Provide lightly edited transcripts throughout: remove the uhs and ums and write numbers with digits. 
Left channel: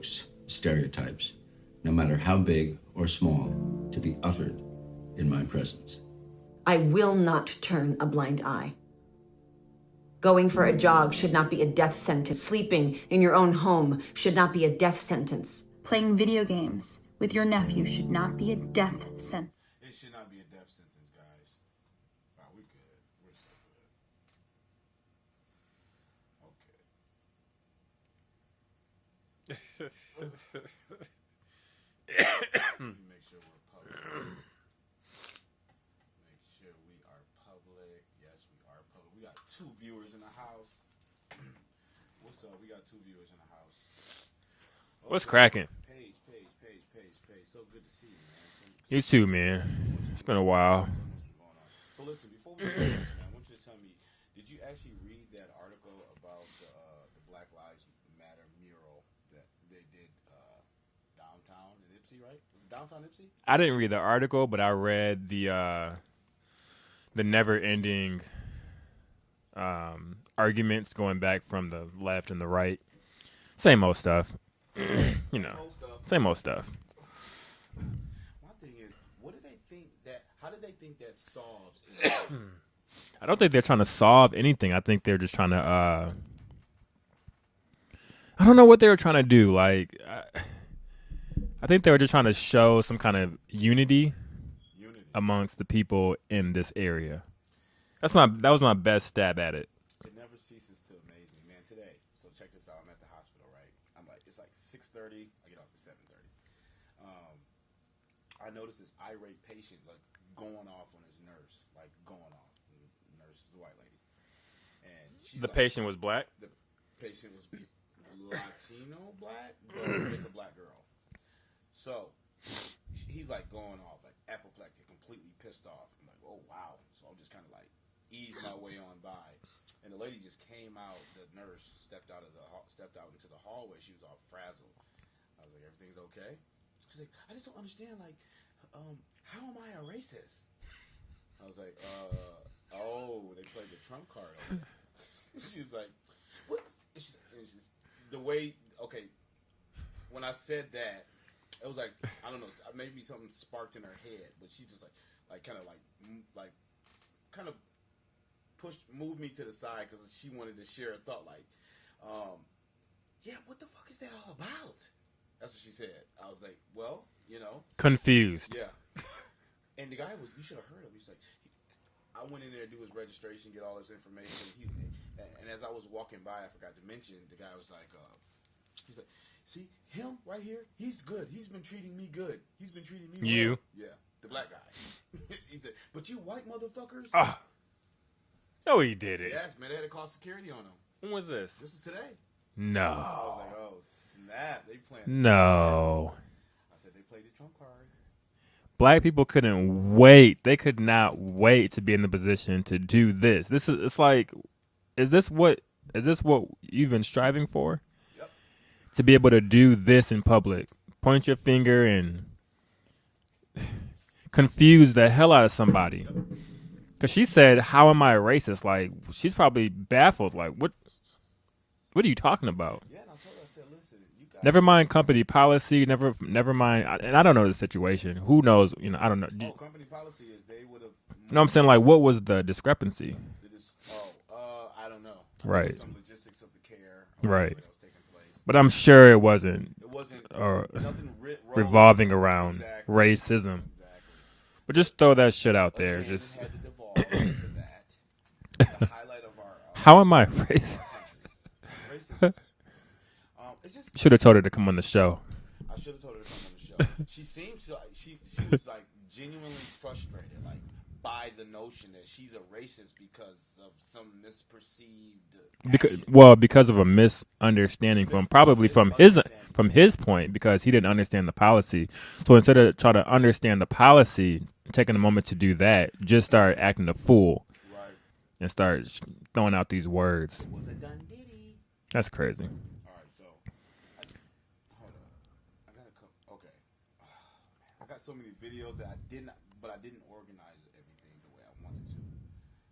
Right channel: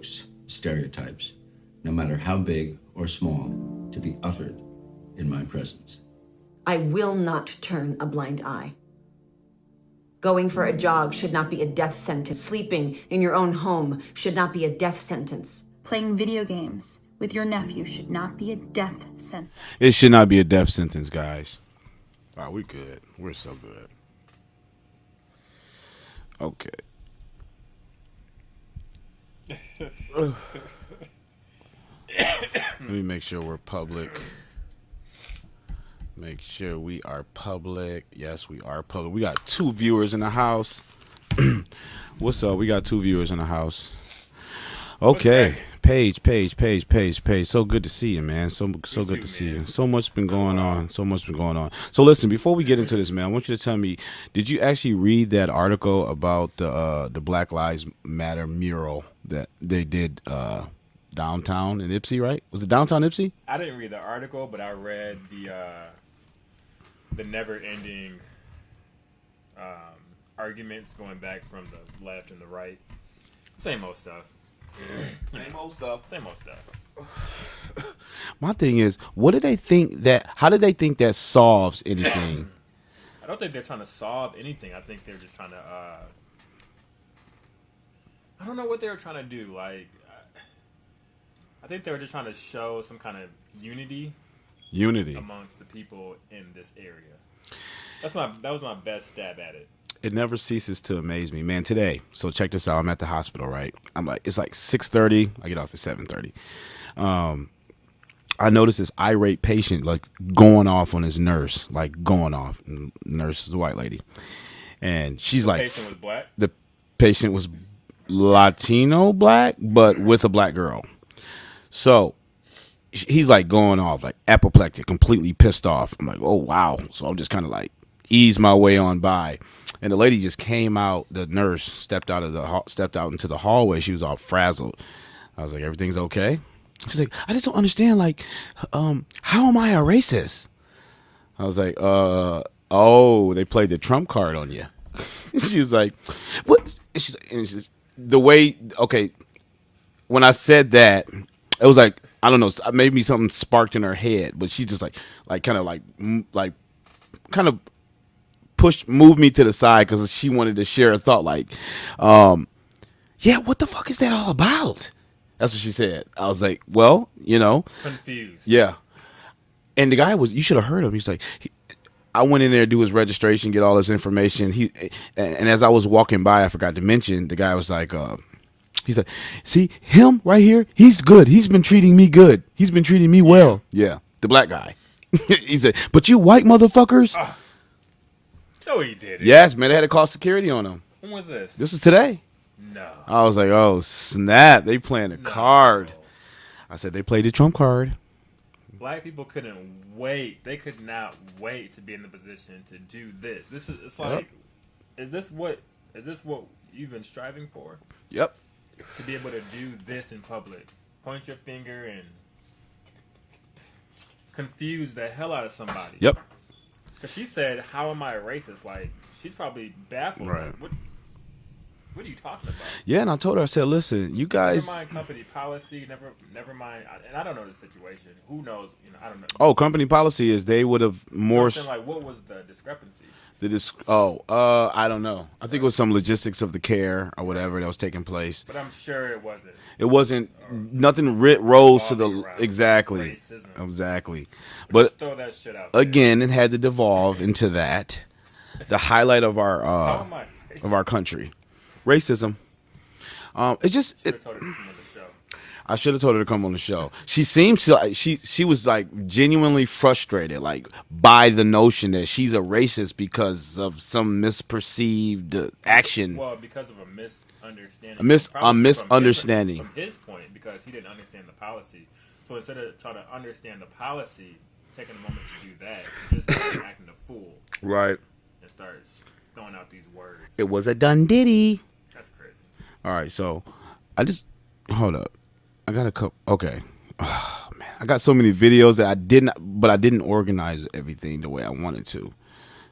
jokes, stereotypes, no matter how big or small, to be uttered in my presence. I will not turn a blind eye. Going for a jog should not be a death sentence. Sleeping in your own home should not be a death sentence. Playing video games with your nephew should not be a death sentence. It should not be a death sentence, guys. All right, we good. We're so good. Okay. Let me make sure we're public. Make sure we are public. Yes, we are public. We got 2 viewers in the house. What's up? We got 2 viewers in the house. Okay. Paige. So good to see you, man. So good to see you. So much been going on. So much been going on. So listen, before we get into this, man, I want you to tell me, did you actually read that article about the Black Lives Matter mural that they did downtown in Ipsy, right? Was it downtown Ipsy? I didn't read the article, but I read the never-ending arguments going back from the left and the right. Same old stuff. Same old stuff. My thing is, what do they think that? How do they think that solves anything? I don't think they're trying to solve anything. I think they're just trying to. I don't know what they were trying to do. Like, I think they were just trying to show some kind of unity amongst the people in this area. That was my best stab at it. It never ceases to amaze me, man. Today, so check this out. I'm at the hospital, right? It's like 6:30. I get off at 7:30. I noticed this irate patient like going off on his nurse, like going off. Nurse is a white lady, and she's The like, patient was black? The patient was Latino black, but with a black girl. So he's like going off, like apoplectic, completely pissed off. I'm like, oh wow. So I'm just kind of like ease my way on by. And the lady just came out. The nurse stepped out into the hallway. She was all frazzled. I was like, "Everything's okay?" She's like, "I just don't understand. Like, how am I a racist?" I was like, "Oh, they played the Trump card on you." She was like, "What?" And she's the way. Okay, when I said that, it was like I don't know. Maybe something sparked in her head, but she just kind of moved me to the side because she wanted to share a thought like, yeah, what the fuck is that all about? That's what she said. I was like, well, confused. Yeah. And the guy you should have heard him. He's like, I went in there to do his registration, get all this information. And as I was walking by, I forgot to mention, the guy was like, he's like, see him right here? He's good. He's been treating me good. He's been treating me well. Yeah. The black guy. He said, but you white motherfuckers. No, he did it. Yes, man. They had to call security on him. When was this? This was today. No. I was like, oh, snap. They playing the card. I said, they played the Trump card. Black people couldn't wait. They could not wait to be in the position to do this. It's like, is this what you've been striving for? Yep. To be able to do this in public. Point your finger and confuse the hell out of somebody. Yep. Because she said, how am I a racist? Like, she's probably baffled. Right. Like, what are you talking about? Yeah, and I told her, I said, listen, you guys. Never mind company policy. Never mind. And I don't know the situation. Who knows? I don't know. Oh, company policy is they would have more. I'm saying, like, what was the discrepancy? I don't know. I think it was some logistics of the care or whatever that was taking place. But I'm sure it wasn't. It wasn't. Nothing rose revolving around exactly racism. Exactly. But just throw that shit out there. Again, it had to devolve into that. The highlight of our how am I racist? Of our country. Racism. It just should have told her to come on the show. I should have told her to come on the show. She seems she was like genuinely frustrated, like by the notion that she's a racist because of some misperceived action. Because of a misunderstanding. From his point, because he didn't understand the policy. So instead of trying to understand the policy, taking a moment to do that, just start acting a fool. Right. And start throwing out these words. It was a done diddy. That's crazy. All right, so hold up. I got a couple. Okay. Oh, man, I got so many videos that I didn't organize everything the way I wanted to.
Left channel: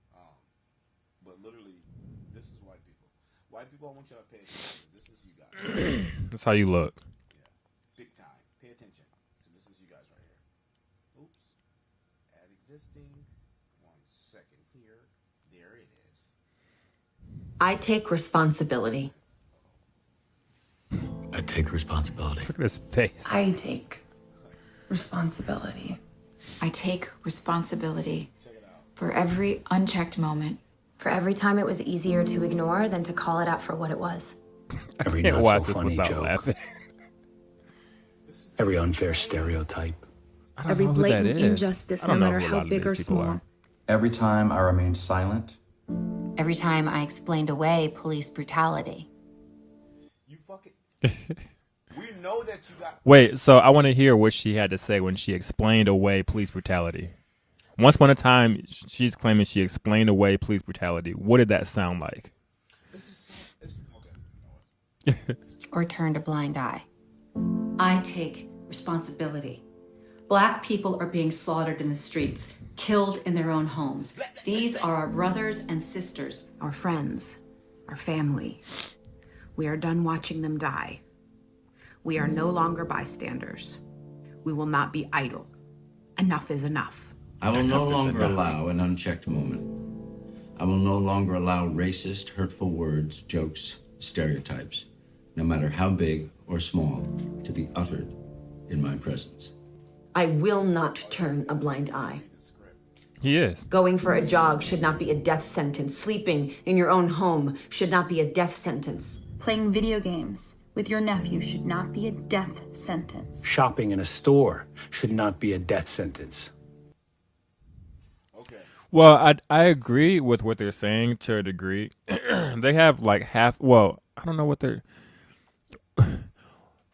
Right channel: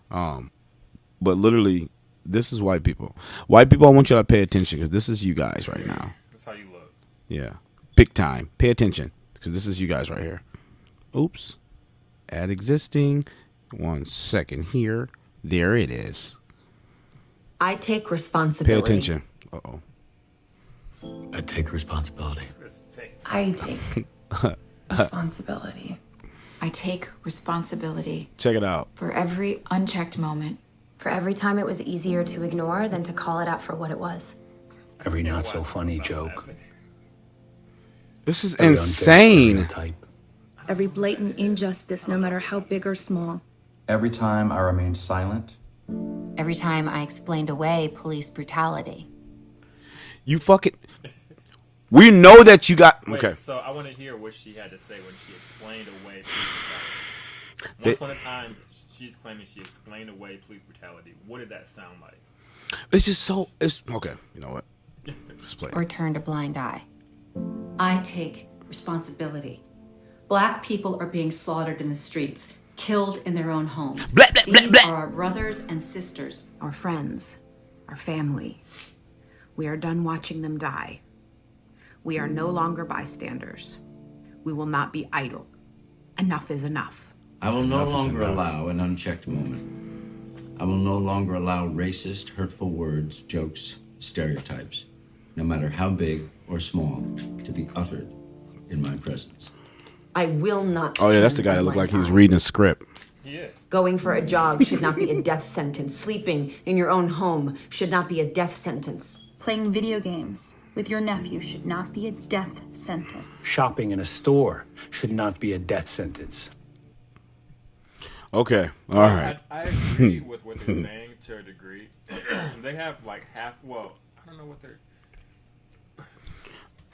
But literally, this is white people. White people, I want y'all to pay attention because this is you guys right now. That's how you look. Yeah. Big time. Pay attention, because this is you guys right here. Oops. Add existing. 1 second here. There it is. I take Pay responsibility. attention. Uh-oh. I take responsibility. Look at his face. I take responsibility. I take responsibility Check it out. for every unchecked moment. For every time it was easier to ignore than to call it out for what it was. Every Can't not watch so this funny without joke. laughing. This is Every unfair insane. stereotype. I don't Every know who that blatant is. injustice, I no don't know matter who a how lot of big or these people small. are. Every time I remained silent, Every time I explained away police brutality. You fucking. We know that you got. Wait, Okay. so I want to hear what she had to say when she explained away police brutality. Once upon a time, she's claiming she explained away police brutality. What did that sound like? It's just so. It's okay. You know what? Let's play. Or turned a blind eye. I take responsibility. Black people are being slaughtered in the streets, killed in their own homes. Blah, blah, blah, These blah. are our brothers and sisters. Our friends, our family. We are done watching them die. We are no longer bystanders. We will not be idle. Enough is enough. I will no longer allow an unchecked moment. I will no longer allow racist, hurtful words, jokes, stereotypes, no matter how big or small, to be uttered in my presence. I will not Oh yeah, that's the turn guy a that looked blind like he was eye. reading a script. He is. Going for a jog should not be a death sentence. Sleeping in your own home should not be a death sentence. Playing video games with your nephew should not be a death sentence. Shopping in a store should not be a death sentence. Okay. Well, All right. I agree with what they're saying to a degree. They have like half. Well, I don't know what they're.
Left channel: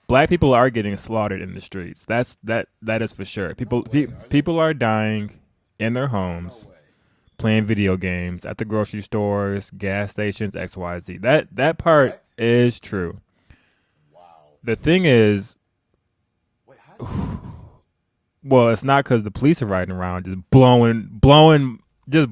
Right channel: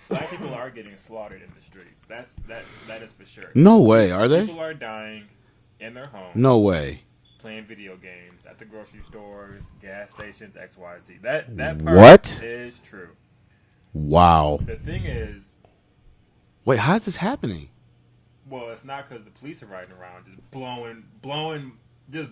Black people are getting slaughtered in the streets. That is for sure. No way, are they? People are dying in their homes. No way. Playing video games at the grocery stores, gas stations, XYZ. That part What? is true. Wow. The thing is, Wait, how's this happening? well, it's not because the police are riding around just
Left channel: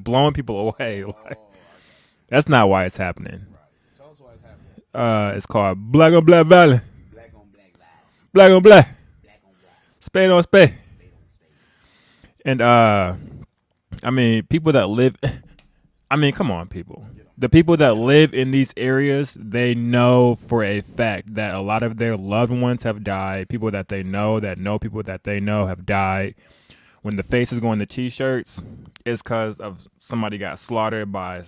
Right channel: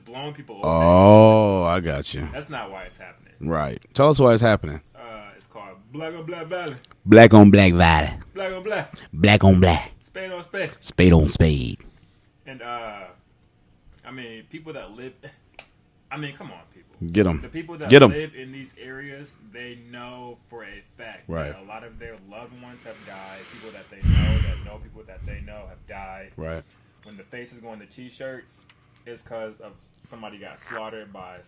blowing people away. Oh, I got you. That's not why it's happening. Right. Tell us why it's happening. It's called black on black violence. Black on black valley. Black on black. Black on black. Spade on spade. Spade on spade. And I mean, people that live. I mean, come on, people. Get 'em. The people that Get 'em. live in these areas, they know for a fact Right. that a lot of their loved ones have died. People that they know people that they know have died. Right. When the faces go on the T-shirts, it's because of somebody got slaughtered by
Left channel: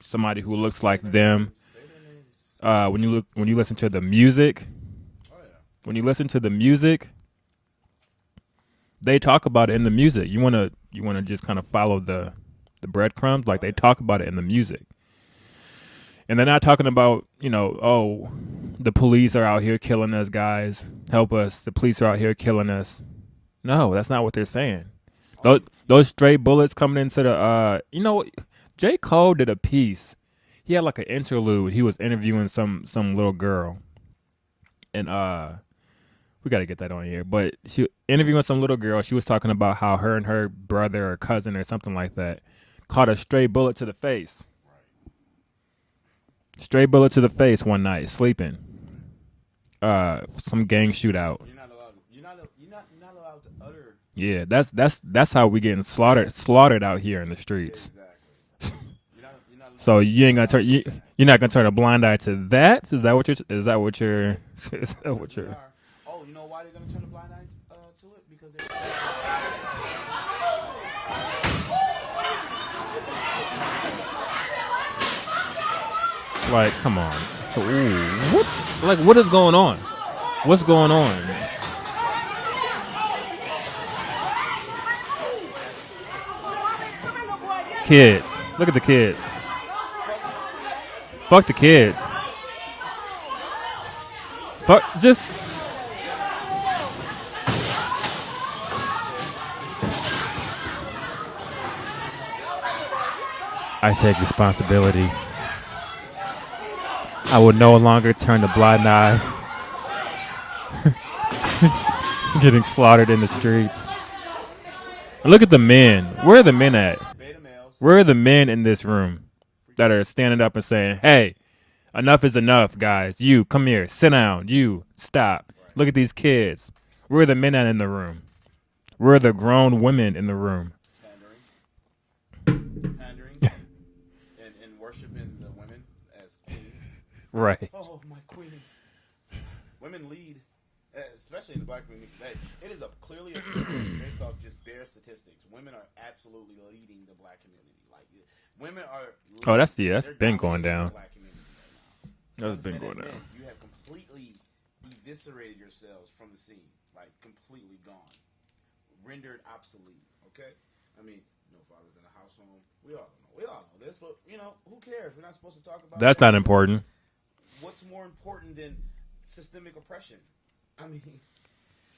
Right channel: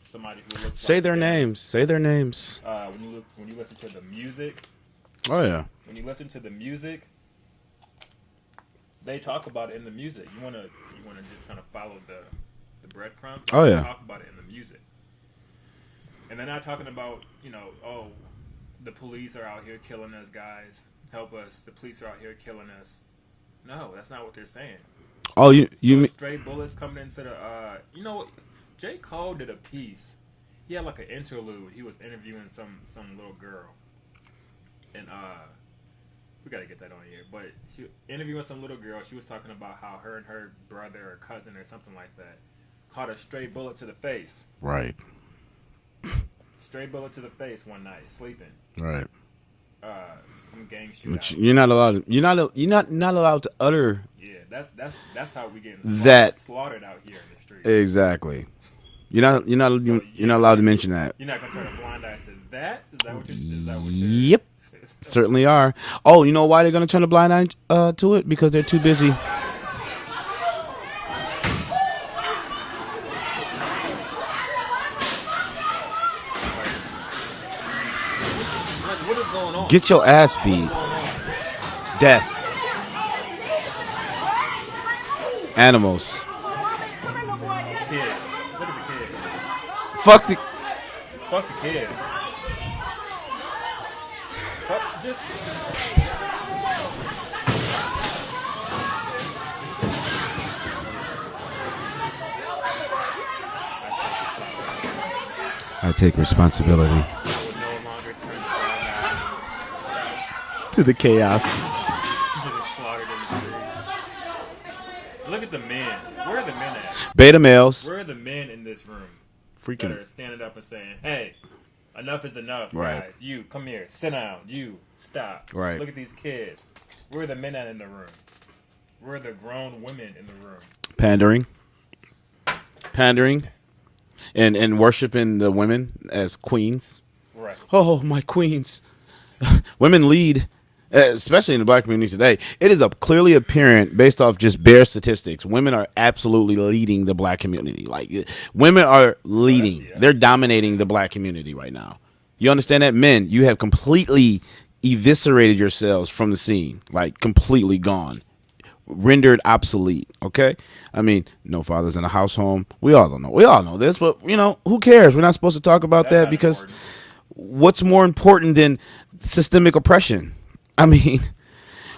somebody who looks Say like their them. names. Say their names. When you listen to the music, Oh yeah. when you listen to the music, they talk about it in the music. You wanna just kind of follow the breadcrumbs, like Oh, they yeah. talk about it in the music. And they're not talking about, oh, the police are out here killing us, guys. Help us. The police are out here killing us. No, that's not what they're saying. Oh, Those stray bullets coming into the J. Cole did a piece. He had like an interlude. He was interviewing some little girl. And we got to get that on here. But she interviewing some little girl. She was talking about how her and her brother or cousin or something like that caught a stray bullet to the face. Right. Stray bullet to the face one night, sleeping. Right. Some gang shootout. You're not allowed. You're not allowed to utter. Yeah, that's how we getting That- slaughtered out here in the streets. Exactly. You're not. So You're not allowed to mention that. You're not gonna turn a blind eye to that. Is that what you're? Yep. Certainly are. Oh, you know why they're gonna turn a blind eye to it? Because they're too busy. Like, come on. What is going on? Get your ass beat. What's going on? Death. Animals. Kids. Look at the kids. Fuck the. Fuck the kids. Fuck. Just. I take responsibility. I take responsibility I will no longer turn a blind eye to the chaos. getting slaughtered in the streets. Look at the men. Where are the men at? Beta males. Where are the men in this room that are standing up and saying, hey, Enough is enough, guys. You, come here. Sit down. You, stop. Right. Look at these kids. We're the men in the room. We're the grown women in the room. Pandering. And worshiping the women as queens. Right. Oh, my queens. Women lead, especially in the black community today. It is clearly apparent based off just bare statistics. Women are absolutely leading the black community. Like, women are leading. They're dominating the black community right now. You understand that? Men, you have completely eviscerated yourselves from the scene. Like, completely gone. Rendered obsolete. Okay? I mean, no fathers in the house home. We all don't know. We all know this, but, who cares? We're not supposed to talk about that. That's not important. What's more important than systemic oppression? I mean,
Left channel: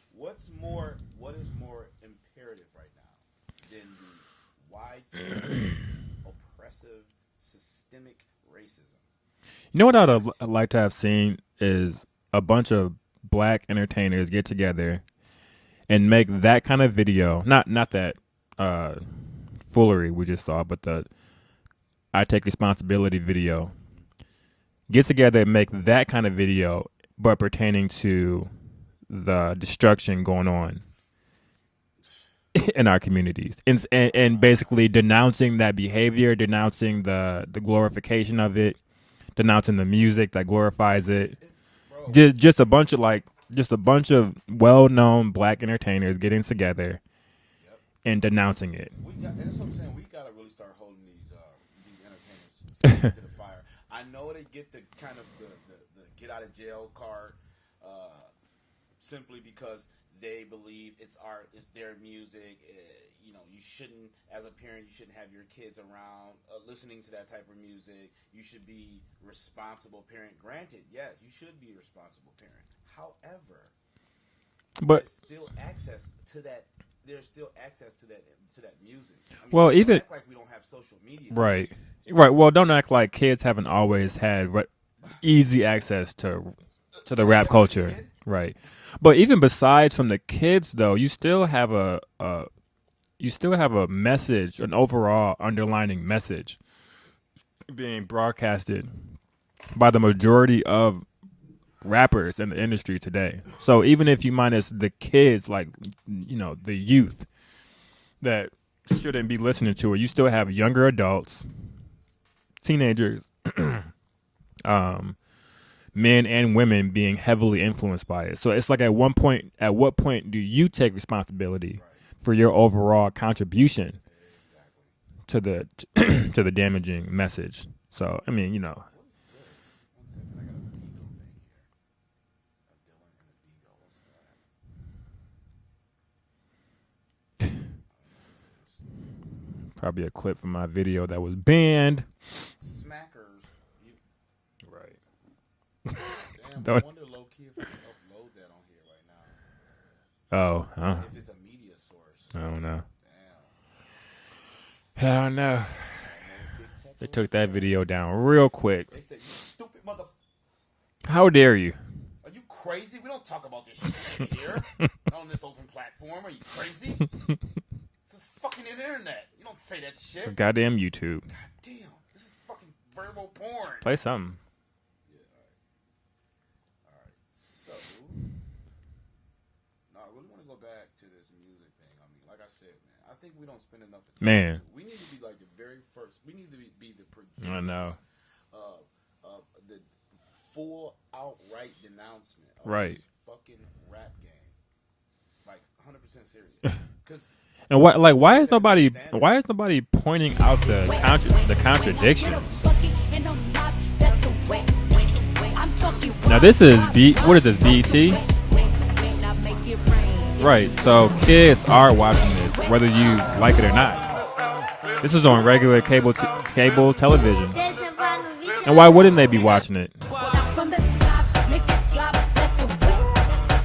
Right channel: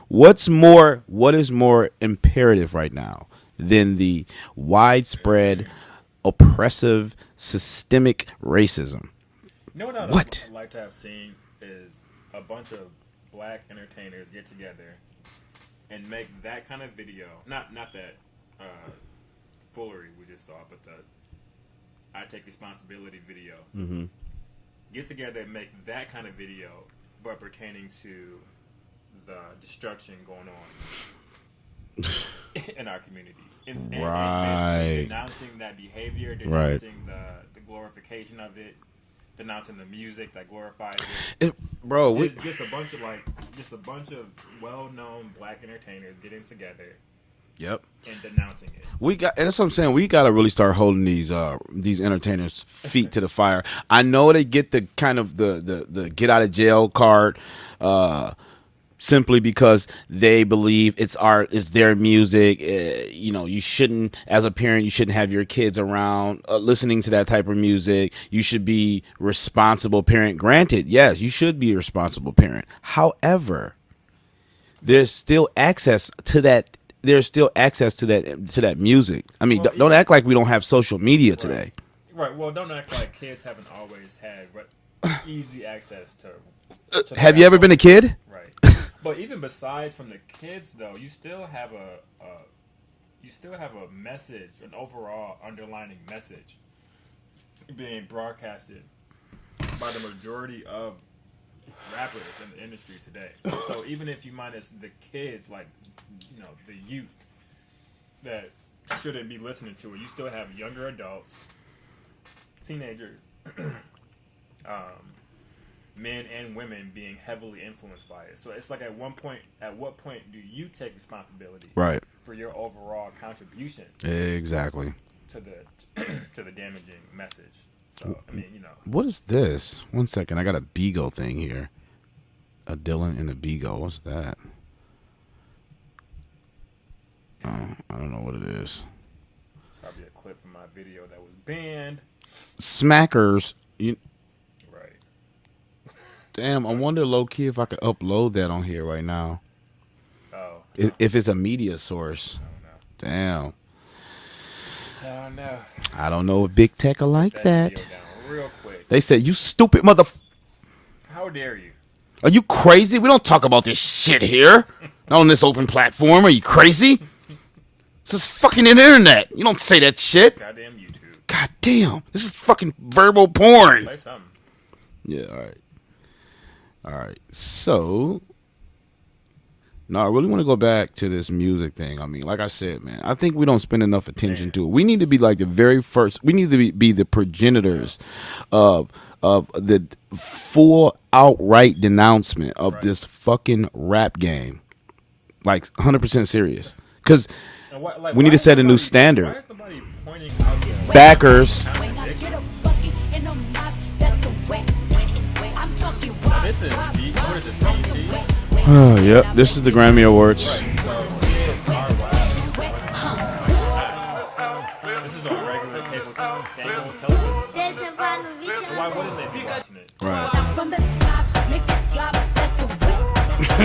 what is more imperative right now than the widespread oppressive systemic racism? You know what I'd like to have seen is a bunch of black entertainers get together and make that kind of video. Not that foolery we just saw, but the I Take Responsibility video. Mm-hmm. Get together and make that kind of video, but pertaining to the destruction going on in our communities, and basically denouncing that behavior, denouncing the glorification of it, denouncing the music that glorifies it. Bro, just a bunch of well-known black entertainers getting together. Yep. And denouncing it. And that's what I'm saying. We got to really start holding these entertainers' feet to the fire. I know they get the kind of the get out of jail card simply because they believe it's art, it's their music. You shouldn't, as a parent, you shouldn't have your kids around listening to that type of music. You should be responsible parent. Granted, yes, you should be a responsible parent. However, there's still access to that. There's still access to that music. I mean, don't act like we don't have social media today. Right. Well, don't act like kids haven't always had easy access to the have you ever been a kid? Right. But even besides from the kids, though, you still have a message, an overall underlining message being broadcasted by the majority of rappers in the industry today. So even if you minus the kids, like, the youth that shouldn't be listening to it, you still have younger adults, teenagers, men and women being heavily influenced by it. So it's like at what point do you take responsibility for your overall contribution exactly to the damaging message? So, I mean, What is this? 1 second. I got a Beagle thing here. A Dylan and a Beagle. What's that? I don't know what it is. Probably a clip from my video that was banned. Smackers. Damn, I wonder low-key if I could upload that on here right now. Oh. If it's a media source. I don't know. Damn. I don't know. I don't know if big tech will like that. Took that video down real quick. They said, you stupid mother... How dare you? Are you crazy? We don't talk about this shit here on this open platform. Are you crazy? This is fucking internet. You don't say that shit. Goddamn YouTube. God damn. This is fucking verbal porn. Play something. Yeah, all right. So... No, I really want to go back to this music thing. I mean, like I said, man, I think we don't spend enough attention to it. We need to be like the very first. We need to be the progenitors of the full outright denouncement of this fucking rap game. Like 100% serious. Because we need to set a new standard. Why is nobody pointing out the backers? The contradiction. Now this is what is this, BET? Oh, yep. This is the Grammy Awards. Right. So kids are watching this, whether you like it or not. This is on regular cable television. And why wouldn't they be watching it? Right.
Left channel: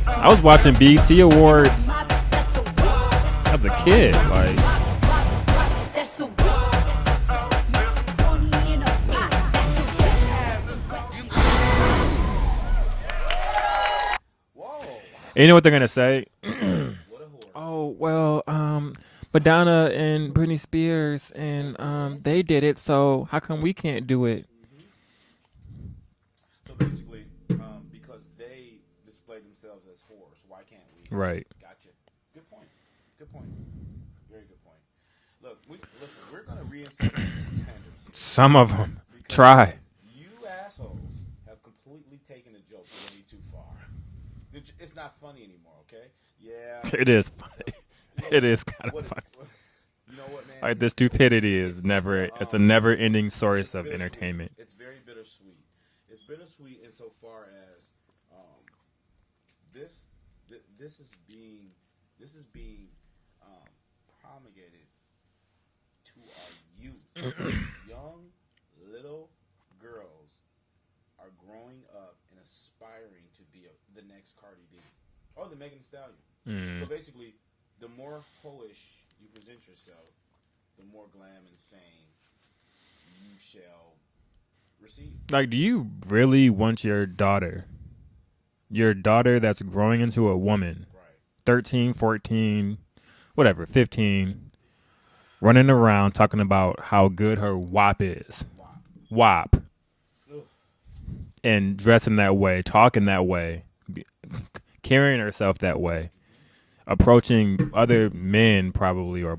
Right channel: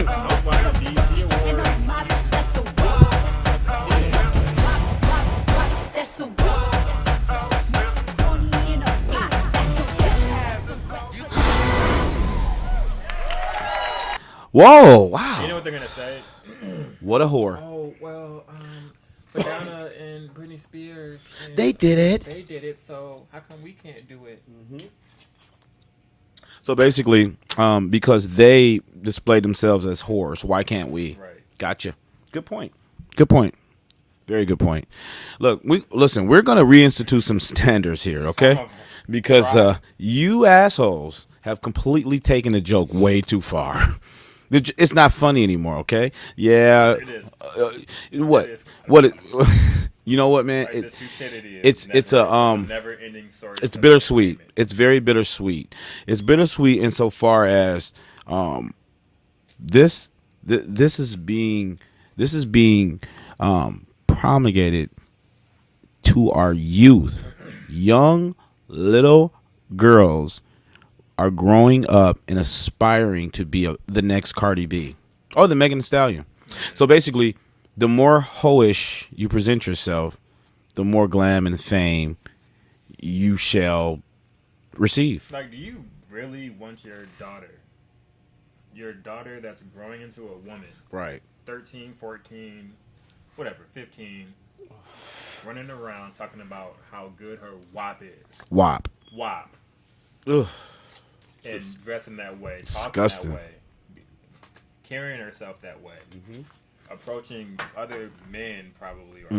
I was watching BET Awards as a kid. Whoa! Wow. And you know what they're gonna say? What a whore! Oh well, Madonna and Britney Spears, and they did it. They did it. So how come we can't do it? So basically, because they display themselves as whores, why can't we? Right. Gotcha. Good point. Good point. Very good point. Look, we're gonna reinstitute some standards here, okay? Some of them. Because you assholes have completely taken the joke way too far. It's not funny anymore, okay? Yeah, It is. What? It is. You know what, man? Like the stupidity is it's a never-ending story. It's bittersweet. It's very bittersweet. It's bittersweet insofar as this is being promulgated to our youth. Young little girls are growing up and aspiring to be the next Cardi B or the Megan Thee Stallion. So basically, the more hoish you present yourself, the more glam and fame you shall receive. Like, do you really want your daughter that's growing into a woman, right? 13, 14, whatever, 15, running around talking about how good her WAP is. WAP. Ugh. And dressing that way, talking Disgusting. that way, carrying herself that way, approaching other men probably, or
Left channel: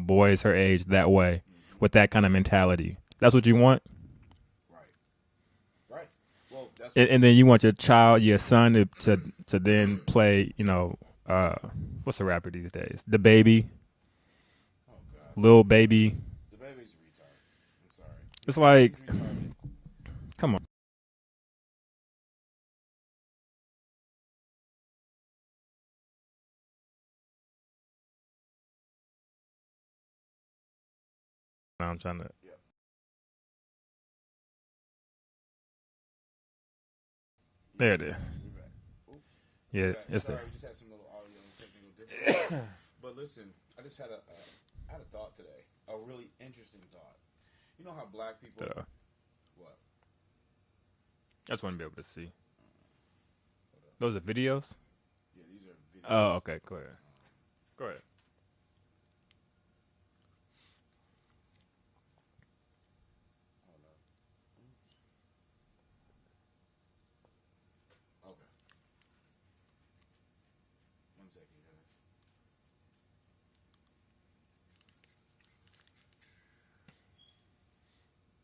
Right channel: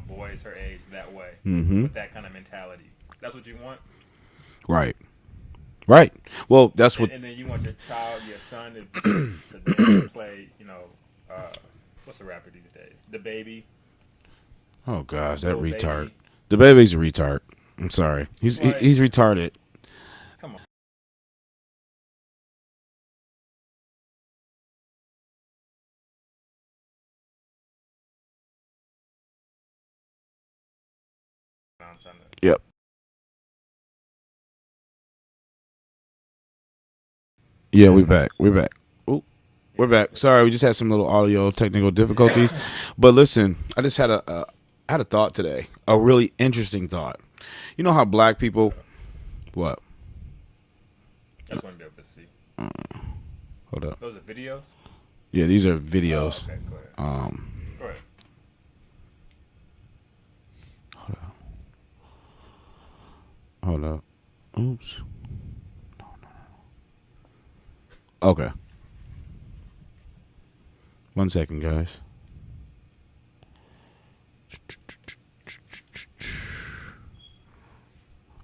boys her age that way, with that kind of mentality. That's what you want? Right. Well, that's what... And then you want your child, your son, to then play, what's the rapper these days? The Baby. Oh gosh, Lil that retard. Baby. The Baby's a retard. I'm sorry. He's retarded. Come on. I'm trying to. Yep. Yeah, we're back. Ooh, we're back. Sorry, we just had some little audio technical difficulties. But listen, I just had a thought today. A really interesting thought. You know how black people what? I just want to be able to see. Hold up. Those are videos? Yeah, these are videos. Oh, okay, go ahead. Go ahead. Hold up. Oops. Okay. 1 second, guys.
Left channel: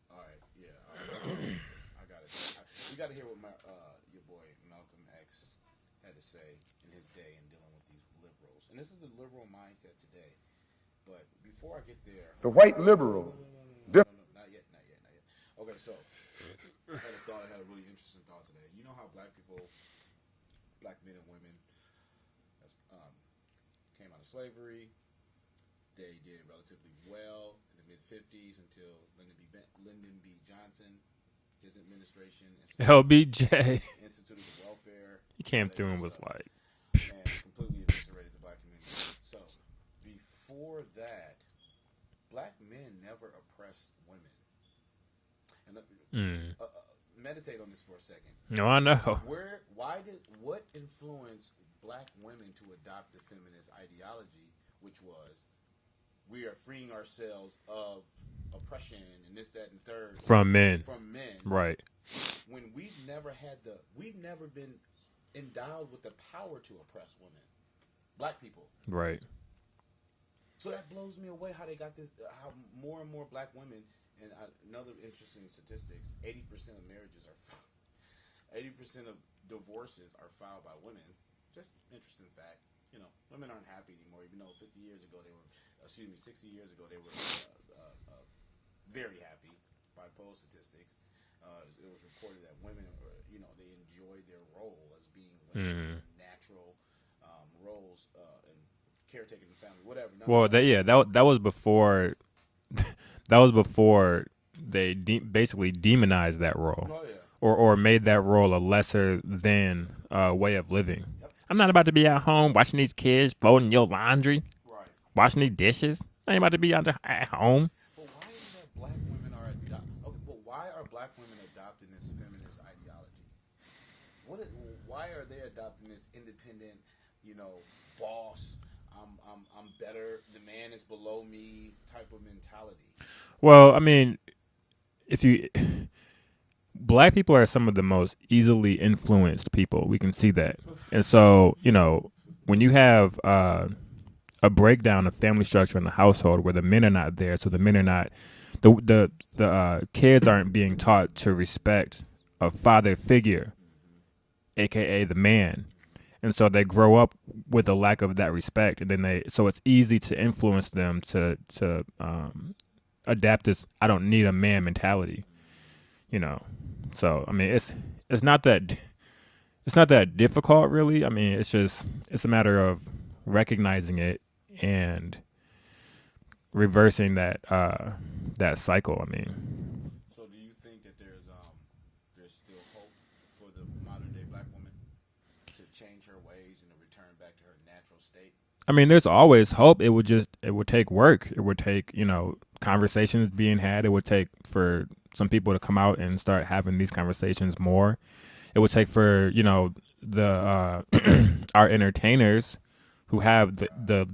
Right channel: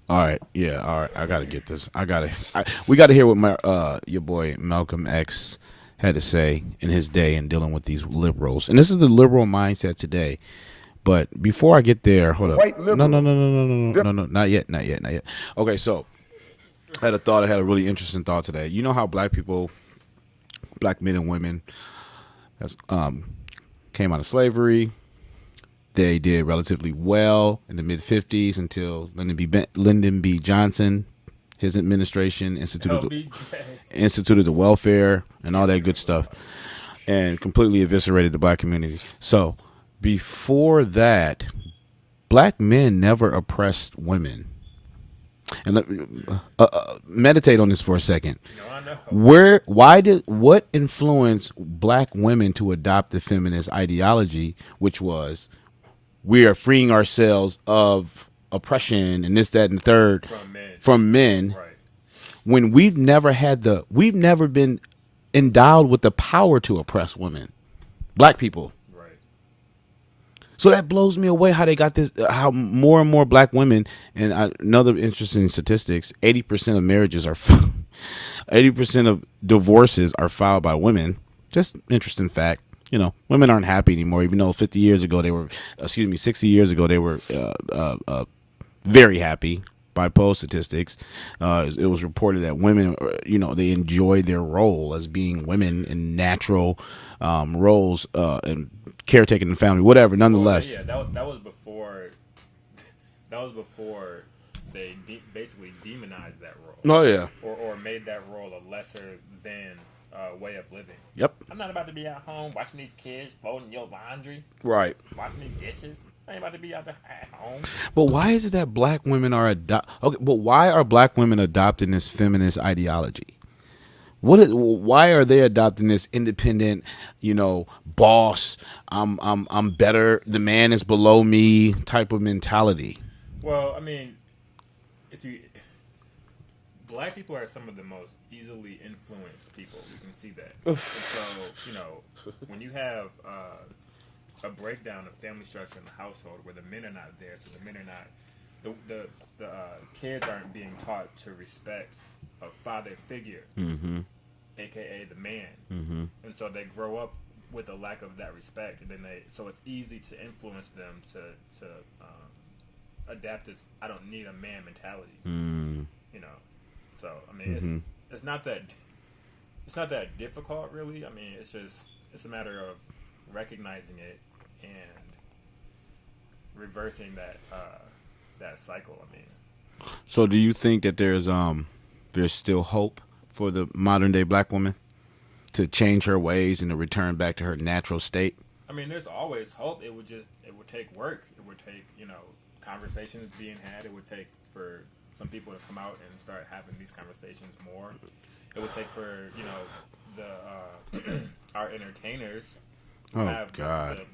All right. Yeah. All right. I gotta get this. We gotta hear what your boy Malcolm X had to say in his day in dealing with these liberals, and this is the liberal mindset today. But before I get there, hold up. White liberal. No, not yet. Okay, so I had a really interesting thought today. You know how black men and women, came out of slavery. They did relatively well in the mid-50s until Lyndon B. Johnson, his administration, instituted the welfare and all that good stuff, and completely eviscerated the black community. So before that, black men never oppressed women. And meditate on this for a second. No, I know. What influenced black women to adopt the feminist ideology, which was we are freeing ourselves of oppression and this, that, and the third from men, right? When we've never been endowed with the power to oppress women, black people, right? So that blows me away how they got this, how more and more black women, and another interesting statistics, 80% of marriages are, 80% of divorces are filed by women. Just interesting fact. Women aren't happy anymore, even though 60 years ago they were very happy by poll statistics. It was reported that women, they enjoy their role as being women in natural roles and caretaking the family, whatever. Nonetheless, that was before. That was before they basically demonized that role. Oh yeah, or made that role a lesser than way of living. Yep. I'm not about to be at home watching these kids folding your laundry, right? Washing these dishes. I ain't about to be at home. But why is it that black women are why are black women adopting this feminist ideology? Why are they adopting this independent, boss, I'm better, the man is below me type of mentality? Well, I mean, black people are some of the most easily influenced people. We can see that. And so, you know, when you have a breakdown of family structure in the household where the men are not there, so the men are not, the kids aren't being taught to respect a father figure, aka the man, and so they grow up with a lack of that respect, and then so it's easy to influence them to adapt this "I don't need a man" mentality, you know. So I mean, it's not that difficult, really. I mean, it's a matter of recognizing it and reversing that cycle. I mean, so do you think that there's still hope for the modern day black woman to change her ways and to return back to her natural state? I mean, there's always hope. It would take work. It would take, you know, conversations being had. It would take for some people to come out and start having these conversations more. It would take for, you know, the our entertainers who have the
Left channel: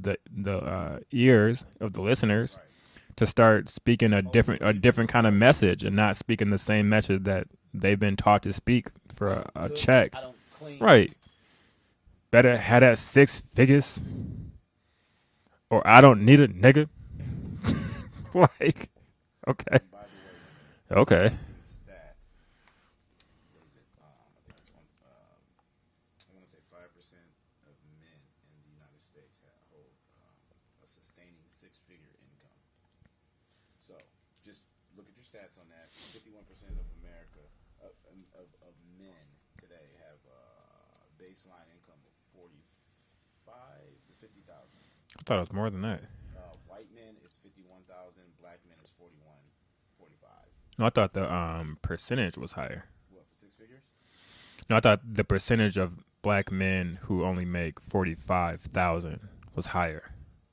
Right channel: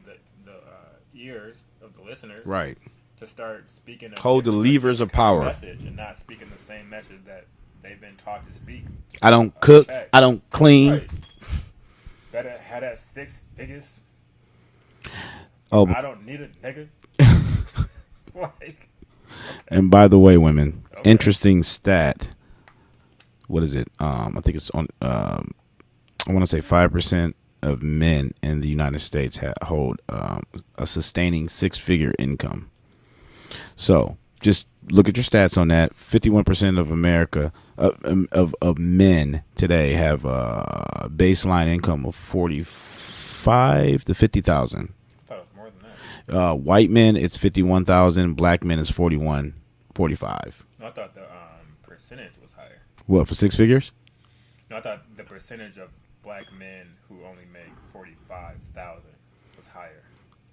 ears of the listeners, right, to start speaking a different kind of message and not speaking the same message that they've been taught to speak. I don't cook. Check. I don't clean. Right. Better have that 6 figures. Or I don't need a nigga. Like, okay. And by the way, women, okay. Interesting stat. What is it? I think it's on. I want to say 5% of men in the United States hold a sustaining 6-figure income. So just look at your stats on that. 51% of America of men today have a baseline income of 45 to 50,000. I thought it was more than that. White men, it's 51,000. Black men is 45. No, I thought the percentage was higher. What, for 6 figures? No, I thought the percentage of black men who only make 45,000 was higher.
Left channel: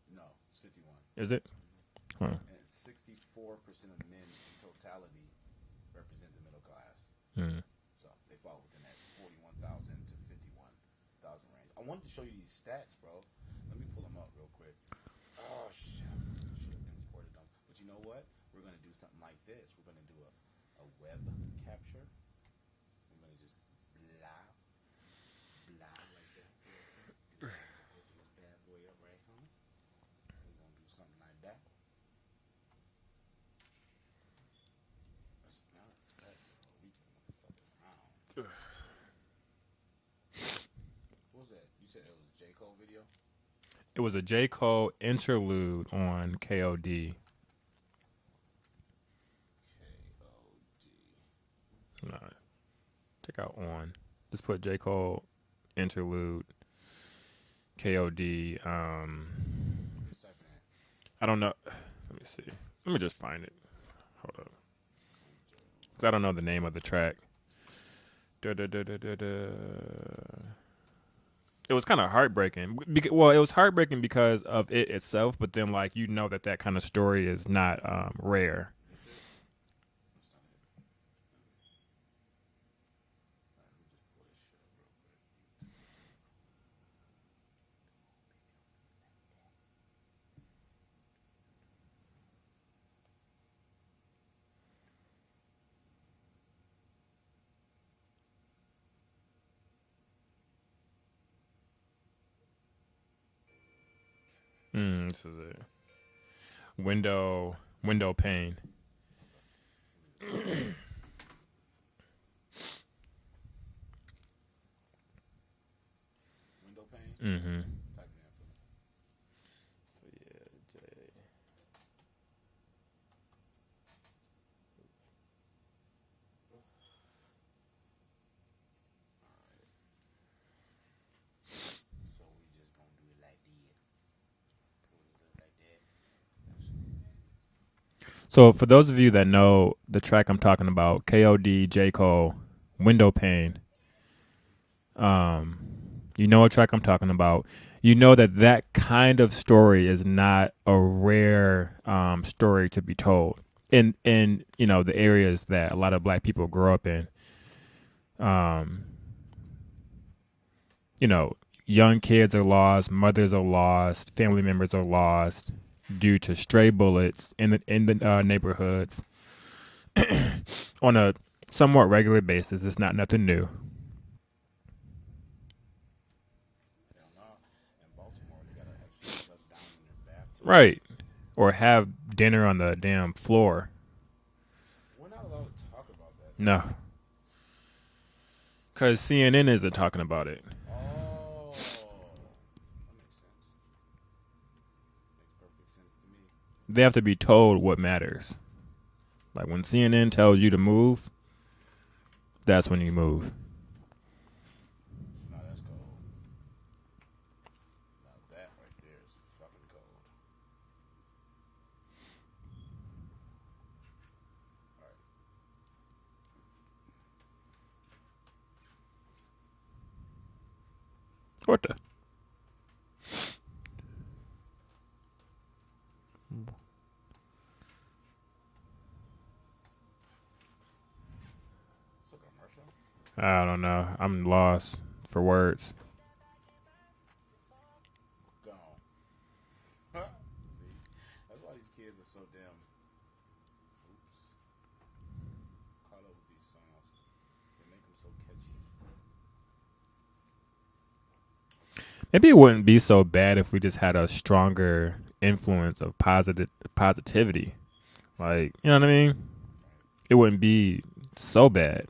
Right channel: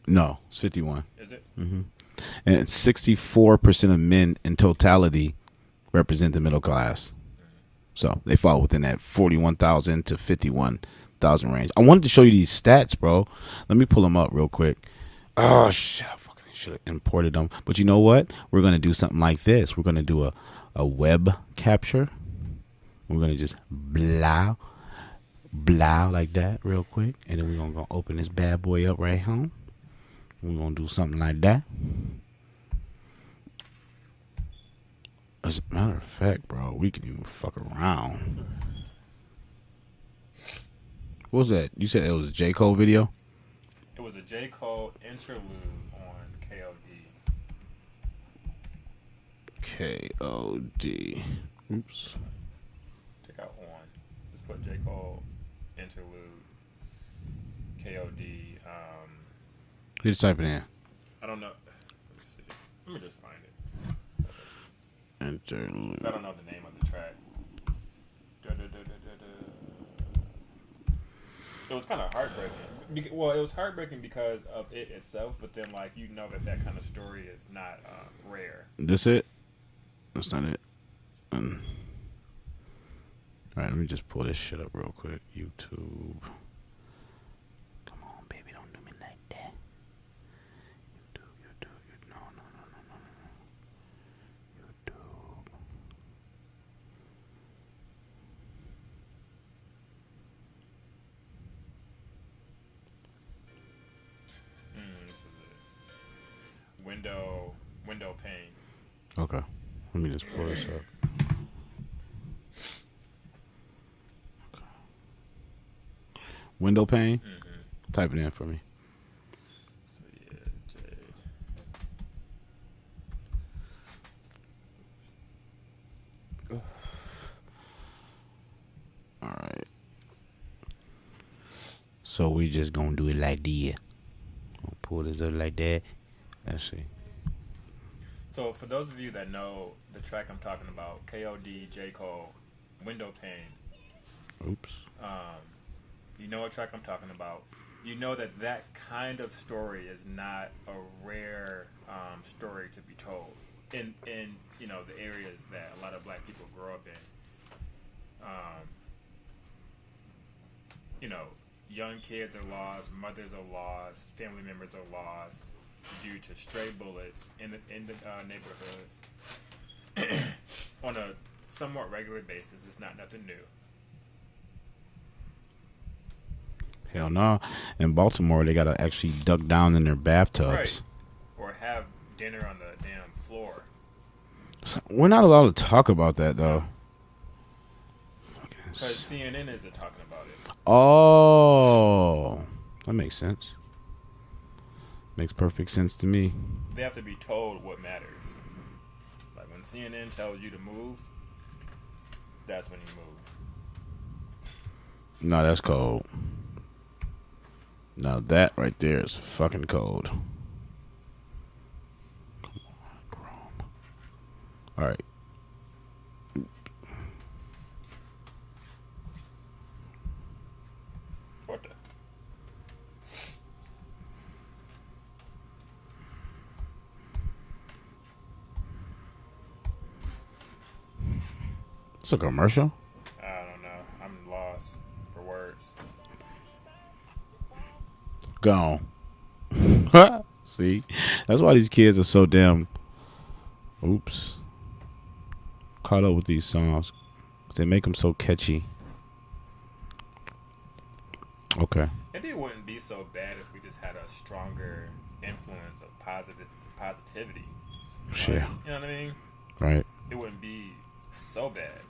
No, it's 51. Is it? Mm-hmm. Oh. And 64% of men in totality represent the middle class. So they fall within that 41,000 to 51,000 range. I wanted to show you these stats, bro. Let me pull them up real quick. Oh, shit. I fucking should have imported them. But you know what? We're going to do something like this. We're going to do a web capture. We're going to just blow like that real quick. And then we're going to open this bad boy up right home. We're going to do something like that. As a matter of fact, bro, we can even fuck around. What was that? You said it was a J. Cole video? It was a J. Cole interlude on KOD. KOD. Oops. No, check out on. Just put J. Cole interlude KOD. Just type it in. I don't know. Let me see. Let me just find it. Hold up. Interlude. I don't know the name of the track. It was kind of heartbreaking. Well, it was heartbreaking because of it itself, but then, like, you know that kind of story is not rare. This it? That's not it. All right, let me just pull this shit up real quick. YouTube. Come on, baby, don't do me like that. YouTube. No. YouTube. This is it. Window pane. Okay. Let me just pull this up. Okay. Window pane? Mm-hmm. Type it in for me. All right. So we just gonna do it like this. Pull this up like that. Let's see. So for those of you that know the track I'm talking about, KOD, J. Cole, Window Pane. Oops. You know what track I'm talking about. You know that kind of story is not a rare story to be told in you know the areas that a lot of black people grow up in. You know, young kids are lost, mothers are lost, family members are lost due to stray bullets in the neighborhoods on a somewhat regular basis. It's not nothing new. Hell no. In Baltimore, they gotta actually duck down in their bathtubs. Right. Or have dinner on the damn floor. So we're not allowed to talk about that, though. No. Because CNN isn't talking about it. Oh. That makes sense. Makes perfect sense to me. They have to be told what matters. Like when CNN tells you to move, that's when you move. No, that's cold. Now that right there is fucking cold. Come on, Chrome. All right. What the? It's a commercial? I don't know. I'm lost for words. Gone. See? That's why these kids are so damn caught up with these songs. They make them so catchy. Okay. Maybe it wouldn't be so bad if we just had a stronger influence of positivity. Sure. Like, you know what I mean? Right. It wouldn't be so bad.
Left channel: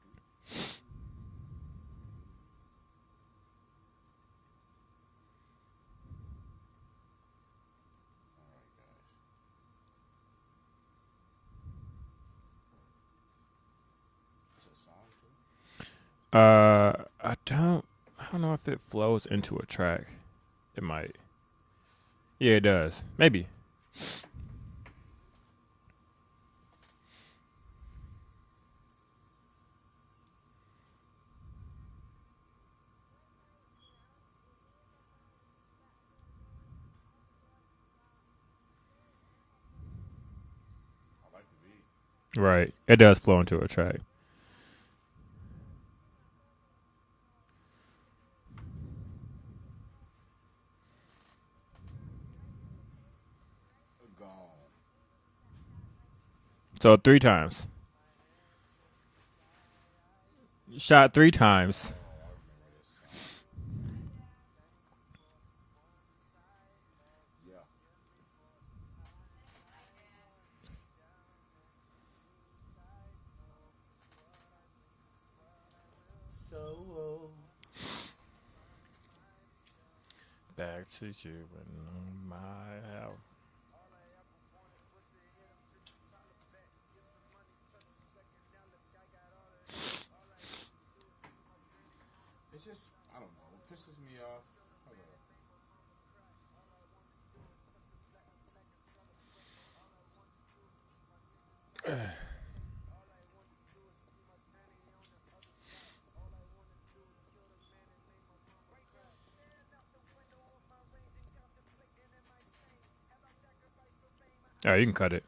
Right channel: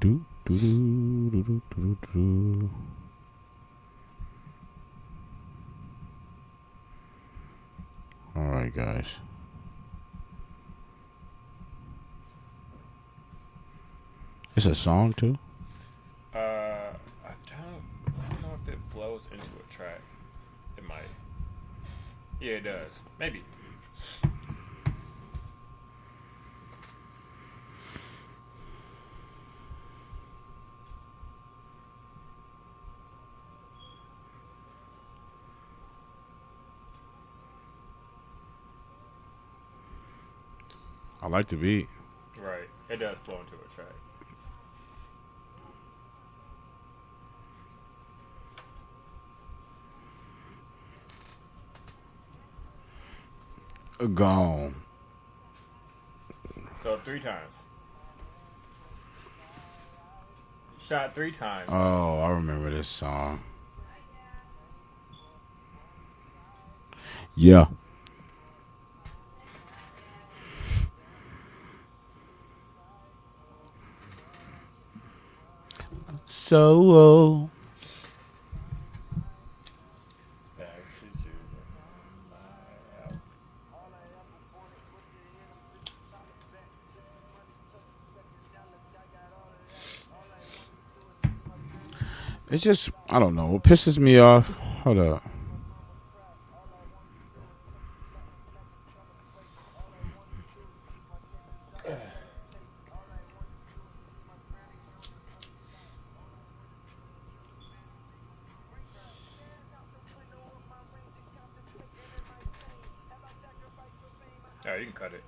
Do, do, do, do, do, do, do. All right, guys. It's a song too. I don't know if it flows into a track. It might. Yeah, it does. Maybe. I like the beat. Right. It does flow into a track. Gone. So 3 times. Shot 3 times. Oh, I remember this song. Yeah. So it's just, I don't know. What pisses me off? Hold up. All right, you can cut it.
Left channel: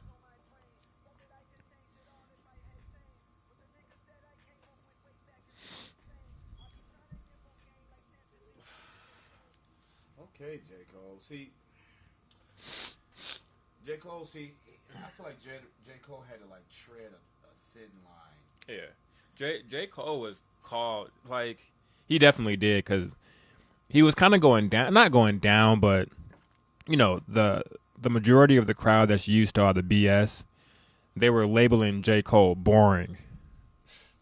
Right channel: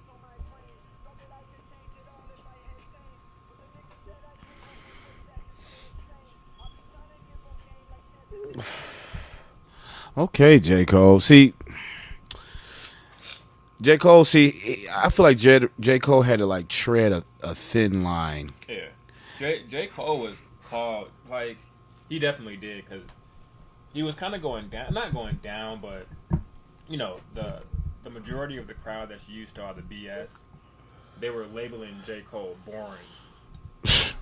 Okay, J. Cole. See, J. Cole, I feel like J. Cole had to like tread a thin line. Yeah. J. Cole was called, like, he definitely did, because he was kind of going down, not going down, but, you know, the majority of the crowd that's used to all the BS, they were labeling J. Cole boring.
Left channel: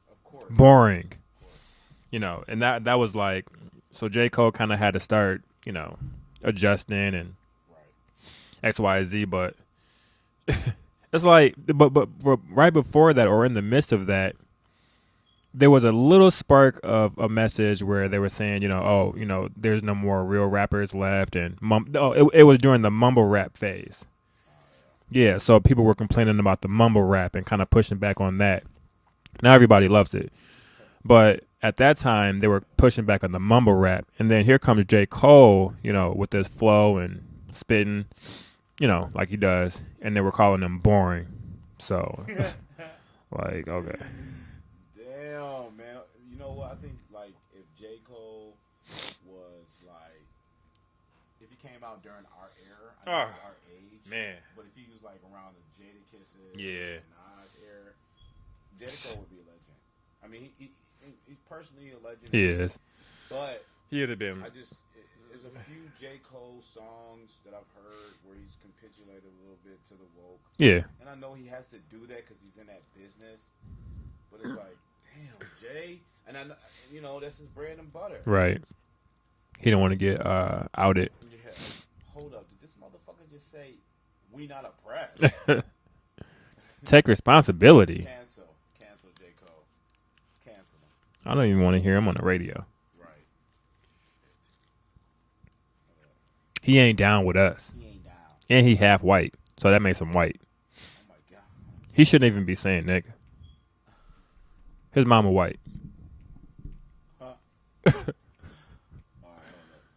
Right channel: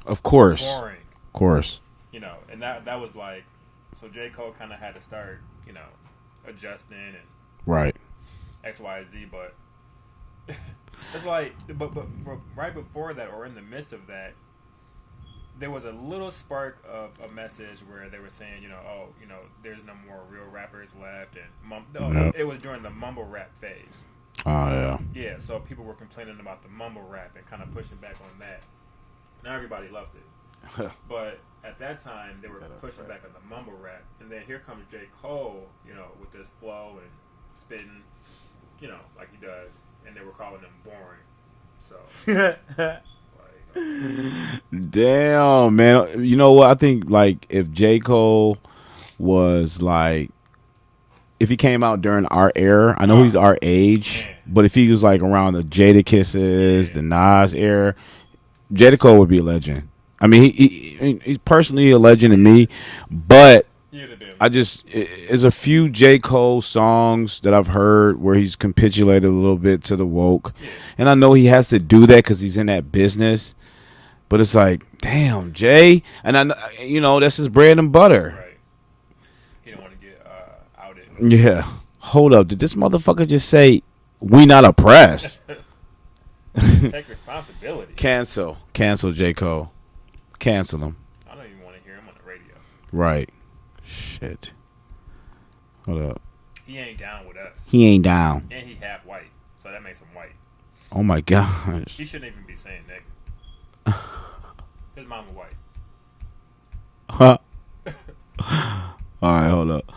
Of course. Boring. Of course. You know, and that was like, so J. Cole kind of had to start, you know, adjusting and right. X, Y, Z, but it's like, but right before that, or in the midst of that, there was a little spark of a message where they were saying, you know, oh, you know, there's no more real rappers left, and it was during the mumble rap phase. Oh yeah. Yeah, so people were complaining about the mumble rap and kind of pushing back on that. Now everybody loves it, but at that time they were pushing back on the mumble rap, and then here comes J. Cole, you know, with this flow and spitting, you know, like he does, and they were calling him boring. So, like, okay, damn, man. You know what? I think like if J. Cole was like if he came out during our era, I know he's our age, but if he was like around the Jada Kisses, the Nas era, Jada Cole would be a legend. I mean, he's personally a legend to me, but there's a few J. Cole songs that I've heard where he's capitulated a little bit to the woke. Yeah. And I know he has to do that because he's in that business. But it's like, damn, Jay. And I know, that's his bread and butter. Right. He don't want to get outed. Yeah. Hold up. Did this motherfucker just say, we not oppressed? Take responsibility. Cancel J. Cole. Cancel him. I don't even want to hear him on the radio. Right. Shit. Hold up. He ain't down with us. He ain't down. And he half white. So that makes him white. Oh my gosh. He shouldn't even be saying nigga. His mama white. Huh? All right, hold up.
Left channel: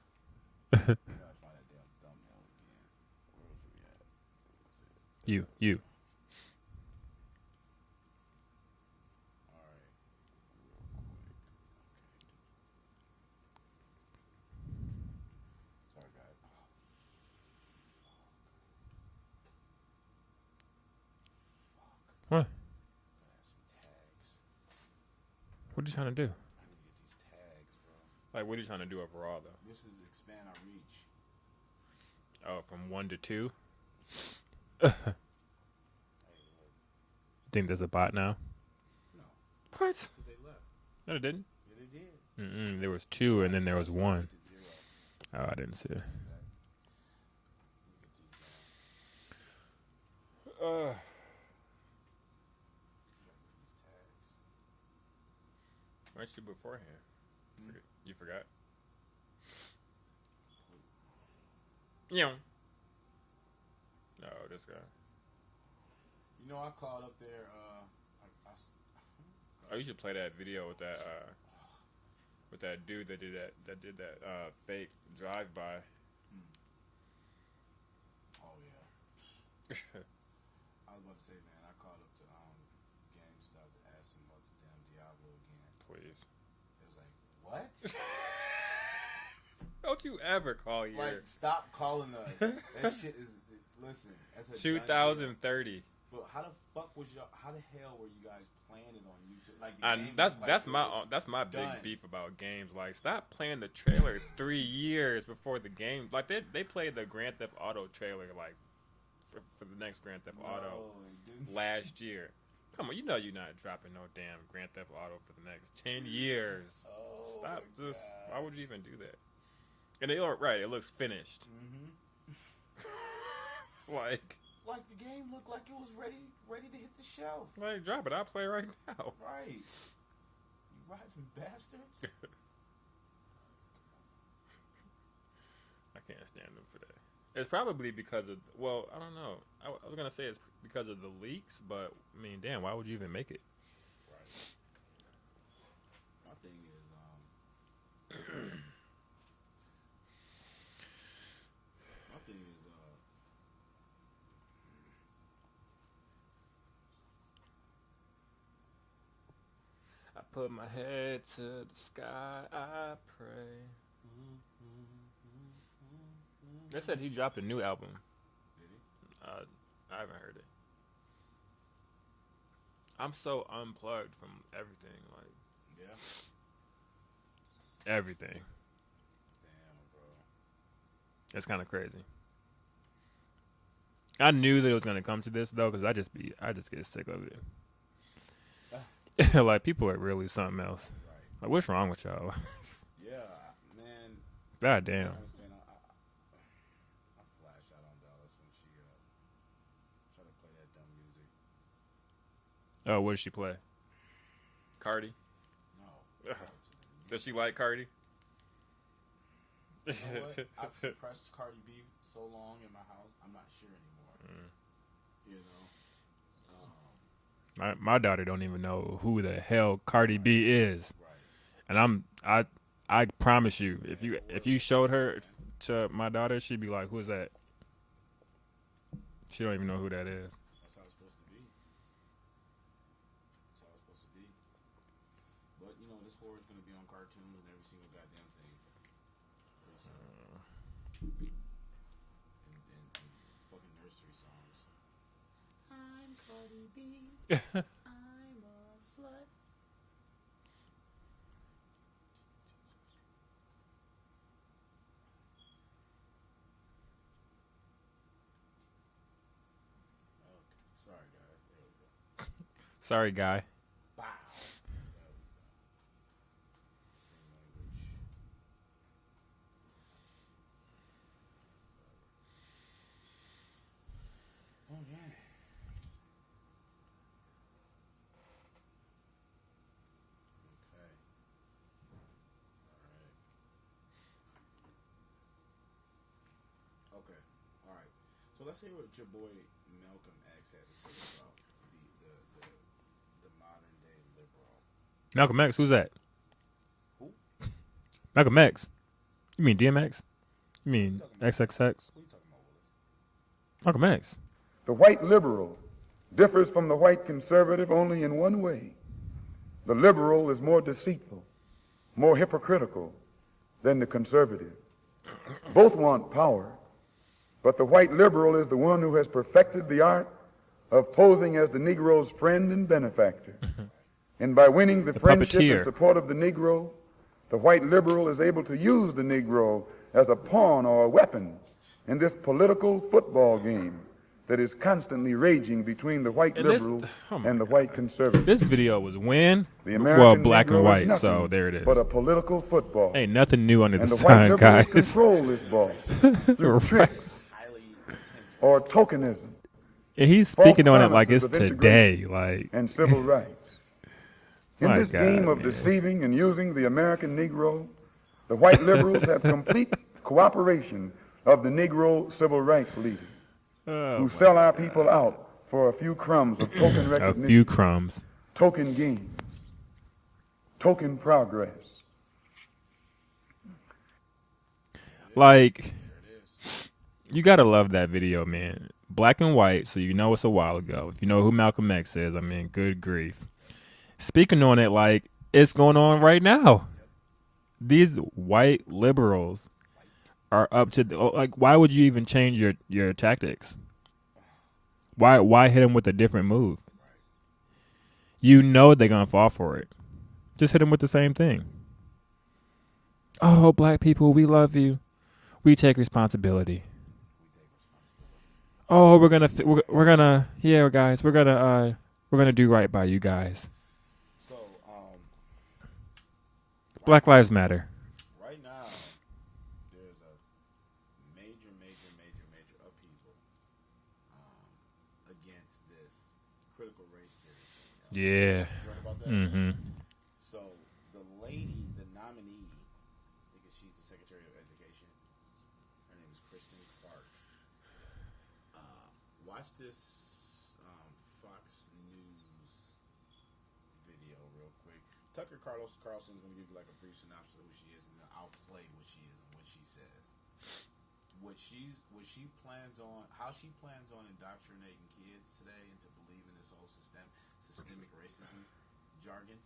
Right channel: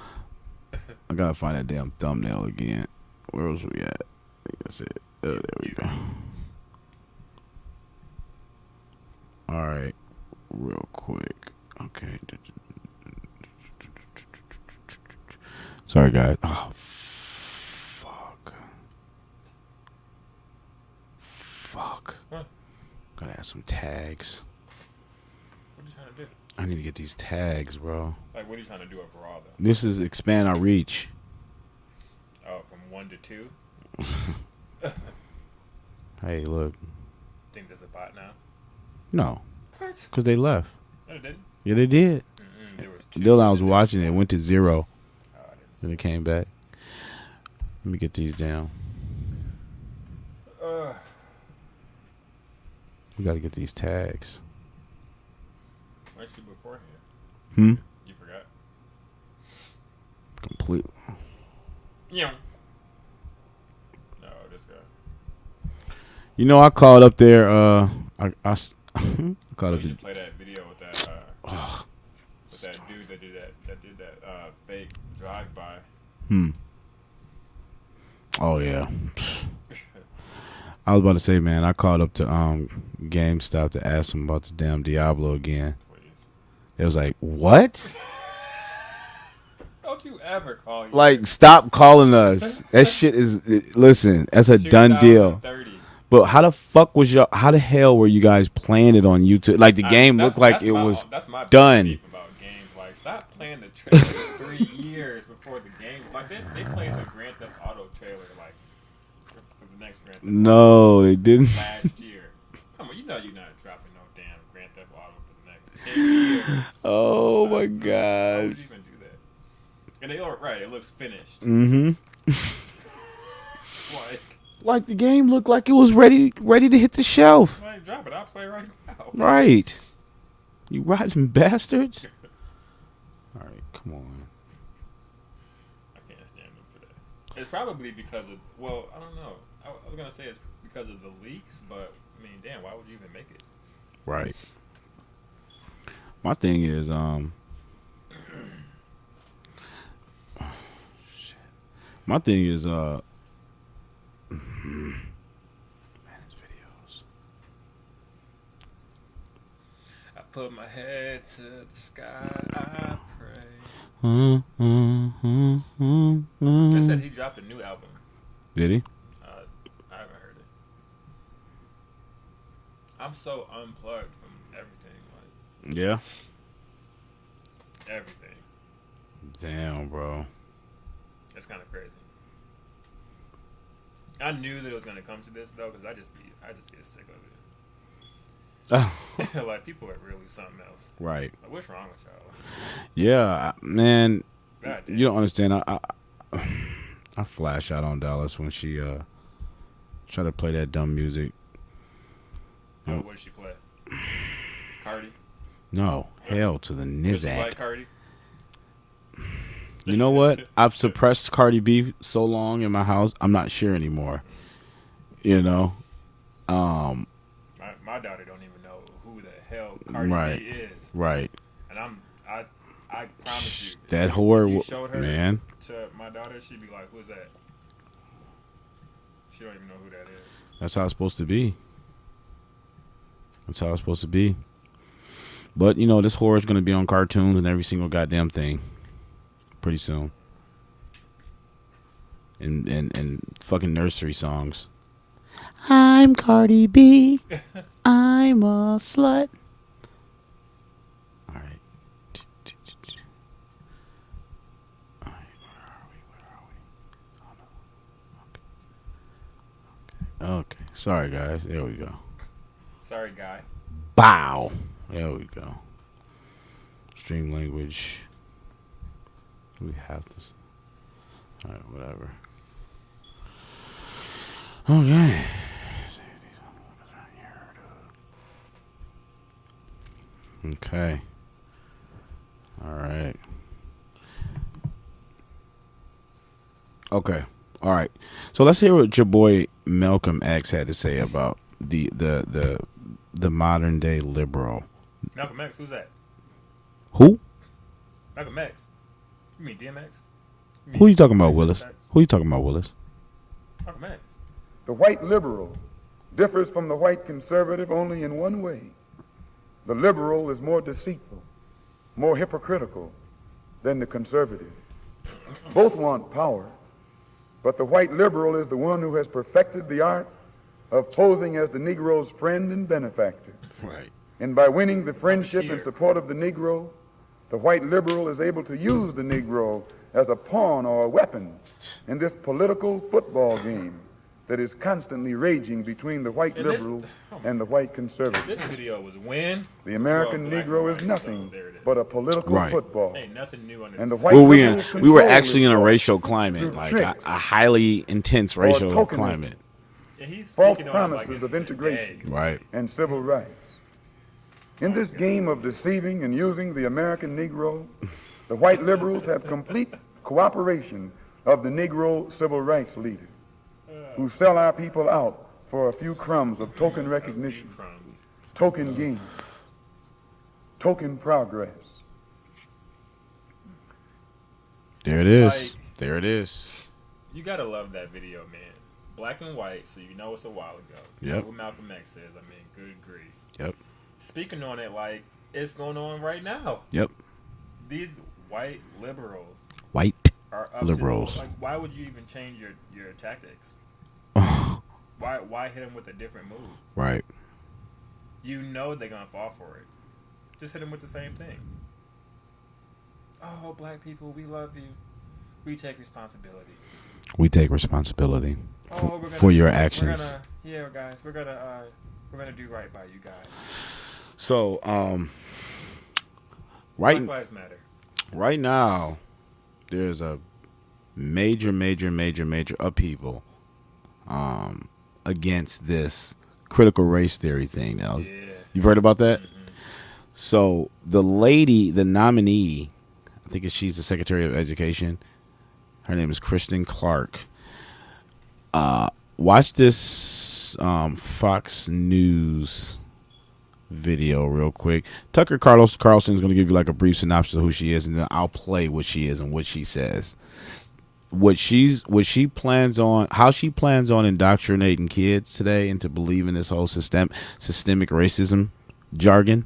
I gotta find that damn thumbnail again. Where was we at? I think that's it. There we go. All right, real quick. Okay. Sorry, guys. Oh, fuck. What? Gotta add some tags. What are you trying to do? I need to get these tags, bro. Like, what are you trying to do overall, though? This is expand our reach. Oh, from 1 to 2? Hey, look. Think there's a bot now? No. What? Because they left. No, they didn't. Yeah, they did. There was 2. Dylan, I was watching it. It went to 0. Oh, I didn't see And it. it came back. Let me get these down. We got to get these tags. Where's you beforehand? You forgot? Complete. Yeah. Oh, this guy. You know, I called up there. I called up. You should play that video with that dude that did that fake drive-by. Oh yeah. I was about to say, man, I called up to GameStop to ask them about the damn Diablo again. It was like, what? Don't you ever call you? Like, stop calling us. That shit is. Listen, that's a done deal. But how the fuck was y'all? How the hell were you guys playing it on YouTube? Like the game looked like it was done. Beef about games. Like, stop playing the trailer 3 years before the game. Like they played the Grand Theft Auto trailer like for the next Grand Theft Auto. No, they didn't. Last year. Come on, you know you're not dropping no damn Grand Theft Auto for the next 10 years. Oh my Why would gosh. you even do that? And they are right. It looks finished. Mm-hmm. Like the game looked like it was ready to hit the shelf. I ain't drop it. I'll play right now. Right. You rotten bastards. All right, come on. I can't stand them for that. It's probably because of, well, I don't know. I was going to say it's because of the leaks, but, I mean, damn, why would you even make it? Right. My thing is, man, his videos. I put my head to the sky, I pray. They said he dropped a new album. Did he? I haven't heard it. I'm so unplugged from everything. Like, Yeah. everything. Damn, bro. That's kind of crazy. I knew that it was gonna come to this though, because I just get sick of it. Like people are really something else. Right. Like what's wrong with y'all? Yeah, man. God damn. You don't understand. I flash out on Dallas when she tried to play that dumb music. Oh, what did she play? Cardi? No, hell to the Does she Nizak. like Cardi? You know what? I've suppressed Cardi B so long in my house, I'm not sure anymore. You know? My daughter don't even know who the hell Cardi B is. Right. And I promise you, That whore, if you showed her man. to my daughter, she'd be like, "Who is that?" She don't even know who that is. That's how it's supposed to be. That's how it's supposed to be. But, you know, this horror is going to be on cartoons and every single goddamn thing pretty soon. and fucking nursery songs. I'm Cardi B. I'm a slut. All right. Okay. Sorry, guys. There we go. Sorry, guy. Bow. There we go. Stream language. We have this. All right, whatever. Okay. Okay. All right. Okay. All right. So let's hear what your boy Malcolm X had to say about the modern day liberal. Malcolm X, who's that? Who? Malcolm X. You mean DMX? You mean Who you talking about, XXX? Willis? Who you talking about, Willis? Malcolm X. The white liberal differs from the white conservative only in one way. The liberal is more deceitful, more hypocritical than the conservative. Both want power, but the white liberal is the one who has perfected the art of posing as the Negro's friend and benefactor. Right. And by winning the friendship puppeteer. and support of the Negro, the white liberal is able to use the Negro as a pawn or a weapon in this political football game that is constantly raging between the white liberals and the white conservatives. This video was when? The American black Negro and white, is nothing so there it is. but a political football. Ain't nothing new under And the the white sun. liberals We were control actually this in a ball. racial climate, like Tricks a highly intense or racial tokenism. climate. And he's False speaking on it like it's promises of today. integration Like, and civil rights. In My this God, game of deceiving and using the American Negro, the white liberals have complete cooperation of the Negro civil rights leaders who sell our people out for a few crumbs of token a recognition, few crumbs. token gains, token progress. There it is. Like- there it is. You gotta love that video, man. Black and white, so you know it's a while ago. If you know who Malcolm X is, I mean, good grief. Yep. Speaking on it, like it's going on right now. Yep. These white liberals White are up liberals. to like. Why would you even change your tactics? Why hit them with a different move? Right. You know they're gonna fall for it. Just hit them with the same thing. Oh, black people, we love you. We take responsibility. We take responsibility. Oh, we're gonna for your we're actions. gonna guys, we're gonna do right by you guys. So, Black Lives Matter. Right now, there's a major upheaval against this critical race theory thing. Now, Yeah. you've heard about that? Mm-hmm. So the lady, the nominee, I think she's the Secretary of Education. Her name is Kristen Clark. Watch this Fox News video real quick. Tucker Carlson is going to give you like a brief synopsis of who she is, and then I'll play what she is and what she says. What she plans on, how she plans on indoctrinating kids today into believing this whole systemic racism jargon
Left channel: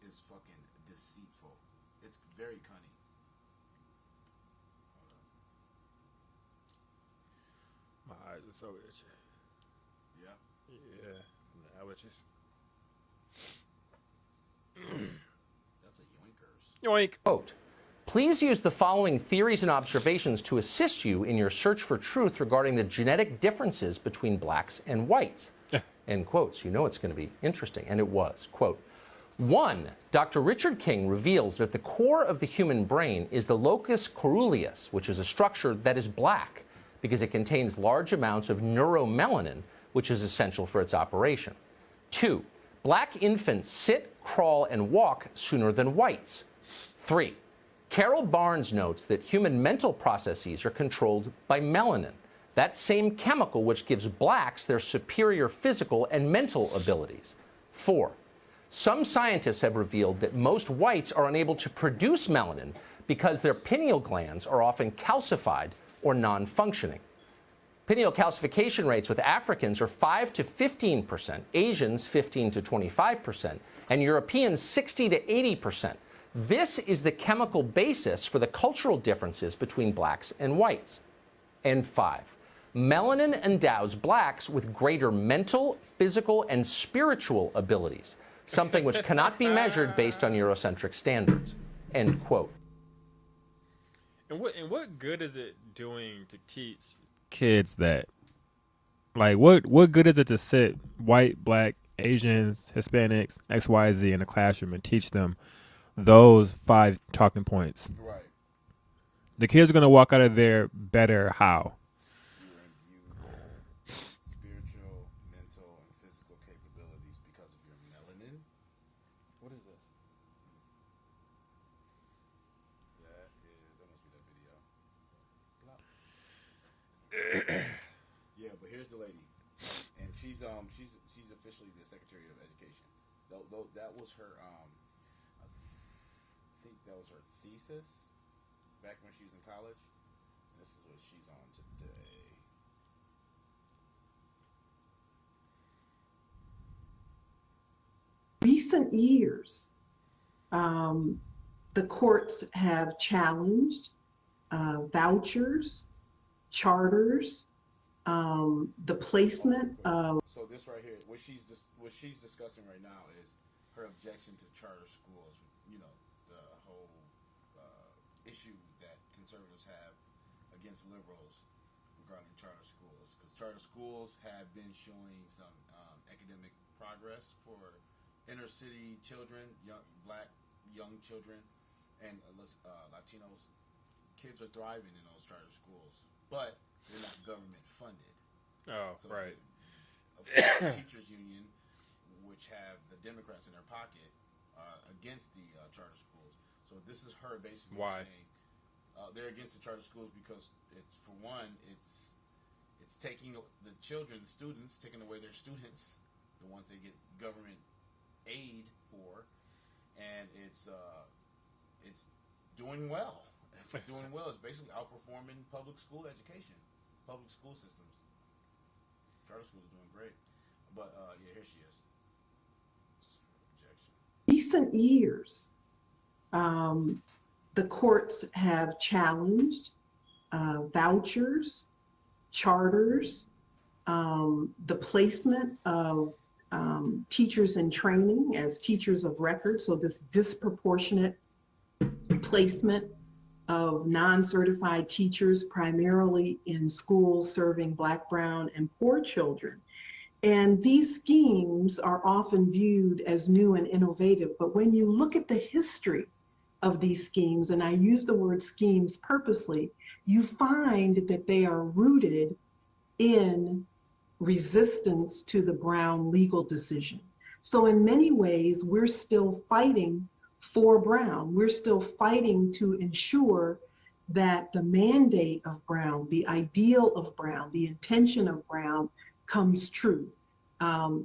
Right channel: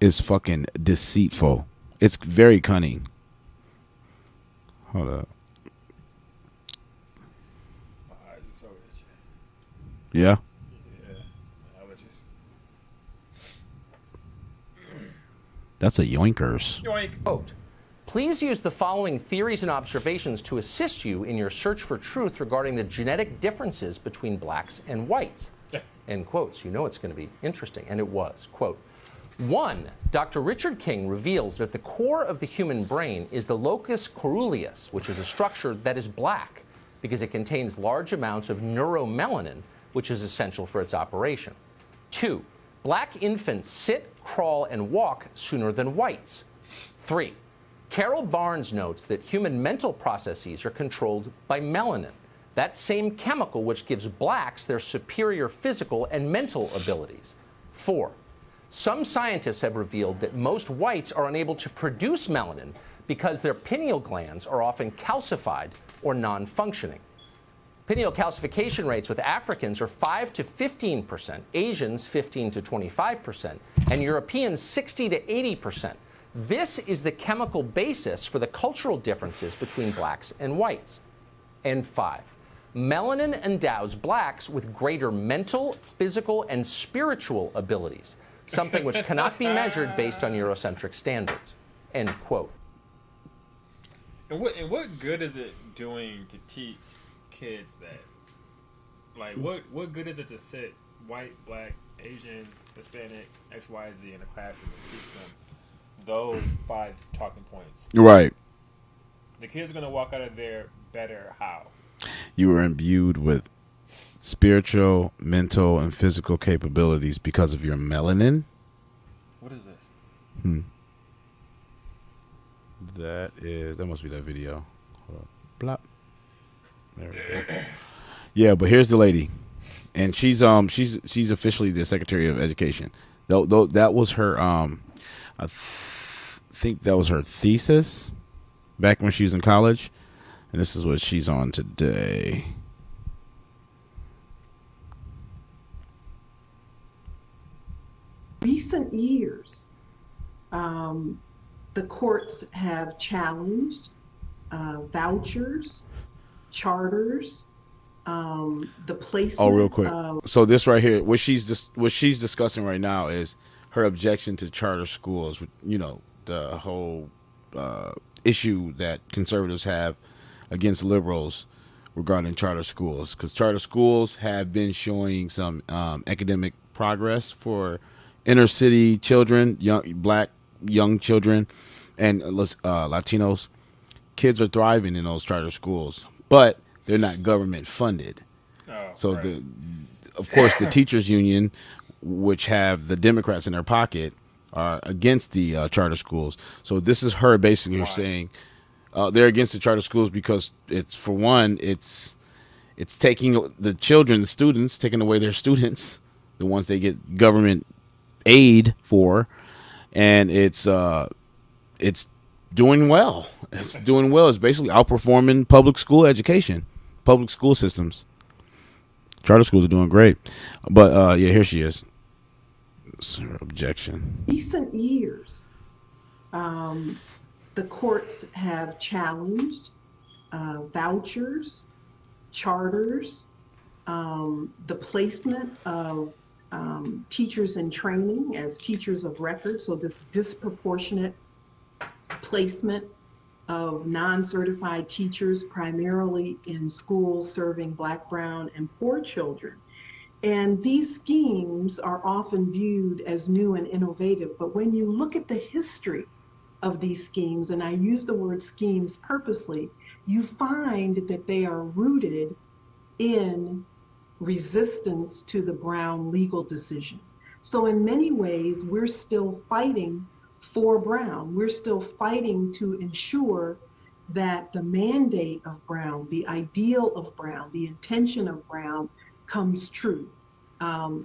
is fucking deceitful. It's very cunning. Hold up. Yeah. That's a yoinkers. Quote, please use the following theories and observations to assist you in your search for truth regarding the genetic differences between blacks and whites. End quotes. You know it's going to be interesting. And it was. Quote, 1. Dr. Richard King reveals that the core of the human brain is the locus coeruleus, which is a structure that is black because it contains large amounts of neuromelanin, which is essential for its operation. 2. Black infants sit, crawl, and walk sooner than whites. 3. Carol Barnes notes that human mental processes are controlled by melanin, that same chemical which gives blacks their superior physical and mental abilities. 4. Some scientists have revealed that most whites are unable to produce melanin because their pineal glands are often calcified or non-functioning. Pineal calcification rates with Africans are 5 to 15%, Asians 15 to 25%, and Europeans 60 to 80%. This is the chemical basis for the cultural differences between blacks and whites. And 5, melanin endows blacks with greater mental, physical, and spiritual abilities, something which cannot be measured based on Eurocentric standards. End quote. And what good is it doing to teach kids that? Like, what good is it to sit white, black, Asians, Hispanics, X, Y, Z in a classroom and teach them those 5 talking points? Right. The kids are going to walk out of there better how? You were imbued with spiritual, mental, and physical capabilities because of your melanin. What is this? That must be that video. Hold up. Blop. There we go. Yeah, but here's the lady, and she's officially the Secretary of Education. Though that was her I think that was her thesis back when she was in college, and this is what she's on today. Recent years, the courts have challenged vouchers, charters, the placement. Oh, real quick. So this right here, what she's discussing right now is her objection to charter schools. You know, the whole issue that conservatives have against liberals regarding charter schools, because charter schools have been showing some academic progress for inner city children, black young children, and Latinos. Kids are thriving in those charter schools, but they're not government funded. So right. Of course, the teachers union, which have the Democrats in their pocket, are against the charter schools. So this is her basically saying they're against the charter schools because it's taking the children, the students, taking away their students, the ones they get government aid for, and it's doing well. It's doing well. It's basically outperforming public school education, public school systems. Charter schools are doing great. But yeah, here she is. It's her objection. Recent years, the courts have challenged vouchers, charters, the placement of teachers in training as teachers of record. So this disproportionate placement of non-certified teachers primarily in schools serving Black, brown, and poor children. And these schemes are often viewed as new and innovative, but when you look at the history of these schemes, and I use the word schemes purposely, you find that they are rooted in resistance to the Brown legal decision. So in many ways, we're still fighting for Brown. We're still fighting to ensure that the mandate of Brown, the ideal of Brown, the intention of Brown comes true,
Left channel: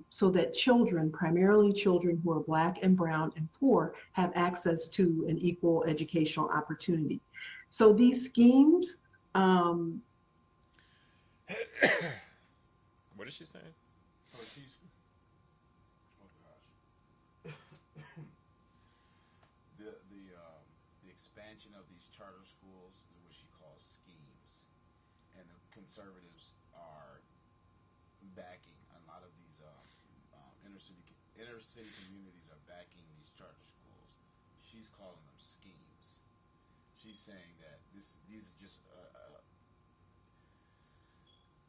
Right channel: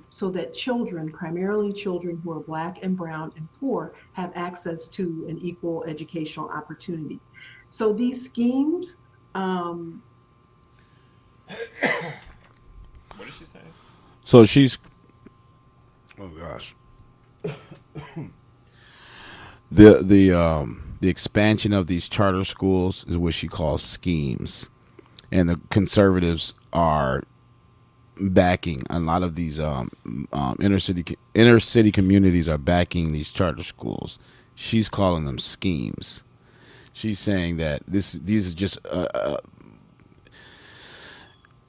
so that children, primarily children who are Black and brown and poor, have access to an equal educational opportunity. So these schemes, what is she saying? So she's, oh gosh. The expansion of these charter schools is what she calls schemes, and the conservatives are backing a lot of these inner city communities are backing these charter schools. She's calling them schemes. She's saying that these are just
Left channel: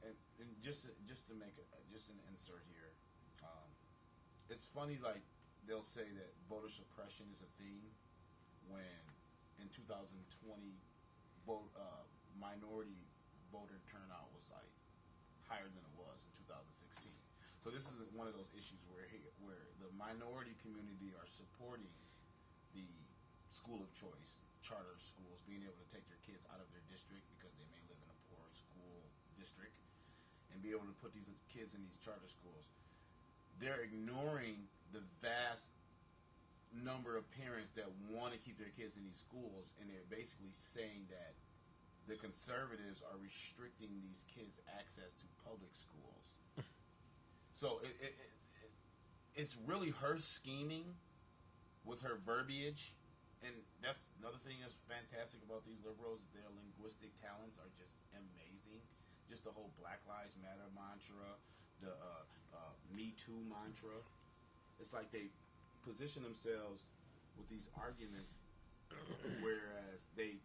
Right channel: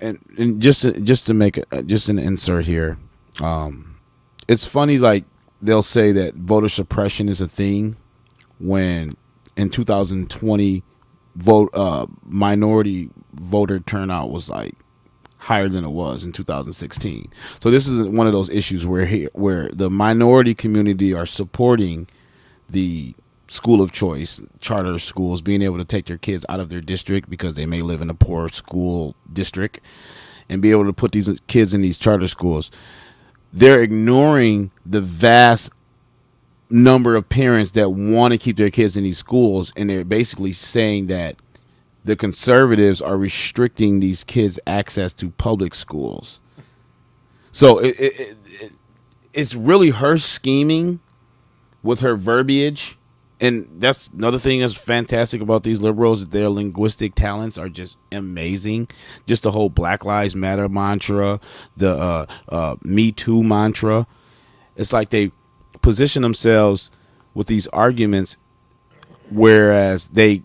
and just to make just an insert here. It's funny, like they'll say that voter suppression is a thing when in 2020 minority voter turnout was like higher than it was in 2016. So this is one of those issues where the minority community are supporting the school of choice, charter schools, being able to take their kids out of their district because they may live in a poor school district, and be able to put these kids in these charter schools. They're ignoring the vast number of parents that want to keep their kids in these schools, and they're basically saying that the conservatives are restricting these kids' access to public schools. So it's really her scheming with her verbiage and that's another thing that's fantastic about these liberals. Their linguistic talents are just amazing. Just the whole Black Lives Matter mantra, the Me Too mantra. It's like they position themselves with these arguments, whereas they're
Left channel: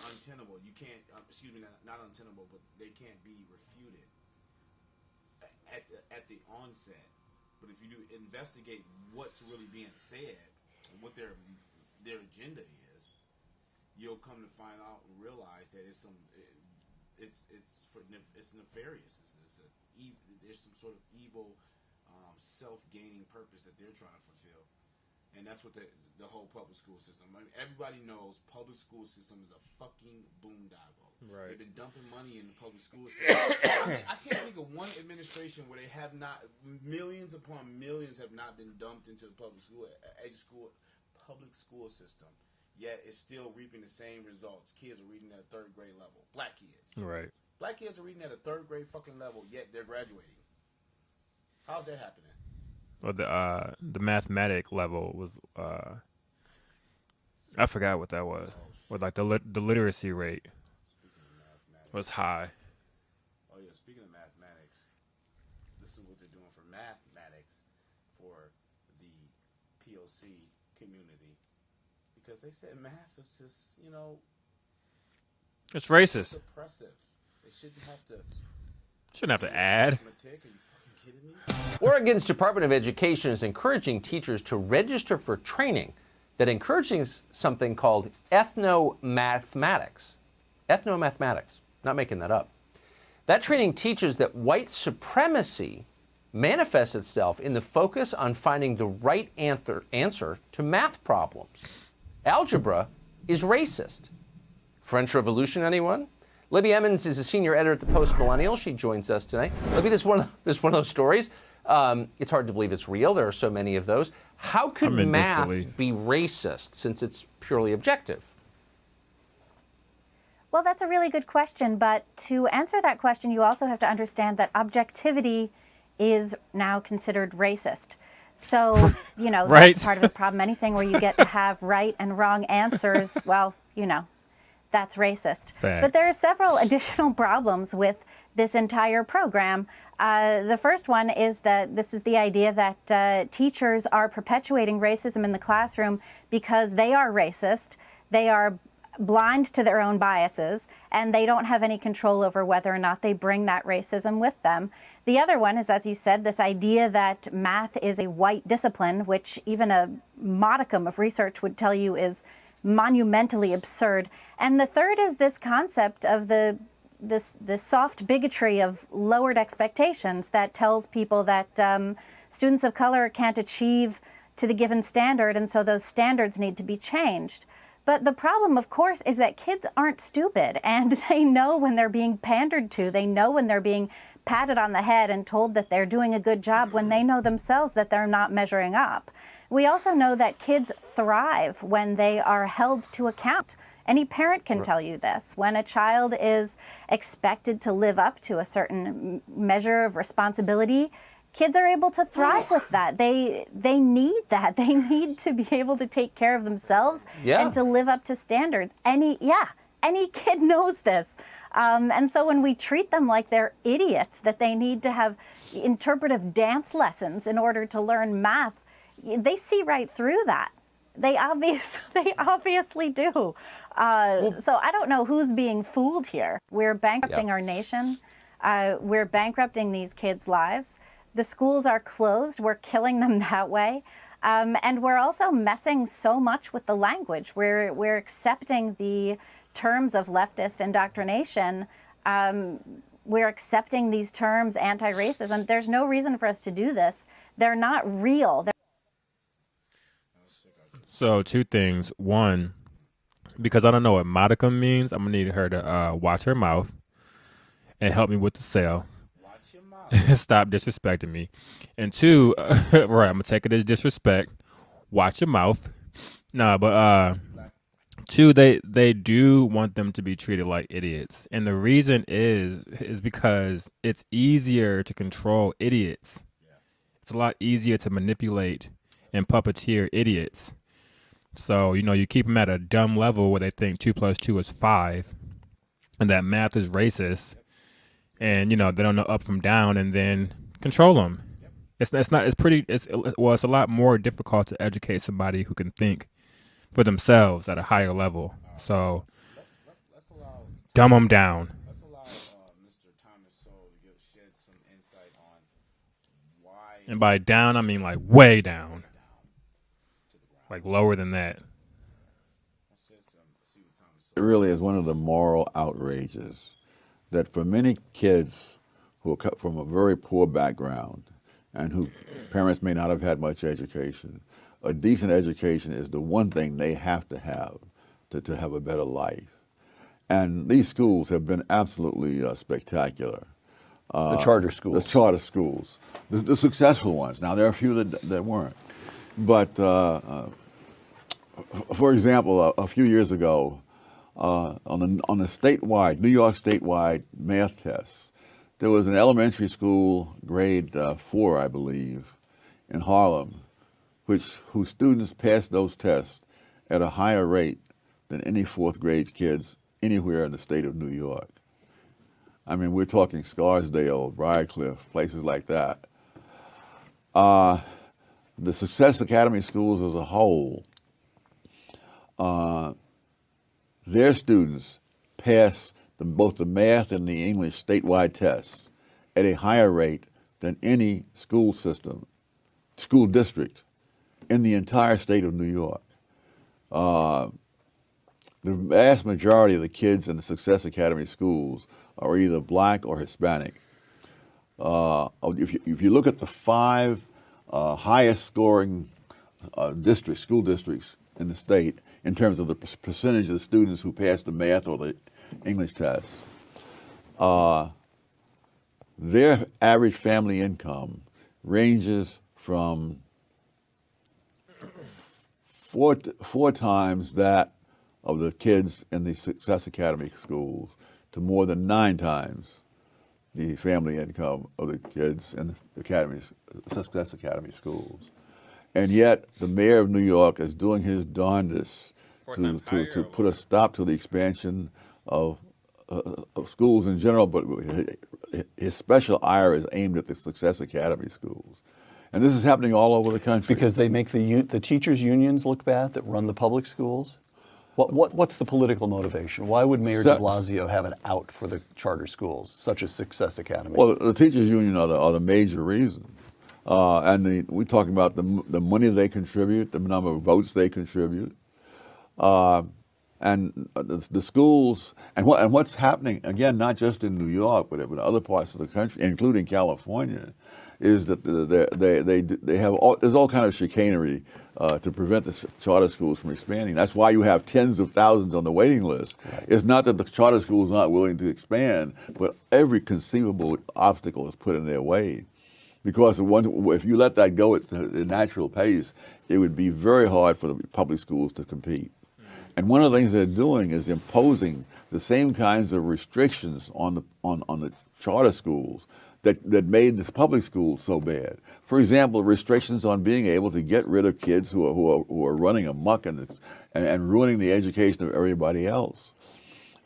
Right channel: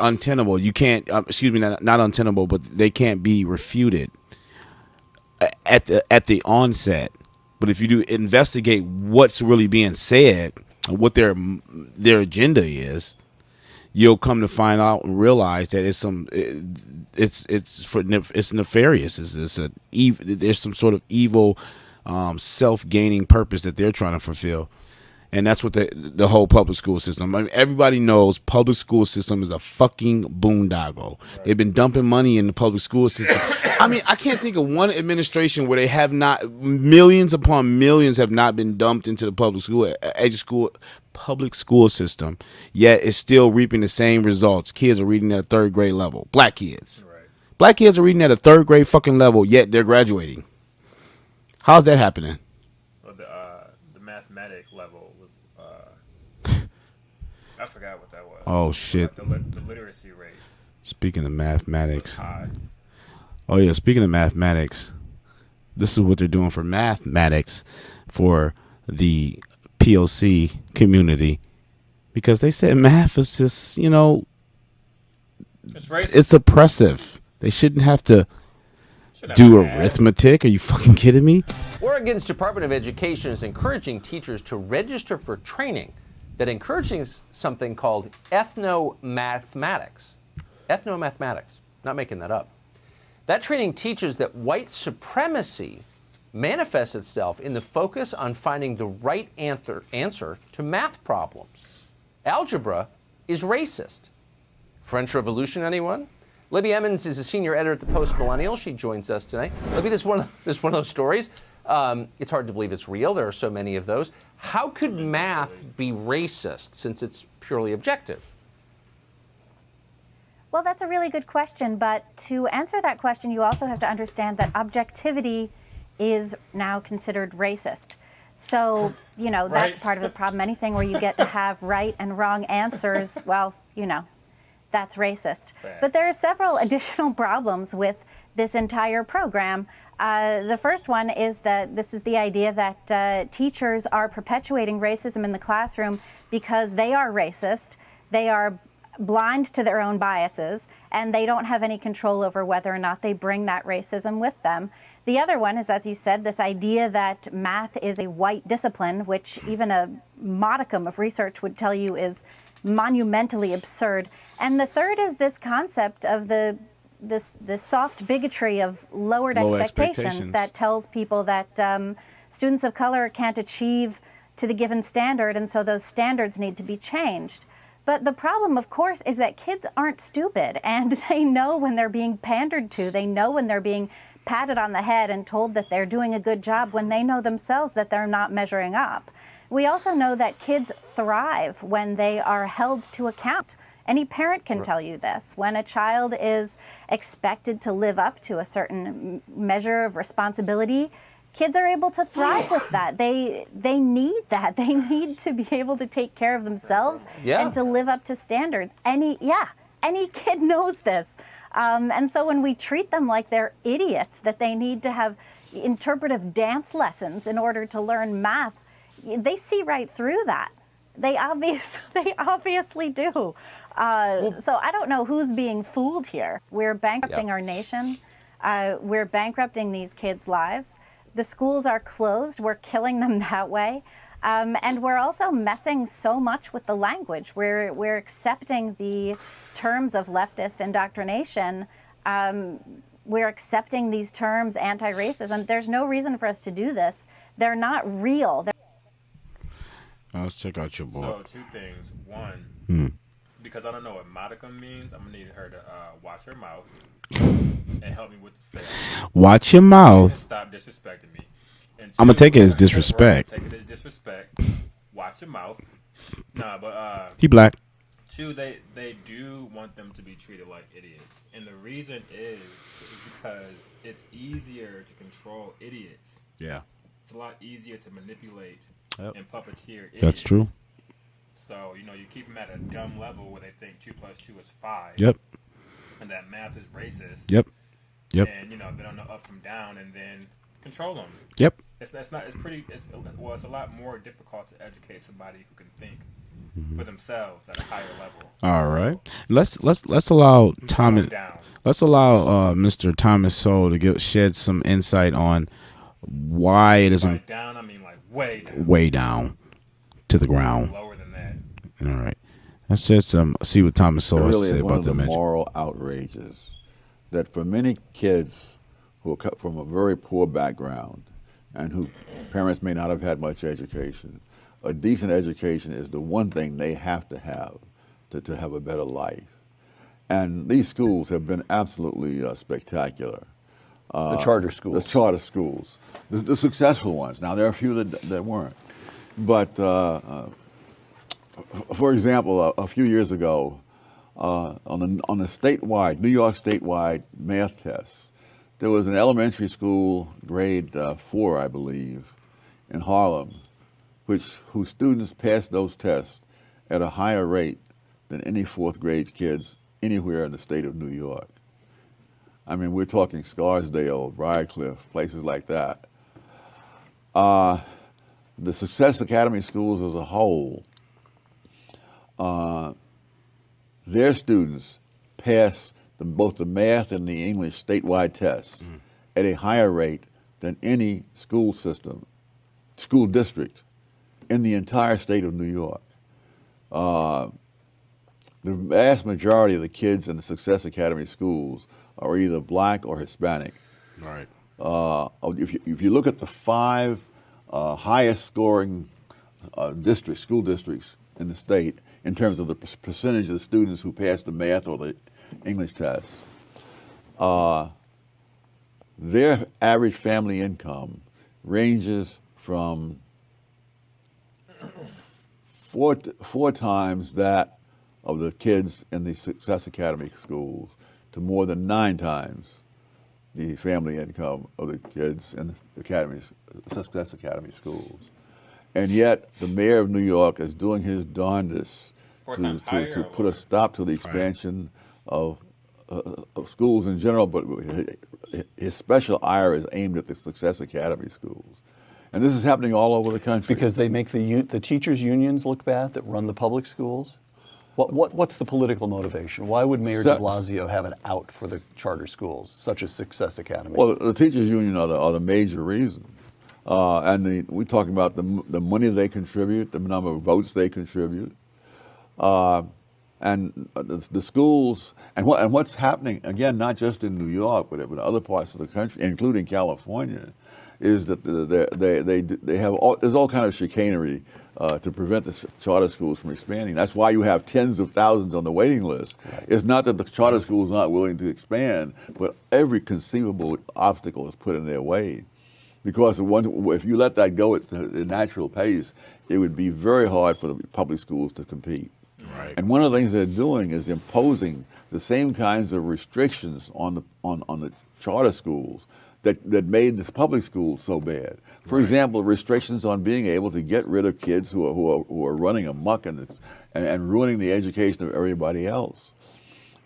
untenable. You can't, not untenable, but they can't be refuted at the onset. But if you do investigate what's really being said, what their agenda is, you'll come to find out and realize that it's nefarious. There's some sort of evil, self-gaining purpose that they're trying to fulfill. And that's what the whole public school system. I mean, everybody knows public school system is a fucking boondoggle. They've been dumping money in the public school system. I mean, I can't think of one administration where they have not, millions upon millions have not been dumped into the public school system. Yet it's still reaping the same results. Kids are reading at a third grade level. Black kids. Right. Black kids are reading at a third grade fucking level, yet they're graduating. How's that happening? Or the mathematic level was I forgot what that was. Oh shit! Like the literacy rate. Speaking of mathematics, was high. Oh yeah, speaking of mathematics, this is what they're doing for mathematics for the POC community, because they said math is just, it's racist. It's oppressive. They shouldn't have to do arithmetic. Are you fucking kidding me? Oregon's Department of Education is encouraging teachers to register for training that encourages something called ethnomathematics. Ethnomathematics. Not making that up. That training teaches that white supremacy manifests itself in the focus on finding the right answer to math problems. Algebra is racist. French Revolution, anyone? Libby Emmons is a senior editor at the Post Millennial. She joins us tonight. Libby, this is one of those stories. It's hard to believe it's real. There are so many of those. How could math be racist since it's purely objective? Well, that's a really good question. But to answer that question, you also have to understand that objectivity is now considered racist. So, Right. That's part of the problem. Anything where you get to have right and wrong answers, well, that's racist. Facts. But there are several additional problems with this entire program. The first one is that this is the idea that teachers are perpetuating racism in the classroom because they are racist, they are blind to their own biases, and they don't have any control over whether or not they bring that racism with them. The other one is, as you said, this idea that math is a white discipline, which even a modicum of research would tell you is monumentally absurd. And the third is this concept of the soft bigotry of lowered expectations that tells people that students of color can't achieve to the given standard, and so those standards need to be changed. But the problem, of course, is that kids aren't stupid, and they know when they're being pandered to. They know when they're being patted on the head and told that they're doing a good job when they know themselves that they're not measuring up. We also know that kids thrive when they are held to account. Any parent can tell you this. When a child is expected to live up to a certain measure of responsibility, kids are able to thrive with that. They need that. They need to be able to take care of themselves and to live up to standards. Any kid knows this. And so when we treat them like they're idiots, that they need to have interpretive dance lessons in order to learn math, they see right through that. They obviously do. So I don't know who's being fooled here. We're bankrupting our nation. We're bankrupting these kids' lives. The schools are closed. We're killing them that way. And we're also messing so much with the language. We're accepting the terms of leftist indoctrination. We're accepting these terms, anti-racism. There's no reason for us to do this. They're not real. Let's check out your book. So 2 things. One, because I don't know what modicum means, I'm going to need her to watch her mouth and help me with the sale. Watch your mouth. Stop disrespecting me. And 2, I'm going to take it as disrespect. Right, take it as disrespect. Watch your mouth. Nah, but he black. 2, they do want them to be treated like idiots. And the reason is because it's easier to control idiots. Yeah. It's a lot easier to manipulate and puppeteer idiots. That's true. So, you keep them at a dumb level where they think 2 + 2 is 5. Yep. And that math is racist. Yep. And, they don't know up from down, and then control them. Yep. It's a lot more difficult to educate somebody who can think for themselves at a higher level. All right. Let's allow dumb them down. Let's allow Mr. Thomas Sowell to shed some insight on why it is. By down, I mean like way down. Way down to the ground. Like lower than that. All right. Let's see what Thomas Sowell It really has to is say one about of the that moral outrages that for many kids who are cut from a very poor background and who parents may not have had much education, a decent education is the one thing they have to have a better life. And these schools have been absolutely spectacular. The charter schools. The charter schools. The successful ones. Now, there are a few that weren't. But, for example, a few years ago, on the statewide, New York statewide math tests, there was an elementary school, grade 4, I believe, in Harlem, whose students passed those tests at a higher rate than any fourth grade kids anywhere in the state of New York. I mean, we're talking Scarsdale, Briarcliff, places like that. The Success Academy schools as a whole, their students pass both the math and the English statewide tests at a higher rate than any school district in the entire state of New York. The vast majority of the kids in the Success Academy schools are either black or Hispanic. Right. If you look at the 5 highest scoring school districts in the state in terms of the percentage of the students who pass the math or the English tests, their average family income ranges from four times that of the kids in the Success Academy schools to more than 9 times the family income of the kids in the Success Academy schools. And yet the mayor of New York is doing his darndest to put a stop to the expansion of schools in general, but his special ire is aimed at the Success Academy schools. And this is happening all over the country. Because they make the teachers' unions look bad that run the public schools? What's the political motivation? Why would Mayor de Blasio have an out for the charter schools, such as Success Academy? Well, the teachers' union are the major reason. And we're talking about the money they contribute, the number of votes they contribute. And the schools, and what's happening, again, not just in New York, but in other parts of the country, including California, is that there's all kind of chicanery to prevent the charter schools from expanding. That's why you have tens of thousands on the waiting list. Right. It's not that the charter schools aren't willing to expand, but every conceivable obstacle is put in their way. Because if you let that go at the natural pace, it would be very hard for the public schools to compete. Right. And one of the things they're doing is imposing the same kinds of restrictions on the charter schools that made the public schools so bad. For example, restrictions on being able to get rid of kids who are running amok and ruining the education of everybody else.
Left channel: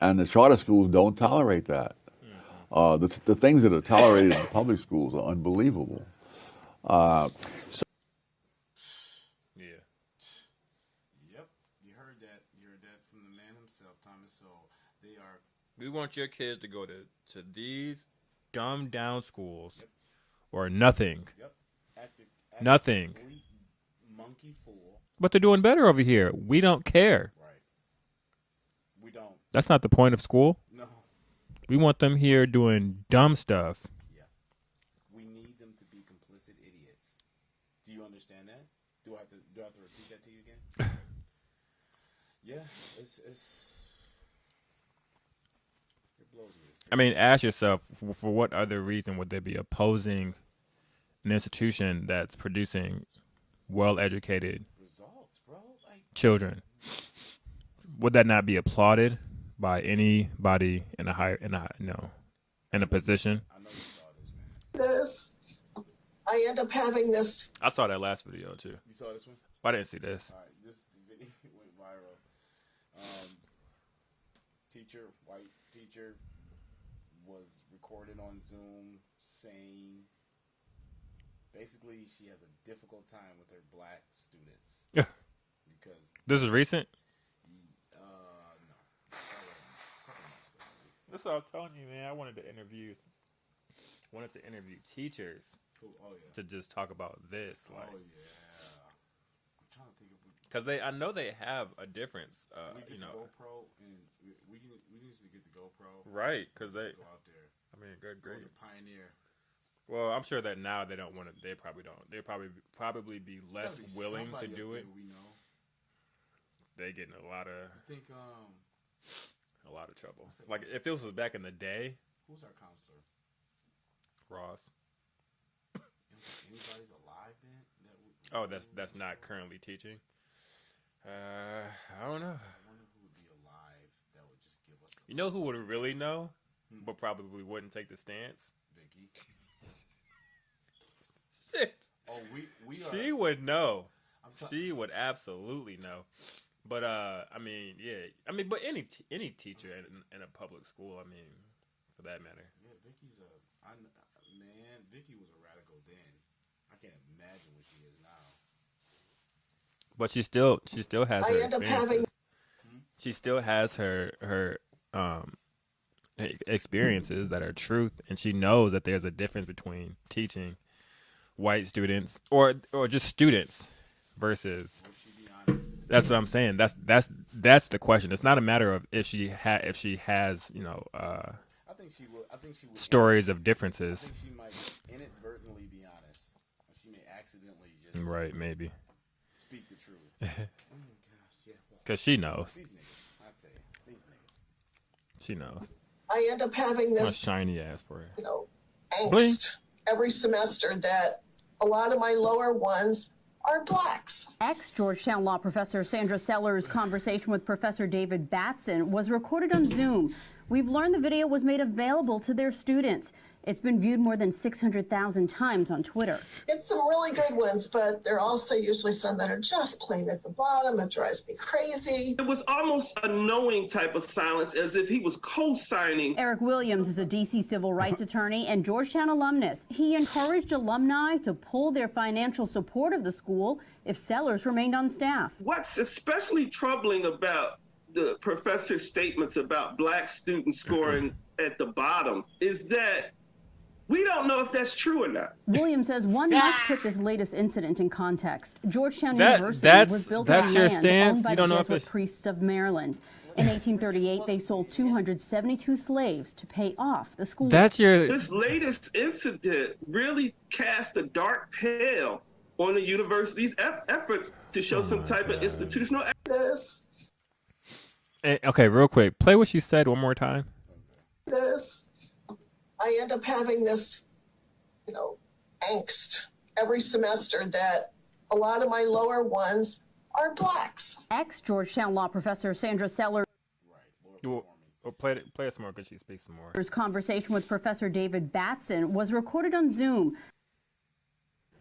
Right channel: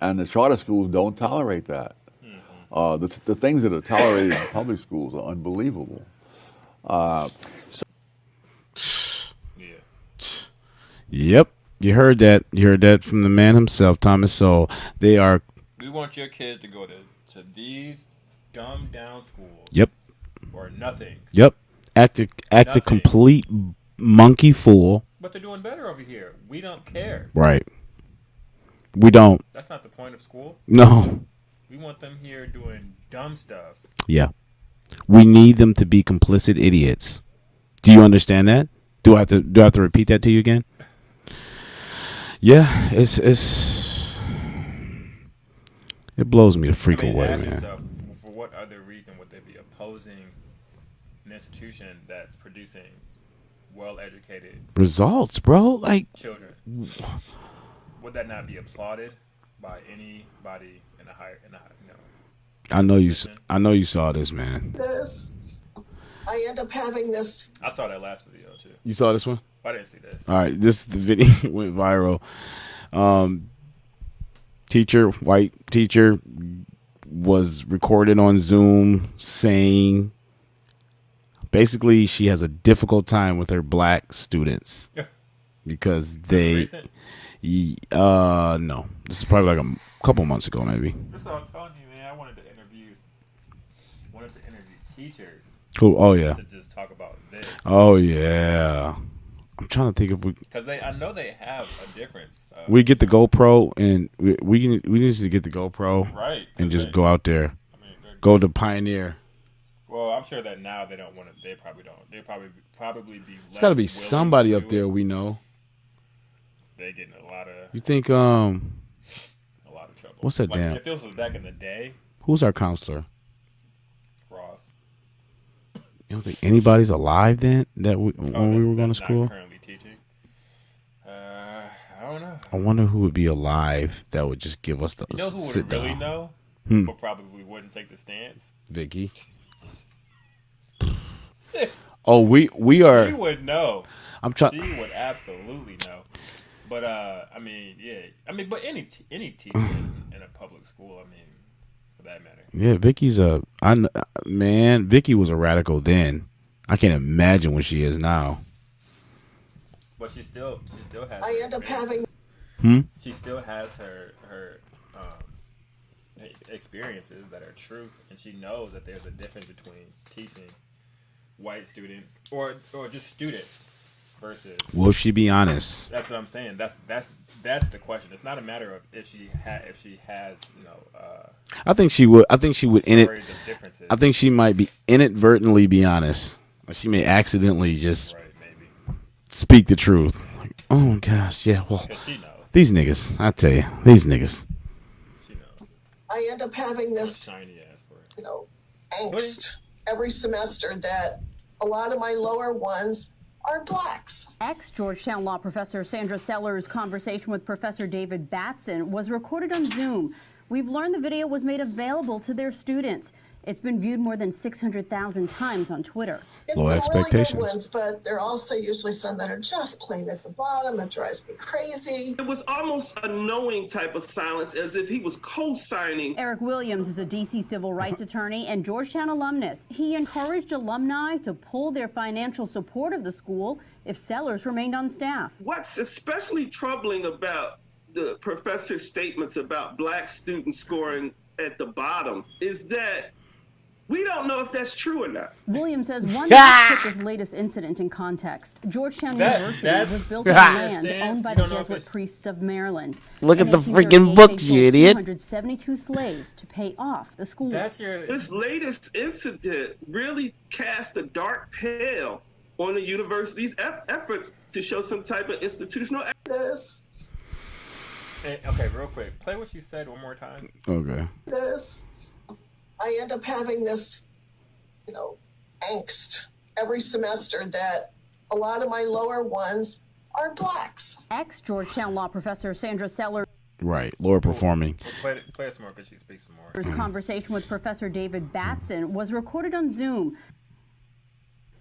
And the charter schools don't tolerate that. The things that are tolerated in public schools are unbelievable. Yep, you heard that. You heard that from the man himself, Thomas Sowell. We want your kids to go to these dumbed down schools. Yep. Or nothing. Yep. Act a complete monkey fool. But they're doing better over here. We don't care. Right. We don't. That's not the point of school. No. We want them here doing dumb stuff. Yeah. We need them to be complicit idiots. Do you understand that? Do I have to repeat that to you again? Yeah, it blows me to freak away. Ask yourself, for what other reason would they be opposing an institution that's producing well-educated results, bro? Like children. Would that not be applauded by anybody in a higher, I know you saw this, man. I end up having this. I saw that last video too. You saw this one? I didn't see this. All right, this the video went viral. White teacher, was recorded on Zoom saying basically she has a difficult time with her black students because This is recent? No, this is probably like a couple months ago, maybe. That's what I'm telling you, man. I wanted to interview teachers. Who? Oh yeah. To just talk about this. Oh yeah. I'm trying to think if we. Because I know they have a difference. We get the GoPro and we need to get the GoPro, right? And just go out there, go to Pioneer. Well, I'm sure that now they don't want to. They probably don't. They probably be. There's got to be somebody up there we know. They getting a lot of. You think a lot of trouble. What's that damn? If this was back in the day. Who's our counselor? Ross. You don't think anybody's alive then? When we were going to school. Not currently teaching. I don't know. I wonder who would be alive that would just give us the sit down. Really know, but probably wouldn't take the stance. Vicky. Oh, we are. She would know. I'm trying. She would absolutely know. But I mean, yeah. I mean, but any teacher in a public school, I mean, for that matter. Yeah, Vicky's Vicky was a radical then. I can't imagine what she is now. But she still has. I end up having. She still has her experiences that are truth, and she knows that there's a difference between teaching white students or just students versus. Will she be honest? That's what I'm saying. That's the question. It's not a matter of if she has I think she would. I think she would. Stories of differences. I think she might be inadvertently be honest. She may accidentally just maybe speak the truth. Like, oh gosh, yeah. Well, because she knows these niggas. I tell you, these niggas. She knows. I end up having this shiny ass for it. Angst every semester that a lot of my lower ones are blacks. Ex-Georgetown law professor Sandra Sellers' conversation with Professor David Batson was recorded on Zoom. We've learned the video was made available to their students. It's been viewed more than 600,000 times on Twitter. It's some really good ones, but there are also usually some that are just plain at the bottom. It drives me crazy. It was almost a knowing type of silence, as if he was co-signing. Eric Williams is a D.C. civil rights attorney and Georgetown alumnus. He encouraged alumni to pull their financial support of the school if Sellers remained on staff. What's especially troubling about the professor's statements about black students scoring at the bottom is that we don't know if that's true or not. Williams says one must put this latest incident in context. Georgetown University was built on land owned by the Jesuit priests of Maryland. Look at the freaking books, you idiot. 272 slaves to pay off the school. This latest incident really cast a dark pale on the university's efforts to show some type of institutional this. Okay, real quick, play what she said one more time. Okay. I end up having this, angst every semester that a lot of my lower ones are blacks. Ex-Georgetown law professor Sandra Sellers' Right, lower performing. Play it some more because she speaks some more. Conversation with Professor David Batson was recorded on Zoom.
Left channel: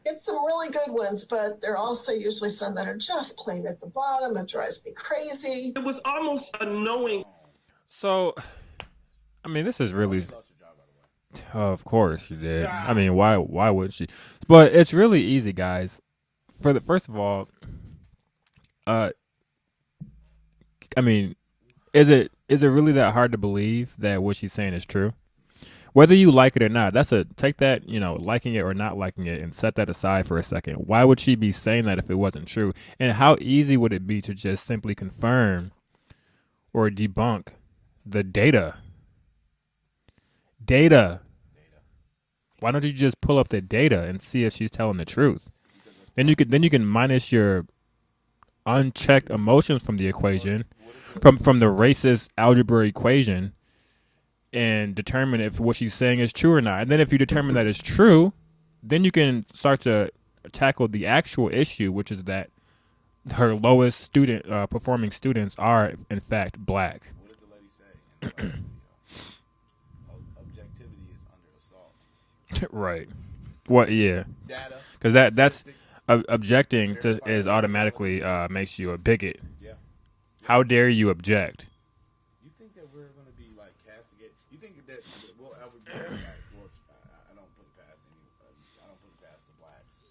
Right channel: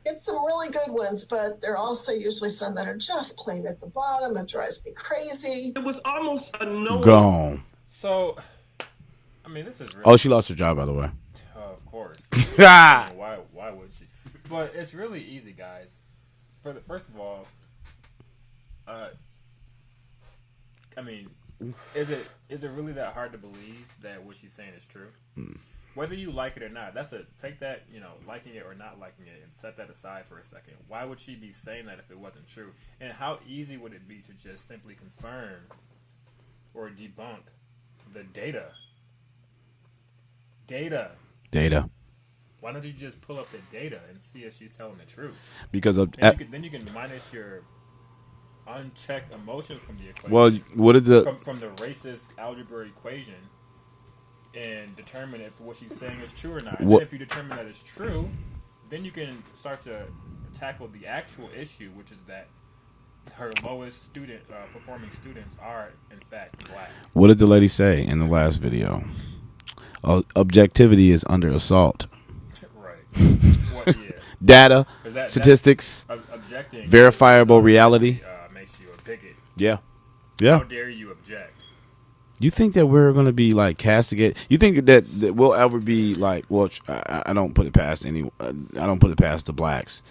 It's some really good ones, but there are also usually some that are just plain at the bottom. It drives me crazy. It was almost a knowing. Gone. So, I mean, this is really. Oh, she lost her job, by the way. Of course she did. I mean, why would she? But it's really easy, guys. First of all, I mean, is it really that hard to believe that what she's saying is true? Whether you like it or not, take that, liking it or not liking it and set that aside for a second. Why would she be saying that if it wasn't true? And how easy would it be to just simply confirm or debunk the data? Data. Why don't you just pull up the data and see if she's telling the truth? Because then you can minus your unchecked emotions from the equation. Well, what is the from the racist algebra equation, and determine if what she's saying is true or not. And then if you determine that it's true, then you can start to tackle the actual issue, which is that her lowest performing students are in fact black. What did the lady say in the last video? Objectivity is under assault. Right. What? Yeah. Data, because statistics, objecting, verifiable reality makes you a bigot. Yeah. How dare you object? You think that we're gonna be like castigated? You think that we'll ever be like? Well, I don't put it past I don't put it past the blacks,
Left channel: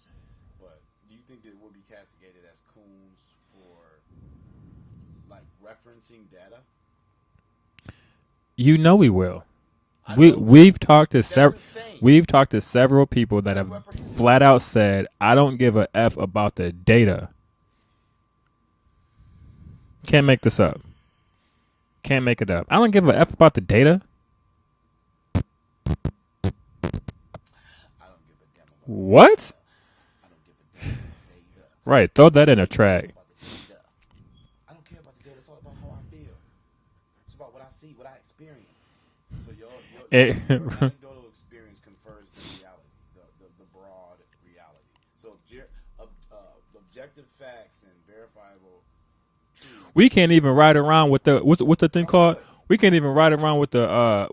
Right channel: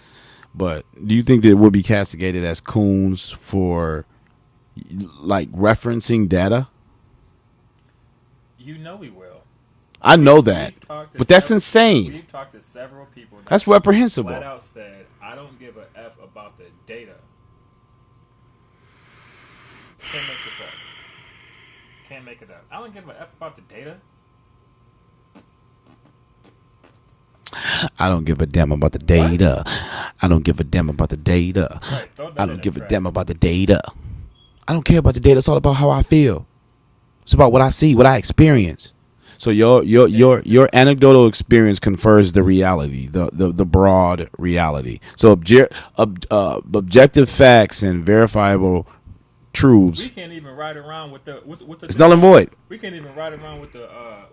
but do you think that we'll be castigated as coons for like referencing data? You know we will. I know that. We've talked to but that's insane. We've talked to several people that that's reprehensible. Flat out said, "I don't give a f about the data." Can't make this up. Can't make it up. I don't give a f about the data. I don't give a damn about the data. I don't give a damn about the data. Right, throw that in a track. I don't give a track. damn about the data. I don't care about the data. It's all about how I feel. It's about what I see, what I experience. So your anecdotal experience confers the reality, the broad reality. So objective facts and verifiable truths. We can't even ride around with the it's null and void. We can't even ride around with the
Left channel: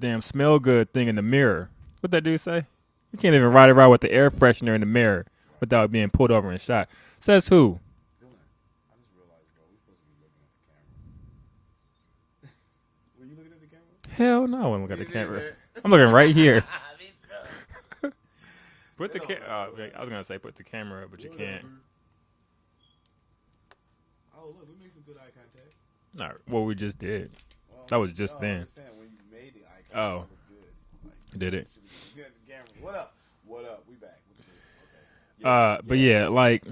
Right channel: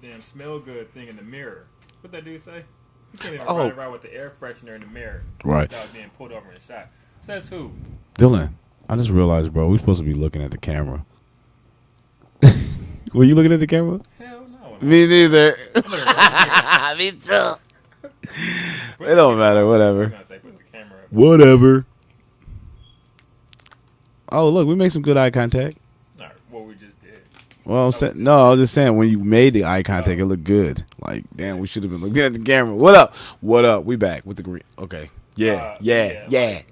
damn smell good thing in the mirror. What that dude say? You can't even ride around with the air freshener in the mirror without being pulled over and shot. Says who? Dylan, I just realized, bro, we're supposed to be looking at the camera. Were you looking at the camera? Hell no. Me neither. I'm looking right here. Me too. It don't matter. Whatever. I'm gonna say put the camera up. Whatever. Oh, look, we made some good eye contact. No, what we just did. Well, I was just saying when you made the eye contact, it looked good. Like, damn, we should have been looking at the camera. What up? What up? We back with the green. Okay. Yeah. Like,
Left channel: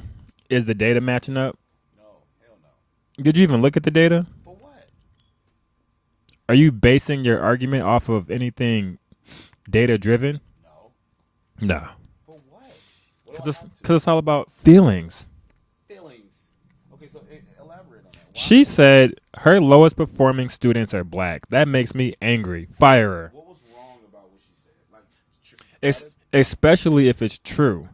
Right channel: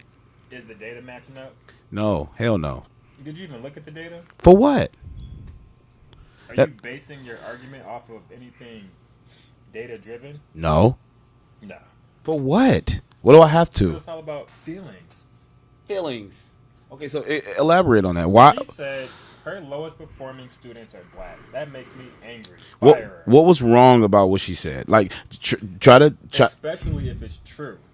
is the data matching up? No, hell no. Did you even look at the data? For what? Are you basing your argument off of anything data driven? No. No. For what? What do I have to? Because it's all about feelings. Feelings. Okay, so elaborate on that. Why? She said her lowest performing students are black. That makes me angry. Fire her. What was wrong about what she said? Like, especially if it's true.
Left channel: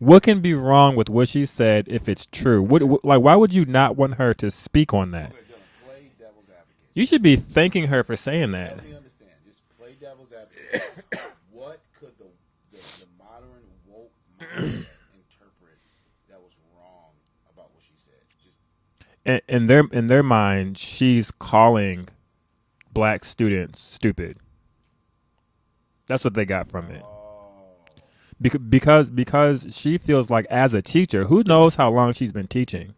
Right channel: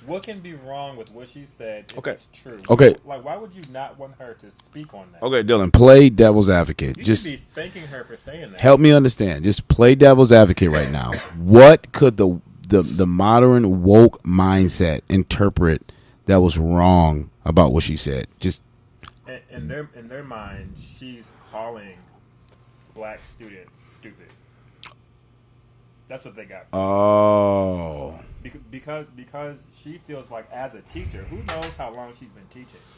What can be wrong with what she said if it's true? Why would you not want her to speak on that? Okay, Dylan, play devil's advocate. You should be thanking her for saying that. Help me understand. Just play devil's advocate right now. What could the modern woke mindset interpret that was wrong about what she said? Just in their mind, she's calling black students stupid. That's what they got from it. Because she feels like as a teacher, who knows how long she's been teaching?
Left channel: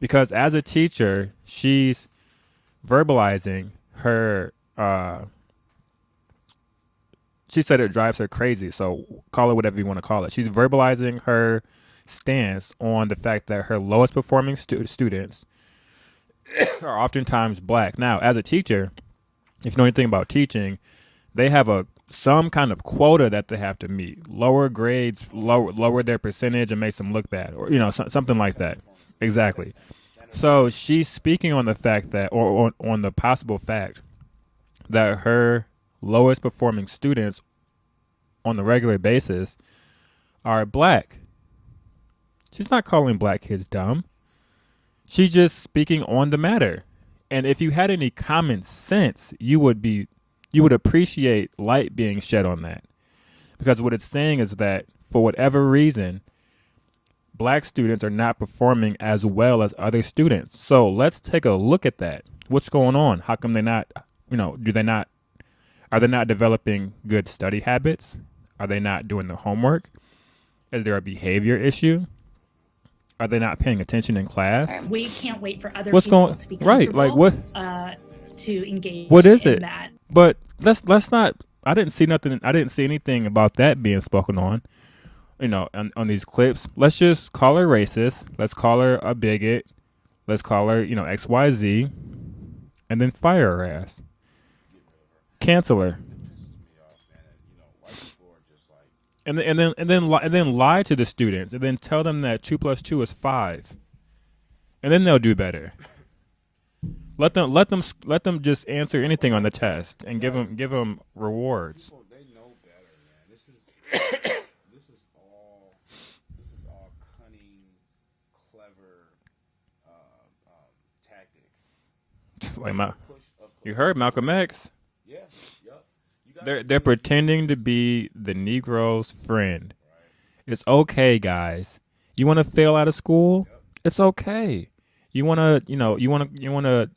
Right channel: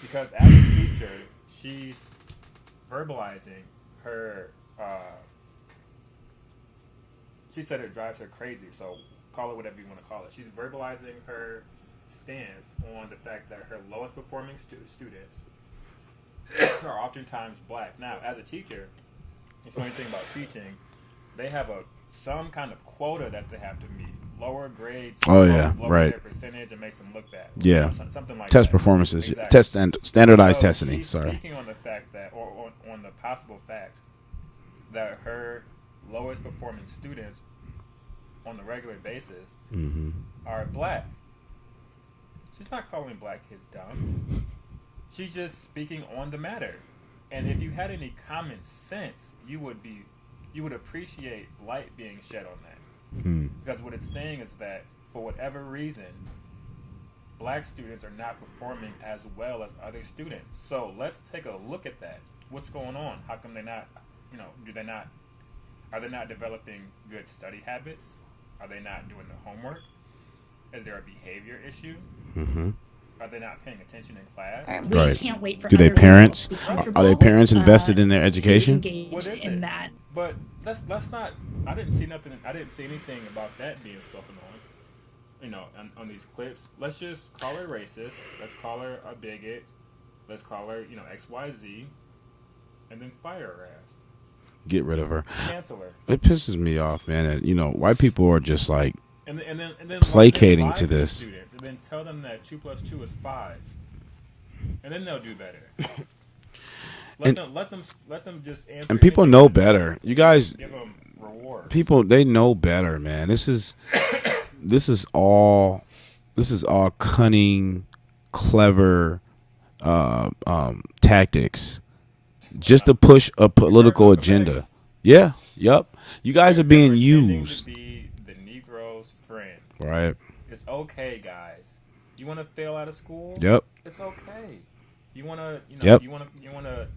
Because as a teacher, she's verbalizing her. She said it drives her crazy. So call it whatever you want to call it. She's verbalizing her stance on the fact that her lowest performing students are oftentimes black. Now, as a teacher, if you know anything about teaching, they have some kind of quota that they have to meet. Lower grades, lower their percentage and makes them look bad, or something like that. Test performances, exactly. Standardized so testing. She's speaking on the fact that, or on the possible fact that her lowest performing students on the regular basis are black. She's not calling black kids dumb. She's just speaking on the matter. And if you had any common sense, you would appreciate light being shed on that. Because what it's saying is that for whatever reason, black students are not performing as well as other students. So let's take a look at that. What's going on? How come they're not, are they not developing good study habits? Are they not doing the homework? Is there a behavior issue? Are they not paying attention in class? We can't wait for Do other their parents people to be are comfortable, their parents invested in their education? to engage What is in it? that. But let's not. I didn't see nothing. I didn't see anything about that being spoken on. On these clips. Let's just call her racist. Let's call her a bigot. Let's call her XYZ, and then fire her ass. Get rid of her. Cancel her. It pisses me off, man. That white people are just like and then placating lie to to the this. students, and then tell them that 2 + 2 is 5, and then they'll do better. Let them just answer. And people anything know on the better. test You and guys give them rewards. People, they know better, man. This is all cunning, clever tactics, just to push a political agenda. Yeah. Yep. You guys are being they're pretending used. to be the Negro's friend. Right. It's okay, guys. You want to fail out of school? Yep. It's okay. You want to, Yep. you want to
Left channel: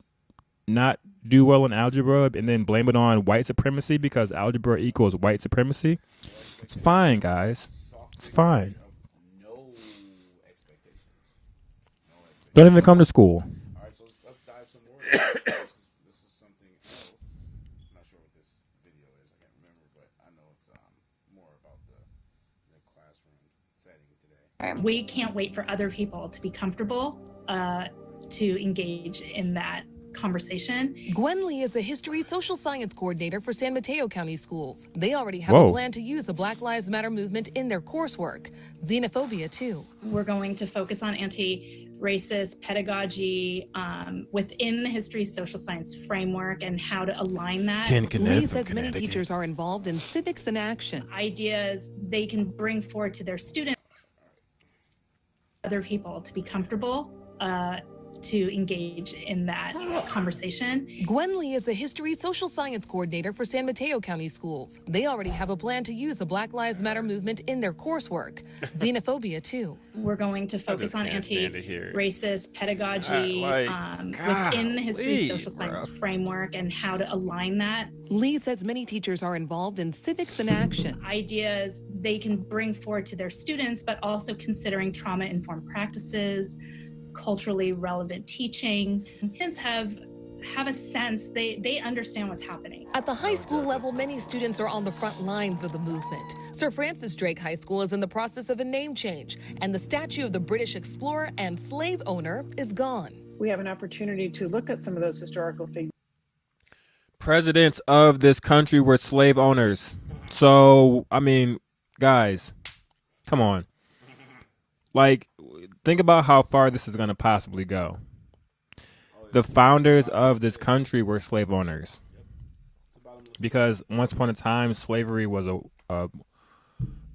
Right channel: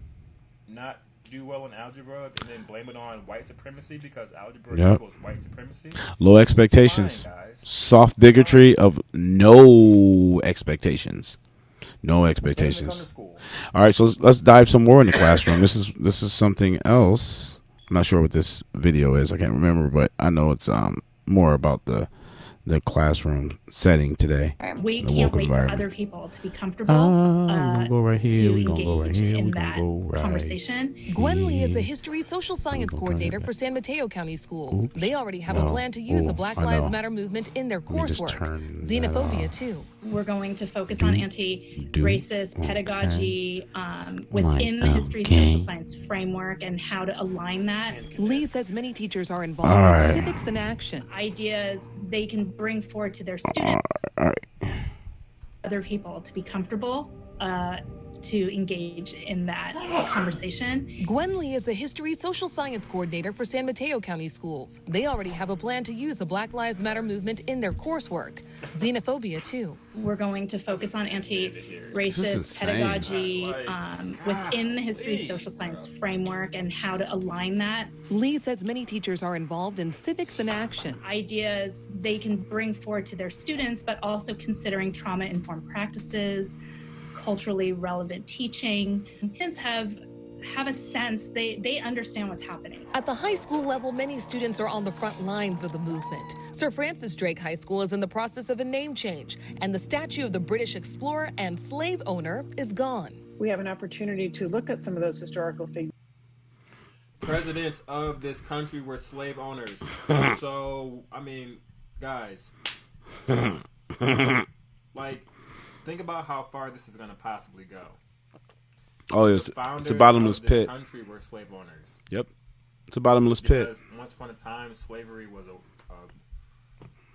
not do well in algebra and then blame it on white supremacy because algebra Yep. equals white supremacy. Low expectations. Fine, guys. Soft bigotry of no expectations. No expectations. Don't even come to school. All right, so let's dive some more in the classroom. This is something else. I'm not sure what this video is. I can't remember, but I know it's more about the classroom setting today. We the can't woke wait for environment. other people to be comfortable go right here, to we gonna go right engage here, in we that gonna go right conversation. Gwen Lee is the History Social Science Coordinator for San Mateo County Schools. They already have Whoa. a plan to use the Black I Lives know. Matter movement in their coursework. Xenophobia, too. We're going to focus on anti-racist pedagogy within the history social science framework and how to align that. Lee says many teachers are involved All in right. civics in action. Ideas they can bring forward to their students, other people to be comfortable to engage in that conversation. Gwen Lee is the History Social Science Coordinator for San Mateo County Schools. They already have a plan to use the Black Lives Matter movement in their coursework. Xenophobia, too. We're going to focus on This anti-racist is pedagogy insane. within the history social science framework and how to align that. Lee says many teachers are involved in civics in action. Ideas they can bring forward to their students, but also considering trauma-informed practices, culturally relevant teaching. Kids have a sense, they understand what's happening. At the high school level, many students are on the front lines of the movement. Sir Francis Drake High School is in the process of a name change, and the statue of the British explorer and slave owner is gone. We have an opportunity to look at some of those historical figures. Presidents of this country were slave owners. So, I mean, guys, come on. Like, think about how far this is going to possibly go. Oh, the it's a founders bottomless of this pit. country were slave owners. Yep, it's a bottomless pit. Because once upon a time, slavery was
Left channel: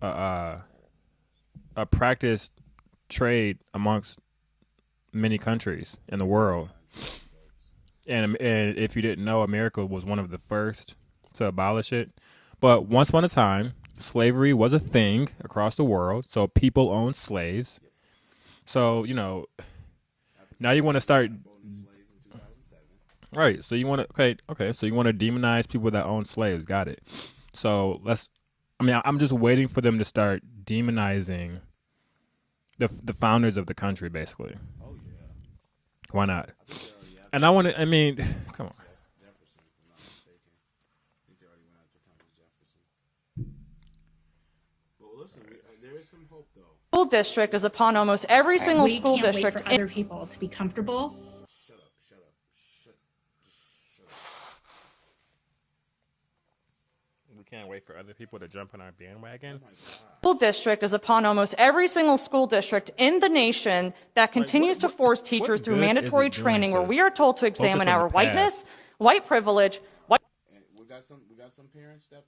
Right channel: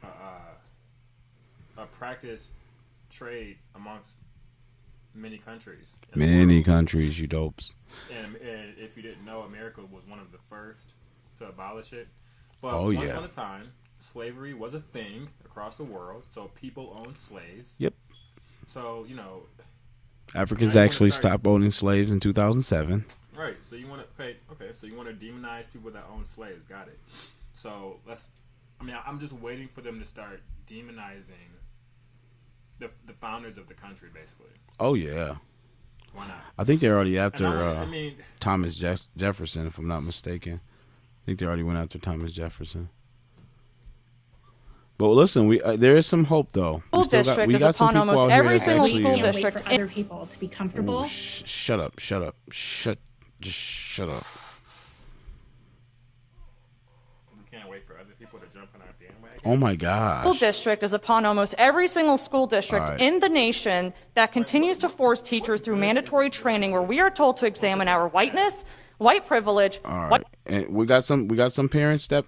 a practiced trade amongst many countries in the world. Many countries, you dopes. And if you didn't know, America was one of the first to abolish it. But Oh, once yeah. upon a time, slavery was a thing across the world. So people owned slaves. Yep. So, Africans now you wanna actually start- stopped owning slaves in 2007. Right. So you want to okay. So you want to demonize people that own slaves. Got it. So I'm just waiting for them to start demonizing the founders of the country, basically. Oh yeah. Why not? I think they're already after. And I want to. I mean, Thomas Jefferson, if I'm not mistaken. I think they already went after Thomas Jefferson. But listen, there is some hope though. School district is upon almost every single school Can't wait district. for other people to be comfortable. Shut up. Just shut up. we can't wait for other people to jump on our bandwagon. Oh my gosh. School district is upon almost every single school district All right. in the nation that continues to force teachers through mandatory training where we are told to examine our whiteness, white privilege, All white. right. And we got some parents that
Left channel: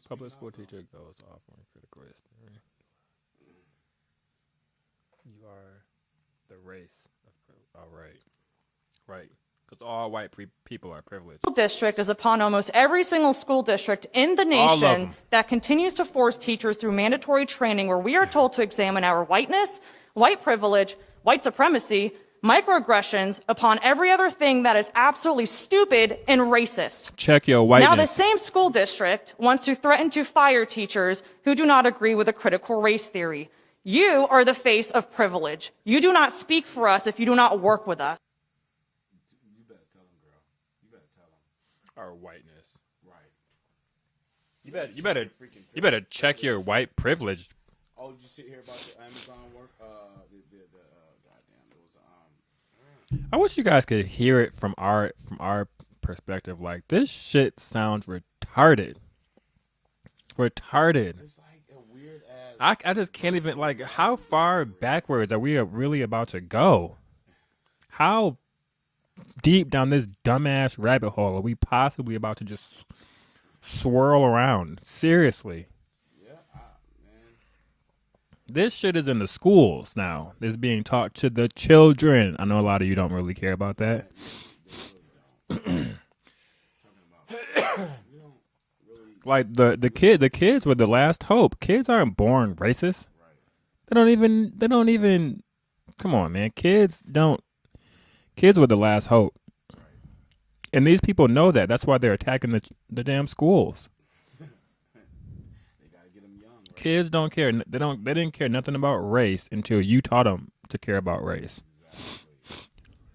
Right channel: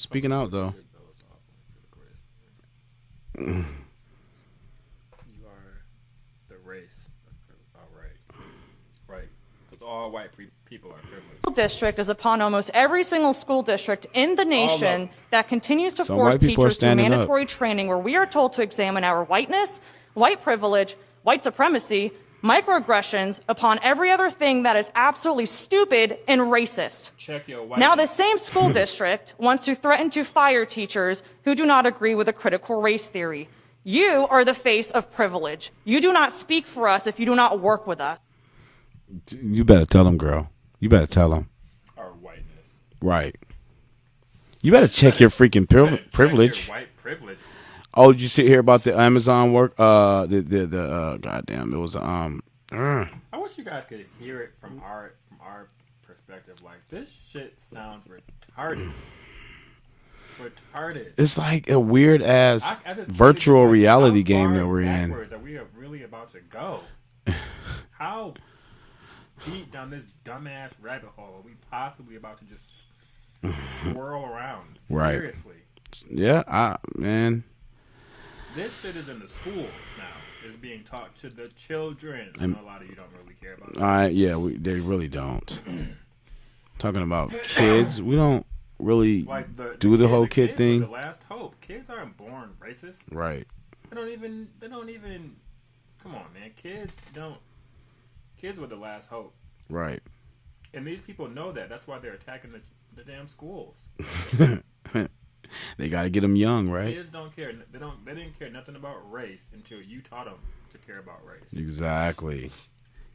speaking out though. You are the race. All right. Because all white people are privileged. School district is upon almost every single school district in the nation that continues to Some force white people are teachers through standing up. mandatory training where we are told to examine our whiteness, white privilege, white supremacy, microaggressions upon every other thing that is absolutely stupid and racist. Check your whiteness. Now, the same school district wants to threaten to fire teachers who do not agree with a critical race theory. You are the face of privilege. You do not speak for us if you do not work with us. You better tell them, girl. You better tell them. Our whiteness. Right. You better check your freaking privilege. Check your white privilege. Oh, did you see here about the Amazon work? Goddamn, it was I wish you guys could hear it from our perspective. Like, this shit sounds retarded. Retarded. It's like a weird ass I just can't virtual even, like, reality how game far that we're in. backwards are we really about to go? How deep down this dumbass rabbit hole are we possibly about to just swirl around? Right. Seriously. Yeah, man. This shit is in the schools now. It's being taught to the children. I know a lot of you don't really care about that. Yeah, they really don't. talking about kids. We don't really like the whole kids thing. were the last hope. Kids aren't born racist. Right. They don't even come on, man. Kids were the last hope. Right. And these people know that. That's why they're attacking the damn schools. They got to get them young, right? Kids don't care. They didn't care nothing about race until you taught them to care about race. Exactly.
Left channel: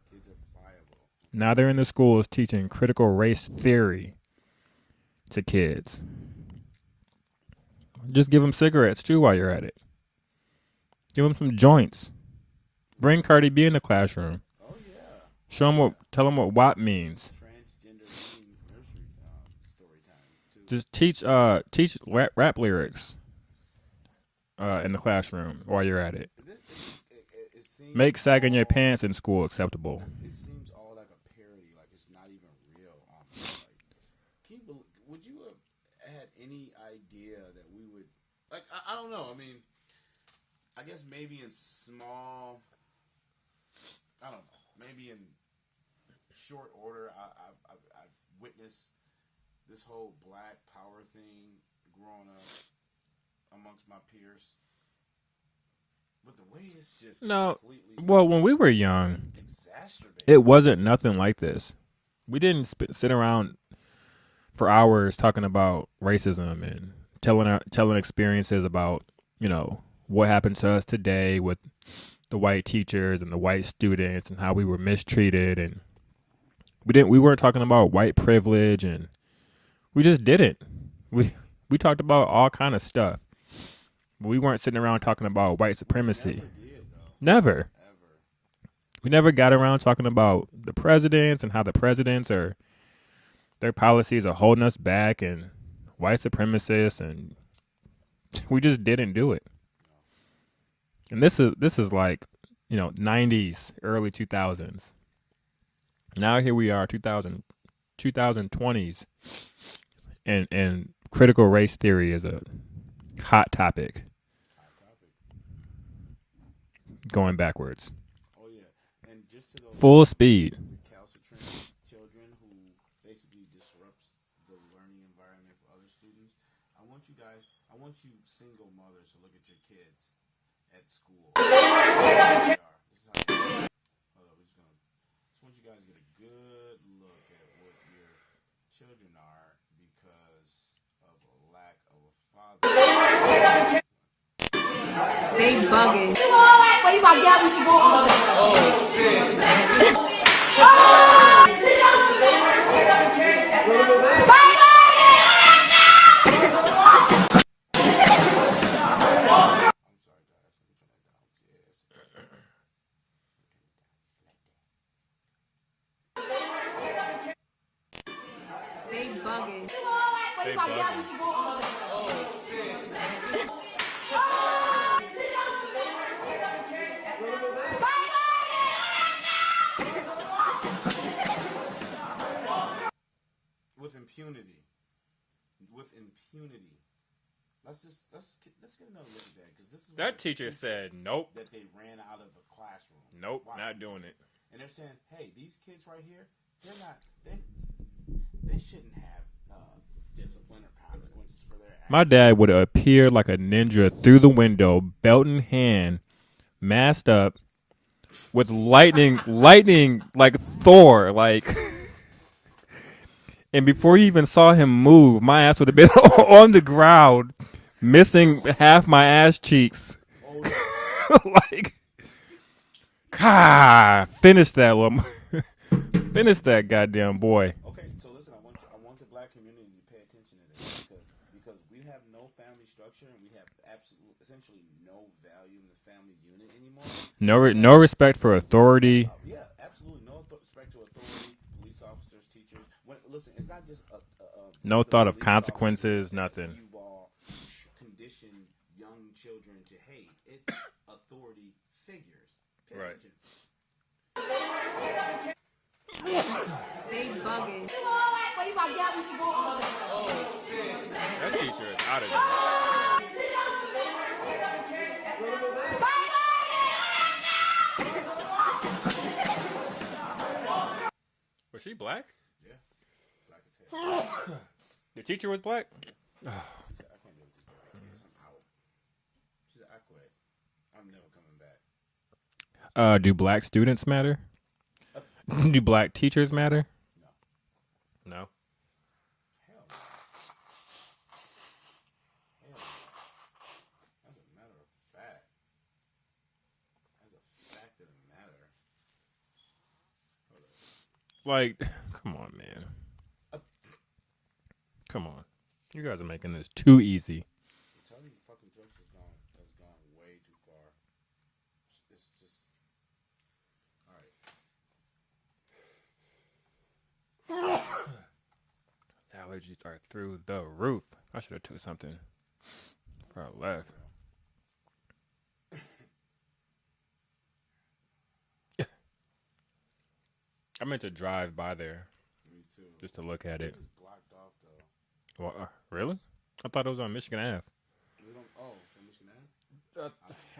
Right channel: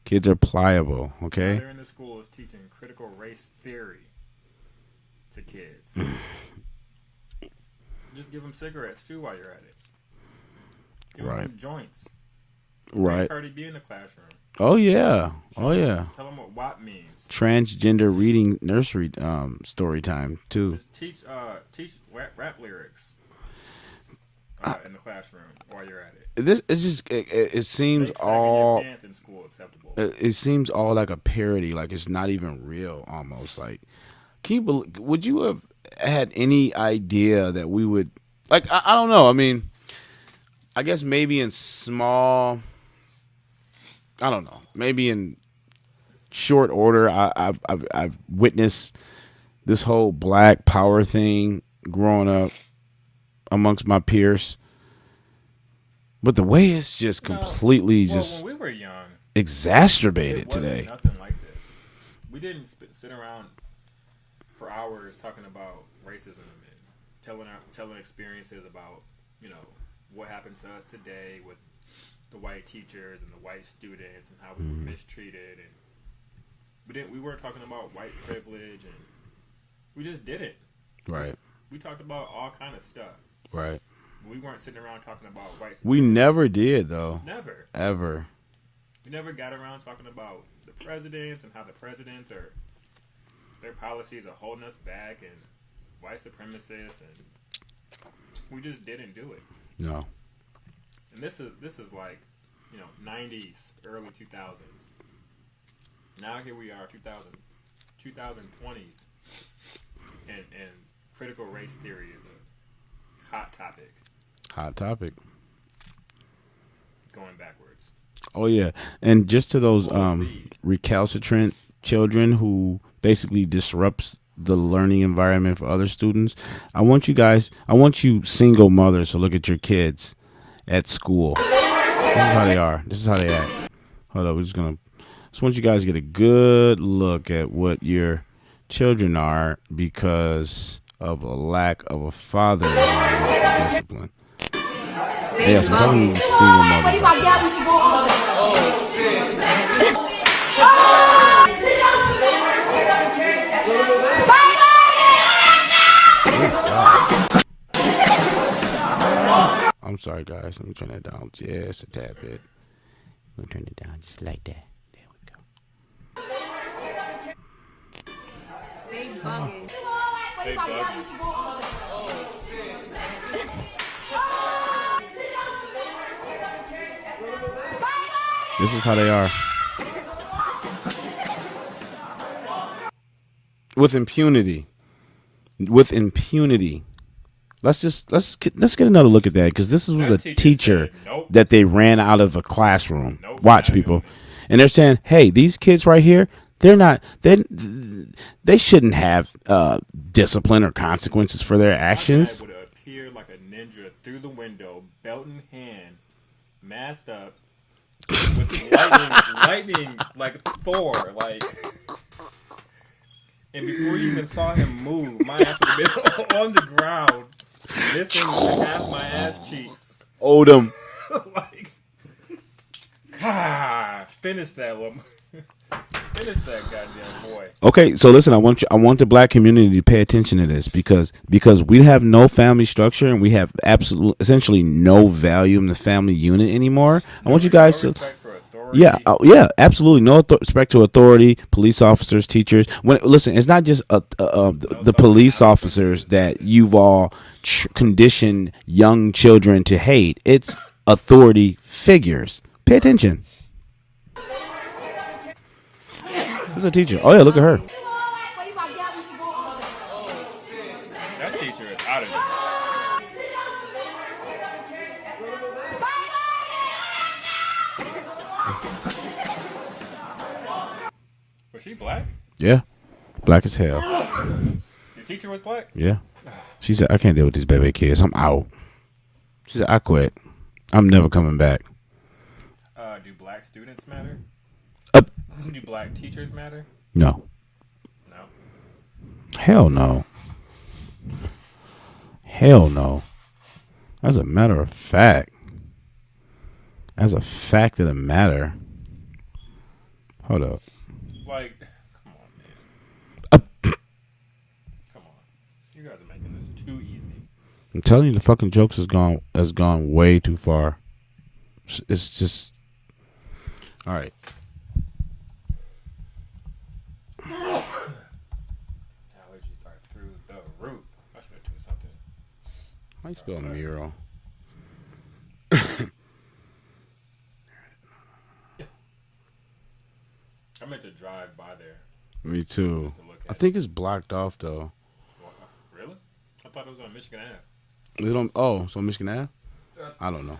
Kids are pliable, okay? Now they're in the schools teaching critical race theory to kids. Just give them cigarettes, too, while you're at it. Give them some joints. Bring Right. Cardi B in the classroom. Oh, yeah. Tell them what WAP means. Transgender reading nursery story time, too. Just teach rap lyrics in the classroom while you're at it. It seems make sagging your pants in school acceptable. It seems all like a parody, like it's not even real. Almost like, would you have had any idea that we would like? I don't know. I mean, I guess maybe in small. I don't know. Maybe in short order, I've witnessed this whole Black Power thing growing up amongst my peers, but the way it's just completely when we were young, exacerbated. It wasn't today. nothing like this. We didn't sit around for hours talking about racism and telling experiences about what happened to us today with the white teachers and the white students and how we were mistreated, and we weren't talking about white privilege, and we just didn't. Right. We talked about all kind of stuff. Right. But we weren't sitting around talking about white supremacy. We never did, though. Never. Ever. We never got around talking about the presidents and how the presidents their policies are holding us back and white supremacists, and we just didn't do it. No. And this is like, 90s, early 2000s. Now here we are, 2020s, and critical race theory is a hot topic. Hot topic. Going backwards. Oh yeah, and just to those full speed recalcitrant children who basically disrupts the learning environment for other students. I want you single mothers to look at your kids at school. This is how they are. This is how they act. Hold up, just want you guys to get a good look at what your children are because of a lack of a father discipline. They Yes, bugging. What do you got? We should go on. Oh, shit. I'm sorry, guys. Let me turn that down just a tad bit. Let me turn it down just like that. There we go. They bugging. What do you got? We should go on. Oh, shit. This is how they are. With impunity. Let's get another look at that, because this was a teacher that they ran out of a classroom. Watch, people. And they're saying, hey, these kids right here, they shouldn't have discipline or consequences for their actions. My dad would have appeared like a ninja through the window, belt in hand, masked up, with lightning like Thor, like. And before you even saw him move, my ass would have been on the ground, missing half my ass cheeks. Odom. Finish that one. Finish that goddamn boy. Okay, so listen, I want the Black community to pay attention to this, because we have no family structure and we have essentially no value in the family unit anymore. No respect for authority. Yeah, absolutely no respect to authority. Police officers, teachers. Listen, it's not just the police officers that you've all conditioned young children to hate. It's authority figures. Pay attention. This is a teacher. Oh yeah, look at her. Was she black? Yeah. Black as hell. The teacher was black? Yeah. She said, I can't deal with these baby kids. I'm out. She said, I quit. I'm never coming back. Do black students matter? Do black teachers matter? No. No. Hell no. Hell no. As a matter of fact. As a fact of the matter. Hold up. Like, come on, man. Come on. You guys are making this too easy. I'm telling you, the fucking jokes has gone way too far. It's just all right. Allergies are through the roof. I should have took something. How you spell mural? I meant to drive by there. Me too. Just to look at I think it's blocked off though. Well, really? I thought it was on Michigan Ave. Is it on, oh, so Michigan Ave? I don't know.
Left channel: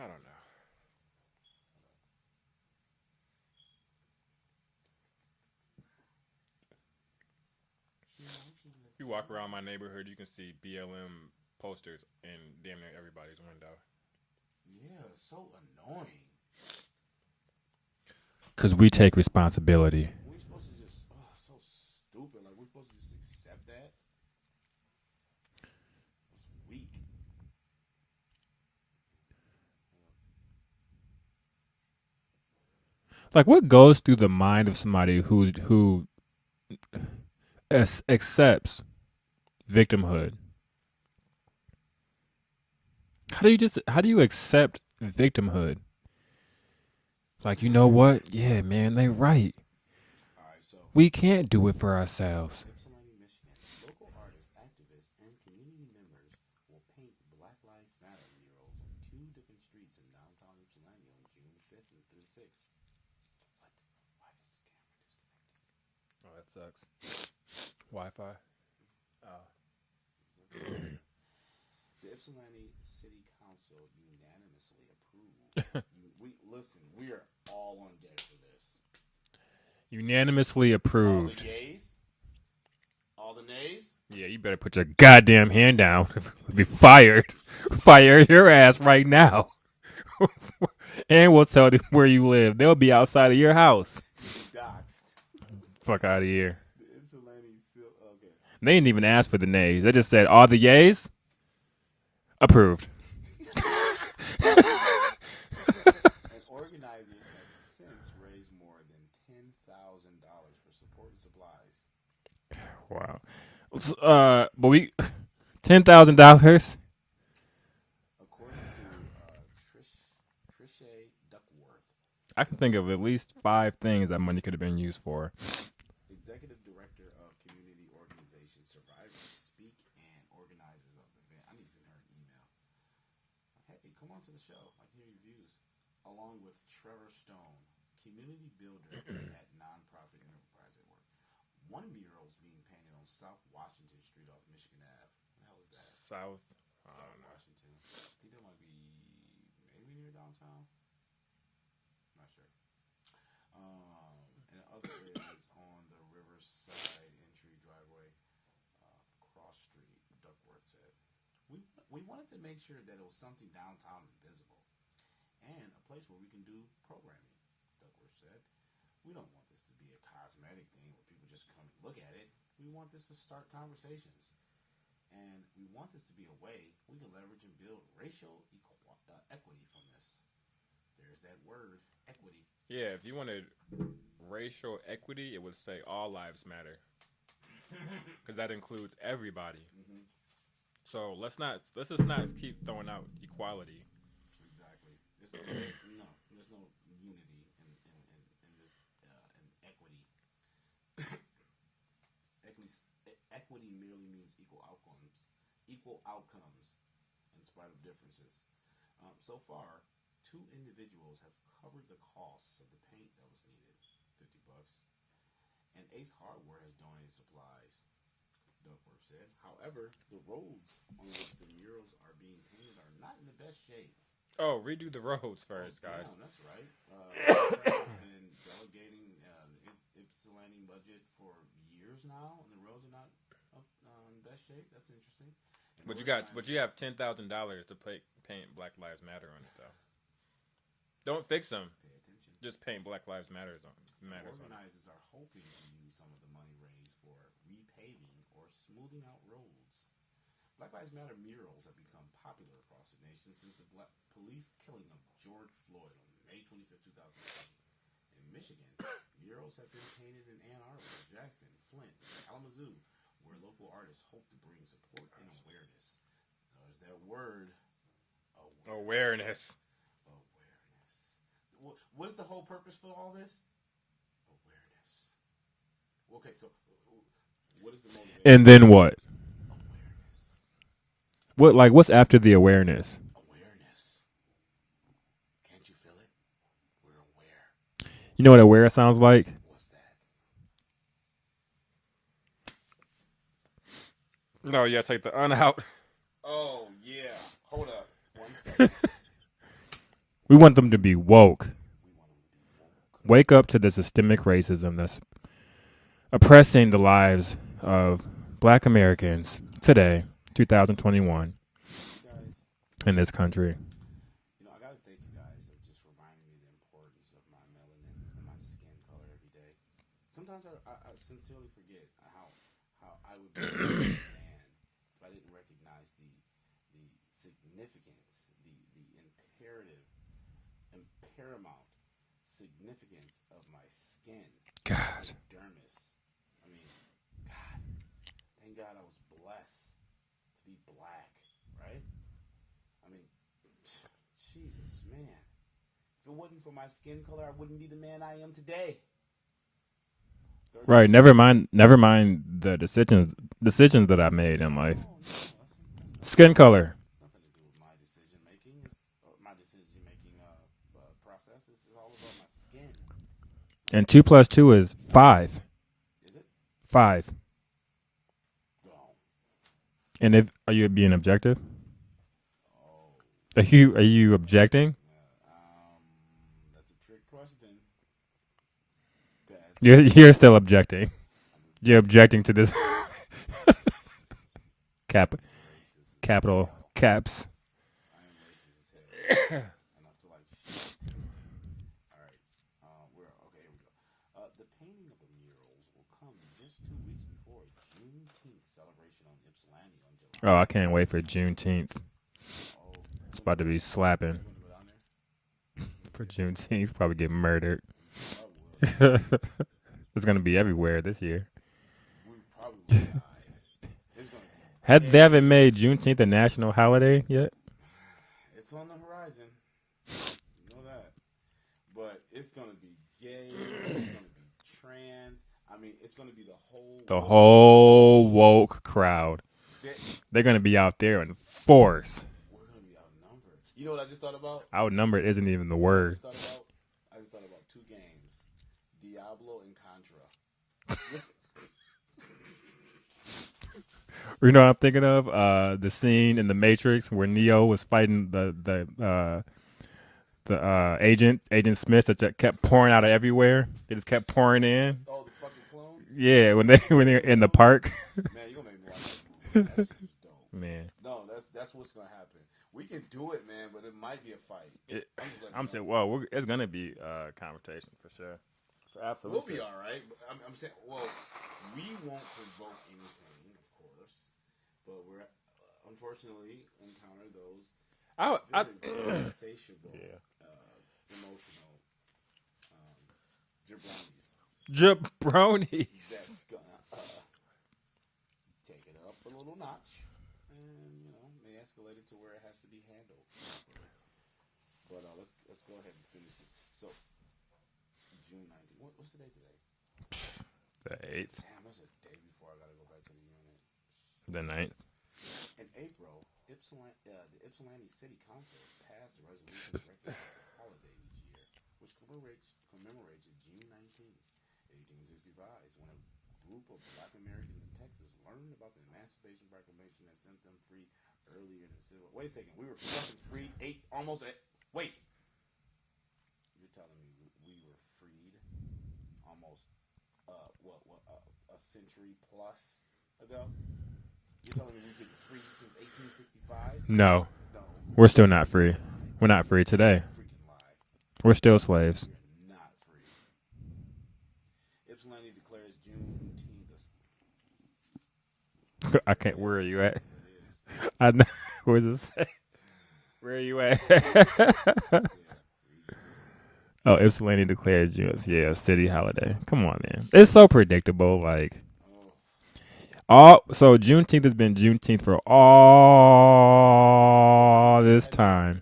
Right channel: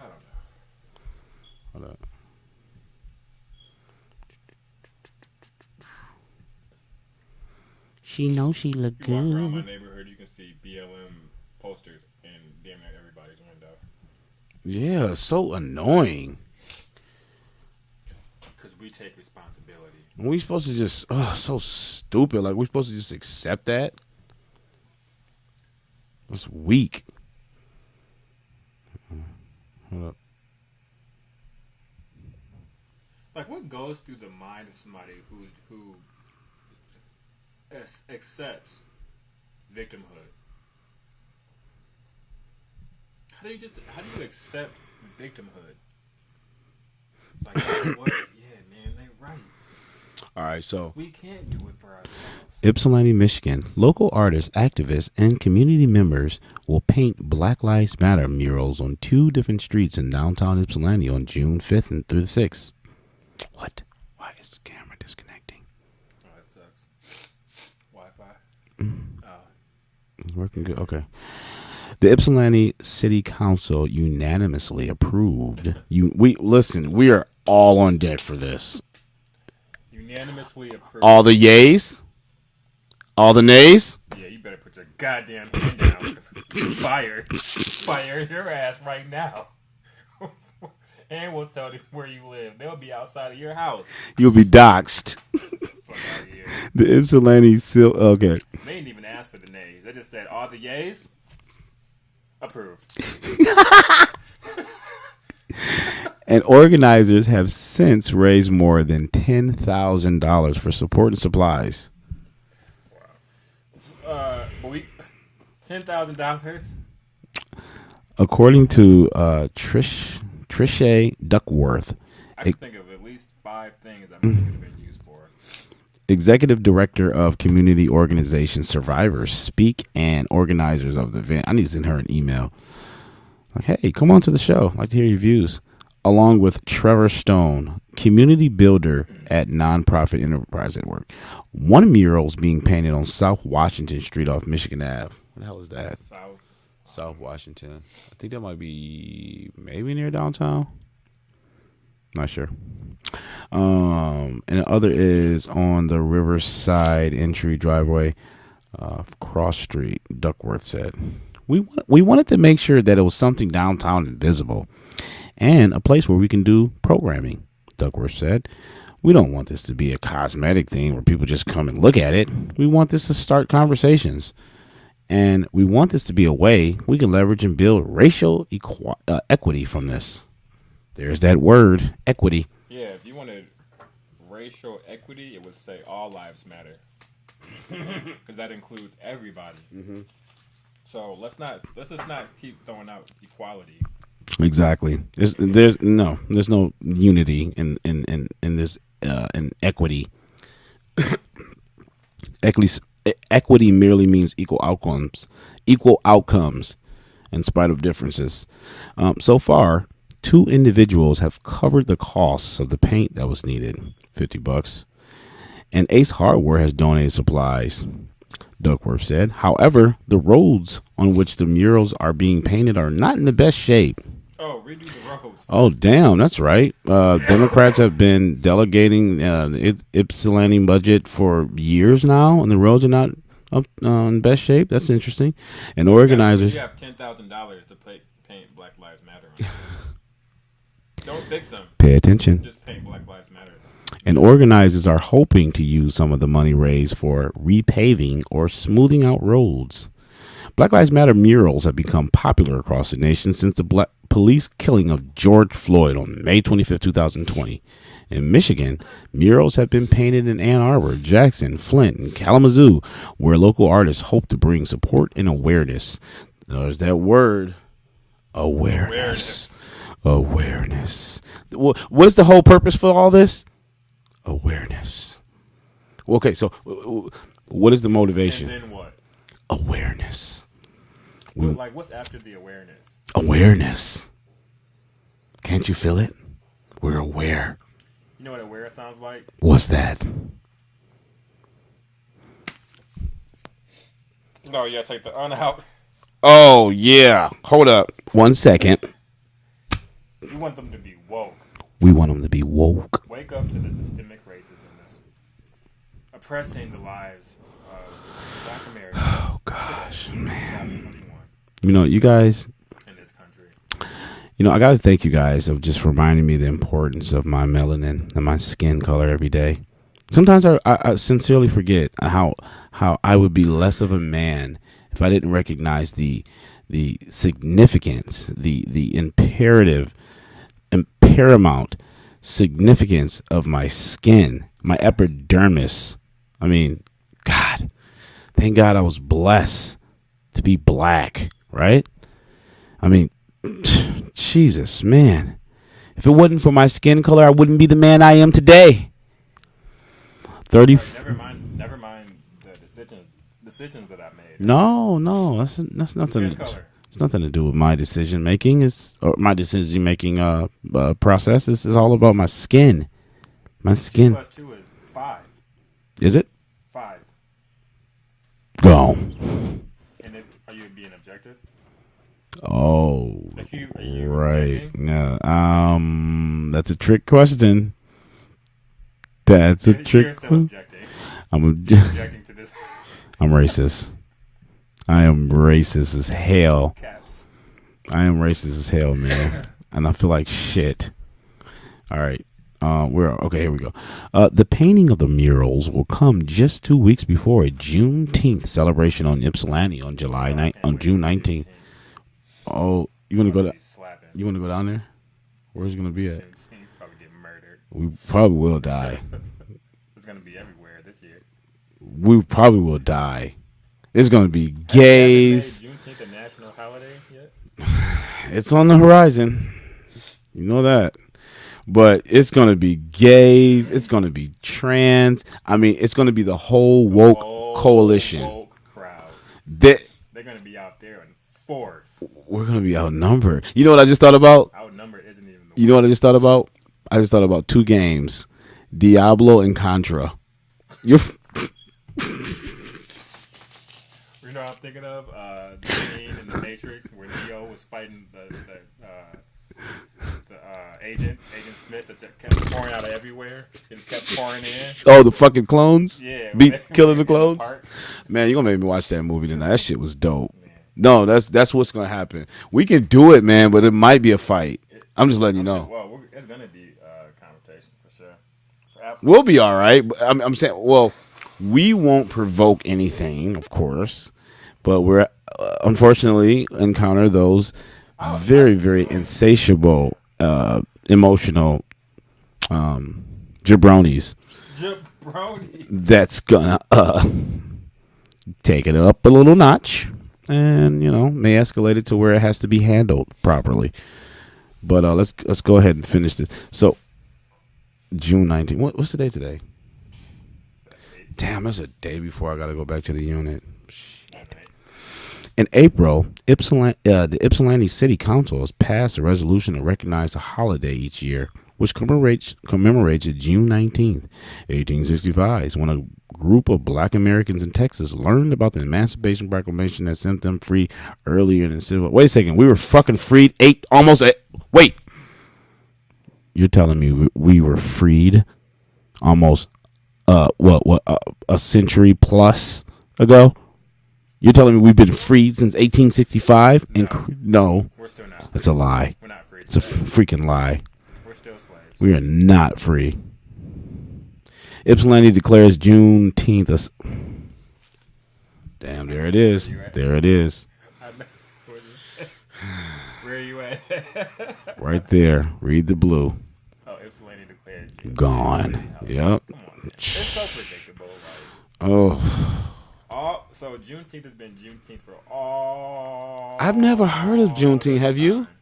Hold up. She knows she look You walk around my good. neighborhood, you can see BLM posters in damn near everybody's window. Yeah, so annoying. Because we take responsibility. We supposed to just, so stupid. Like, we supposed to just accept that? That's weak. Hold up. Like, what goes through the mind of somebody who accepts victimhood? How do you accept victimhood? Like, you know what? Yeah, man, they right. All right, so we can't do it for ourselves. Ypsilanti, Michigan. Local artists, activists, and community members will paint Black Lives Matter murals on 2 different streets in downtown Ypsilanti on June 5th and through the 6th. What? Why is the camera disconnecting? Oh, that sucks. Wi-Fi. Working good. Okay. The Ypsilanti City Council unanimously approved. We are all on deck for this. Unanimously approved. All the yays? All the nays? Yeah, you better put your goddamn hand down. You're fired. Fire your ass right now. And we'll tell them where you live. They'll be outside of your house. You'll be doxxed. Fuck out of here. The Ypsilanti okay. They didn't even ask for the nays. They just said, all the yays? Approved. And organizers have since raised more than $10,000 for support and supplies. Wow. But we $10,000. According to Trisha Duckworth, I can think of at least 5 things that money could have been used for. Executive Director of Community Organization Survivors Speak and organizers of the event. I need to send her an email. Like, hey, come on to the show. I'd like to hear your views. Along with Trevor Stone, community builder at Nonprofit Enterprise at Work. 1 mural is being painted on South Washington Street off Michigan Ave. What the hell is that? South Washington. I think that might be maybe near downtown. Not sure. And the other is on the Riverside entry driveway, Cross Street, Duckworth said. We wanted to make sure that it was something downtown and visible and a place where we can do programming, Duckworth said. We don't want this to be a cosmetic thing where people just come and look at it. We want this to start conversations. And we want this to be a way we can leverage and build racial equity from this. There's that word, equity. Yeah, if you wanted racial equity, it would say all lives matter. Because that includes everybody. Mm-hmm. So let's just not keep throwing out equality. Exactly. There's no unity in this in equity. Equity merely means equal outcomes in spite of differences. So far, 2 individuals have covered the costs of the paint that was needed, $50, and Ace Hardware has donated supplies, Duckworth said. However, the roads on which the murals are being painted are not in the best shape. Oh, redo the roads. Oh, damn, that's right. Democrats have been delegating the Ypsilanti budget for years now, and the roads are not up in best shape. That's interesting. And organizers. You have $10,000 to paint Black Lives Matter on it. Don't fix them. Pay attention. Just paint Black Lives Matter. And organizers are hoping to use some of the money raised for repaving or smoothing out roads. Black Lives Matter murals have become popular across the nation since the police killing of George Floyd on May 25, 2020. In Michigan, murals have been painted in Ann Arbor, Jackson, Flint, and Kalamazoo, where local artists hope to bring support and awareness. There's that word, awareness. Awareness. What is the whole purpose for all this? Awareness. Okay, so what is the motivation? And then what? Awareness. What's after the awareness? Awareness. Can't you feel it? We're aware. You know what aware sounds like? What's that? No, yeah, take the out. Oh, yeah. Hold up. 1 second. We want them to be woke. We want them to be woke. Wake up to the systemic racism that's oppressing the lives of Black Americans today, 2021. You know, you guys. In this country. You know, I got to thank you guys of just reminding me the importance of my melanin and my skin color every day. Sometimes I sincerely forget how I would be less of a man if I didn't recognize the significance, the imperative and paramount significance of my skin, my epidermis. I mean, God, thank God I was blessed to be black, right? I mean, Jesus, man. If it wasn't for my skin color, I wouldn't be the man I am today. Right, never mind the decisions that I made. No, that's nothing. Skin color. It's nothing to do with my decision making. My decision making process. This is all about my skin. And 2 + 2 is 5. Is it 5? Go. And are you being objective? Oh, are you right. objecting? Yeah. That's a trick question. You're still objecting. You're objecting to this. I'm racist. I am racist as hell. Caps. I am racist as hell, man. And I feel like shit. All right. Okay, here we go. The painting of the murals will come just 2 weeks before a Juneteenth celebration on Ypsilanti on June 19th. Oh, you want to go be slapping? You want to go down there? Where's it gonna be at? Juneteenth probably get murdered. We probably will die. It's gonna be everywhere this year. We probably will die. It's gonna be gays. They haven't made Juneteenth a national holiday yet. It's on the horizon. You know that. But it's going to be gays. It's going to be trans. I mean, it's going to be the whole woke coalition. Woke crowd. They're going to be out there in force. We're going to be outnumbered. You know what I just thought about? Outnumbered isn't even the word. You know what I just thought about? I just thought about 2 games. Diablo and Contra. You know what I'm thinking of? The scene in The Matrix where Neo was fighting the Agent Smith that kept pouring out of everywhere. It just kept pouring in. Oh, the fucking clones? Yeah, killing the clones in the park. Man, you're gonna make me watch that movie tonight. That shit was dope. Man. No, that's what's gonna happen. We can do it, man, but it might be a fight. I'm just letting you know. Well, it's gonna be a confrontation for sure. We'll be all right. I'm saying, well, we won't provoke anything, of course, but we're unfortunately encounter those very, very insatiable, emotional jabronis. That's gonna take it up a little notch, and may escalate it to where it has to be handled properly. But let's go ahead and finish this. So, June 19th. What's the day today? Damn, that's a day before I got to go back to the unit. Midnight. In April, the Ypsilanti City Council has passed a resolution to recognize a holiday each year which commemorates June 19th, 1865. It's when a group of black Americans in Texas learned about the Emancipation Proclamation that sent them free earlier in the civil. Wait a second, we were fucking freed wait. You're telling me we were freed almost a century plus ago? You're telling me we've been freed since 1865? No. We're still not free. It's a lie. We're not free today. It's a freaking lie. We're still slaves. We are not free. Ypsilanti declares Juneteenth as... Damn, there it is. There it is. Where are you at? Right there. Read the blue. Oh, Ypsilanti declares Juneteenth Gone. city holiday. Yep. Come on, man. It's so predictable. Like, so Juneteenth has been Juneteenth for all. I've never heard of Juneteenth. Have you?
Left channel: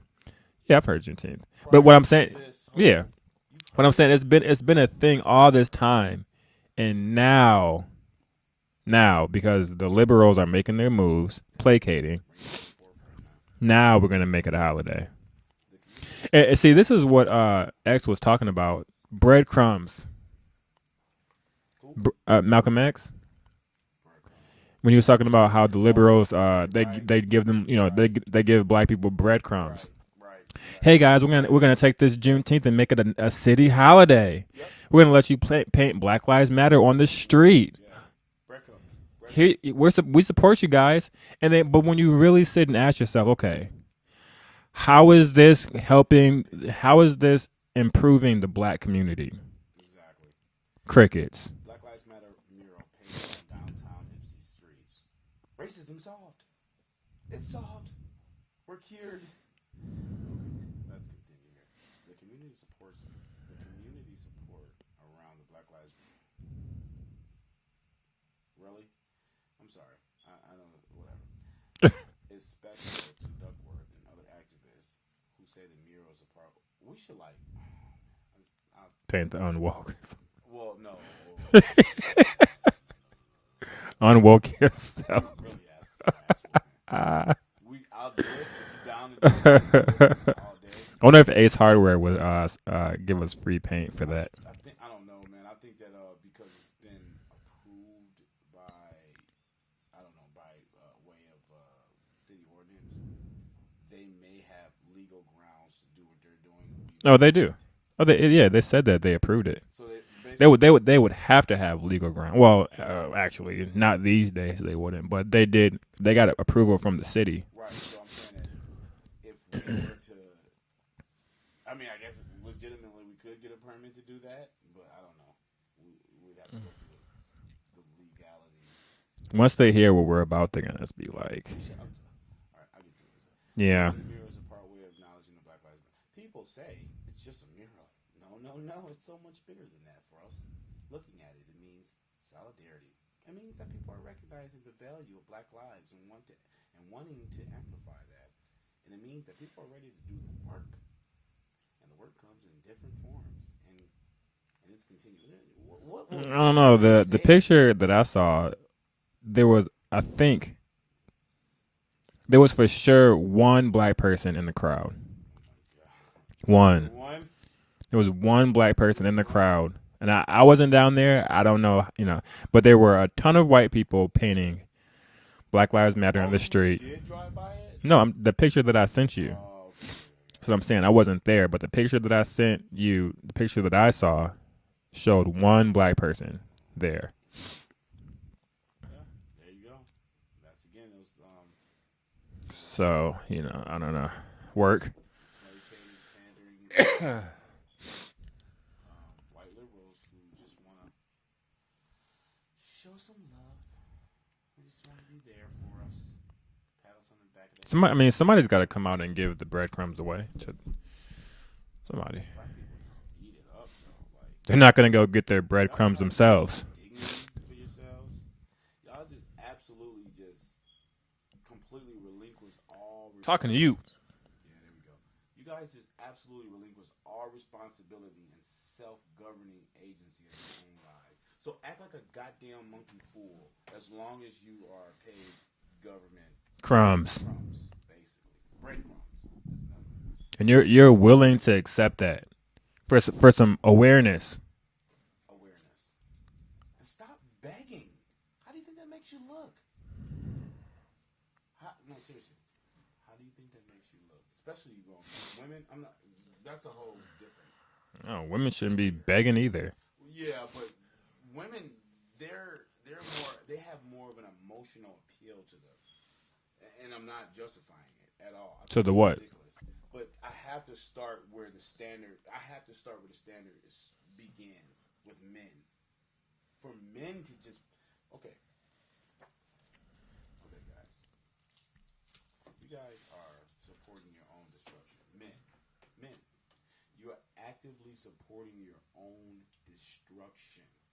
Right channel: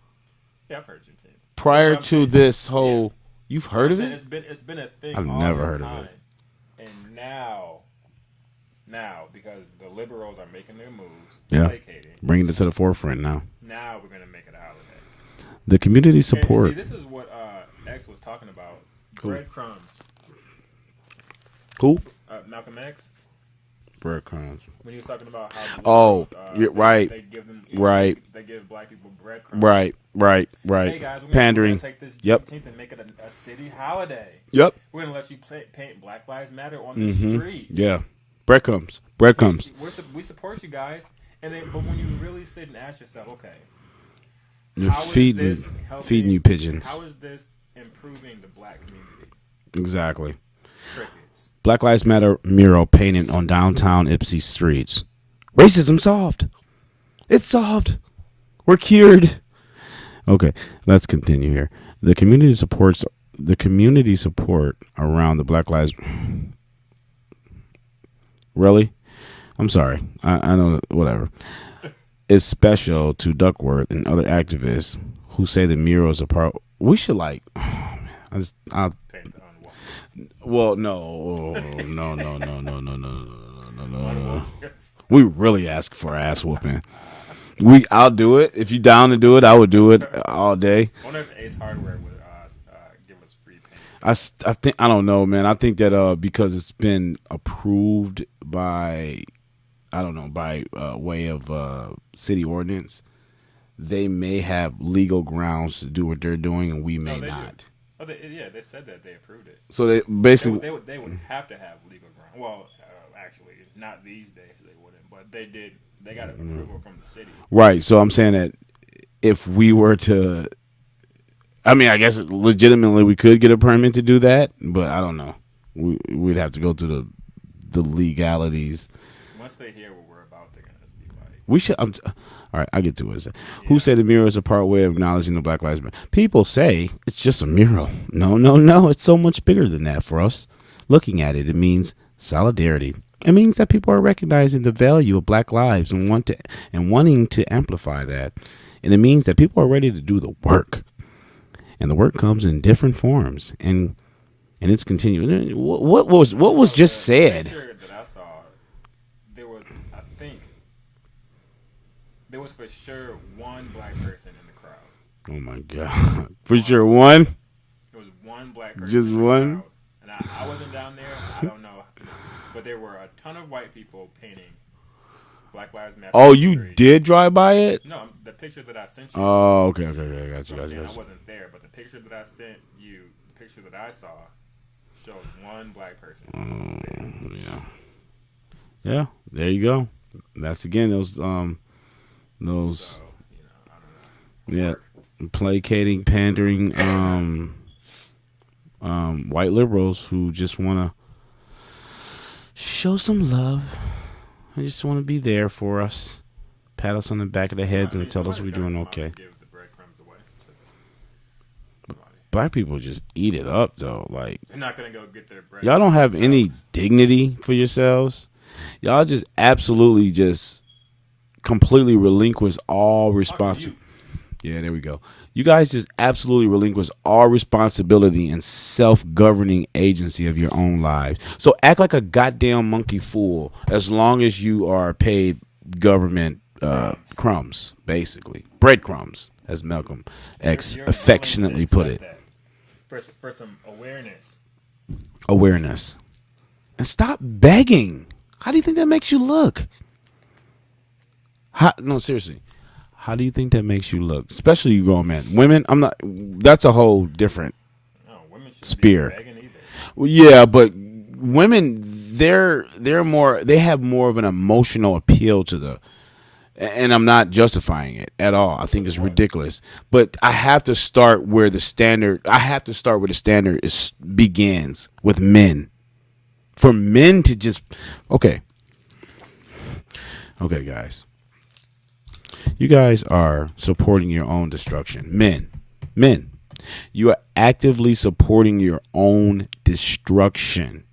Yeah, I've heard Juneteenth. Prior to this whole, you've heard. But I'm of saying it? it's been a thing I've all never this heard of time, and now because the liberals are making their moves, placating, bringing it to the forefront now. Now we're gonna make it a holiday. The community support. And see, this is what X was talking about. Breadcrumbs. Who? Malcolm X. Breadcrumbs. When he was talking about how the liberals, right. they give them, they give black people breadcrumbs. Right. Hey guys, we're gonna take this Juneteenth and make it a city holiday. Yep. We're gonna let you paint Black Lives Matter on the street. Yeah. Breadcrumbs. We support you guys, but when you really sit and ask yourself, okay, how is this helping? How is this improving the black community? Exactly. Crickets. Black Lives Matter mural painted on downtown Ypsi streets. Racism solved. It's solved. We're cured. Okay, let's continue here. The community support around the Black Lives. Really? I'm sorry. I know. Whatever. Is special to Duckworth and other activists who say the murals are part. We should I'll paint the unwoke. Well, no. Unwoke. We really ask for ass whooping. I'll do it if you down to do it. I would do it all day. I wonder if Ace Hardware would give us free paint for that. I don't know, man. I think that because it's been approved by way of city ordinance, they may have legal grounds to do what they're doing, and we may No, they not. do. Oh, they said that they approved it. So they basically they would have to have legal ground. Well, actually, not these days they wouldn't, but they did. They got approval from the city. Right. So I'm saying that if we were to, I mean, I guess legitimately we could get a permit to do that, but I don't know. We'd have to go through the legalities. Once they hear what we're about, they're gonna be like, "We should." All right, I'll get to it. Yeah. Who said the mural is a part way of acknowledging the Black Lives Matter? People say it's just a mural. No. It's so much bigger than that for us. Looking at it, it means solidarity. It means that people are recognizing the value of Black lives and wanting to amplify that. And it means that people are ready to do the work. And the work comes in different forms. And it's continuing. What was just said? The picture that I saw, there was for sure one black person in the crowd. Oh my God. For sure one? There was one black person Just in the one? crowd. And I wasn't down there. I don't know, but there were a ton of white people painting Black Lives Matter on the street. You did drive by it? No, the picture that I sent you. Oh, okay. That's what I'm saying. I wasn't there, but the picture that I sent you, the picture that I saw, showed one black person there. Yeah, there you go. That's again those. So I don't know. Yeah, Work, placating, pandering, white liberals who just want to show some love. They just want to be there for us, pat us on the back of the head. Somebody's got to come out and give the breadcrumbs away to somebody. Black people just eat it up though. Like they're not gonna go get their bread. Y'all don't have themselves. any dignity for yourselves. Y'all just absolutely just completely relinquish all responsibility. Yeah, there we go. You guys just absolutely relinquish all responsibility and self-governing agency of your own lives. So act like a goddamn monkey fool as long as you are paid government crumbs, basically breadcrumbs, as Malcolm and X you're willing to affectionately accept put it. that. for some awareness. Awareness. And stop begging. How do you think that makes you look? No, seriously. How do you think that makes you look? Especially you grown men. Women, I'm not. That's a whole different No, women shouldn't spear. be begging either. Well, yeah, but women, they're more. They have more of an emotional appeal to the. And I'm not justifying it at all. I think it's ridiculous. But I have to start where the standard. I have to start where the standard begins with men. For men to just okay, guys. You guys are supporting your own destruction. Men, you are actively supporting your own destruction.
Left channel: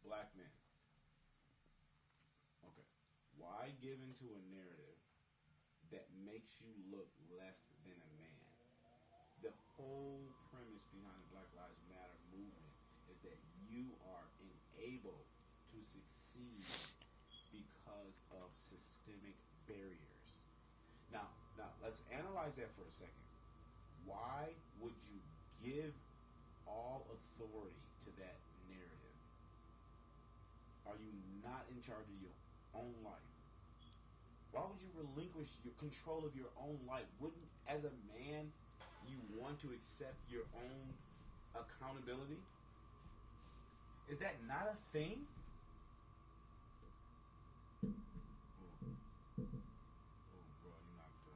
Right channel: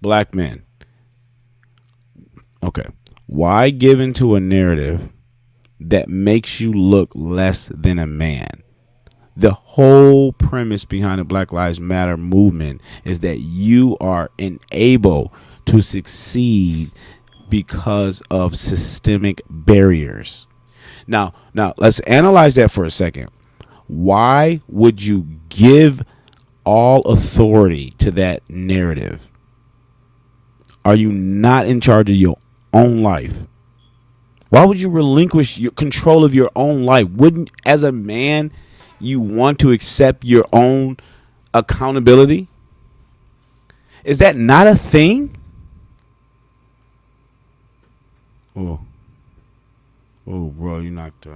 Black men. Okay. Why give into a narrative that makes you look less than a man? The whole premise behind the Black Lives Matter movement is that you are enabled to succeed because of systemic barriers. Now, let's analyze that for a second. Why would you give all authority to that narrative? Are you not in charge of your own life? Why would you relinquish your control of your own life? Wouldn't, as a man, you want to accept your own accountability? Is that not a thing? Oh, bro, you knocked. You're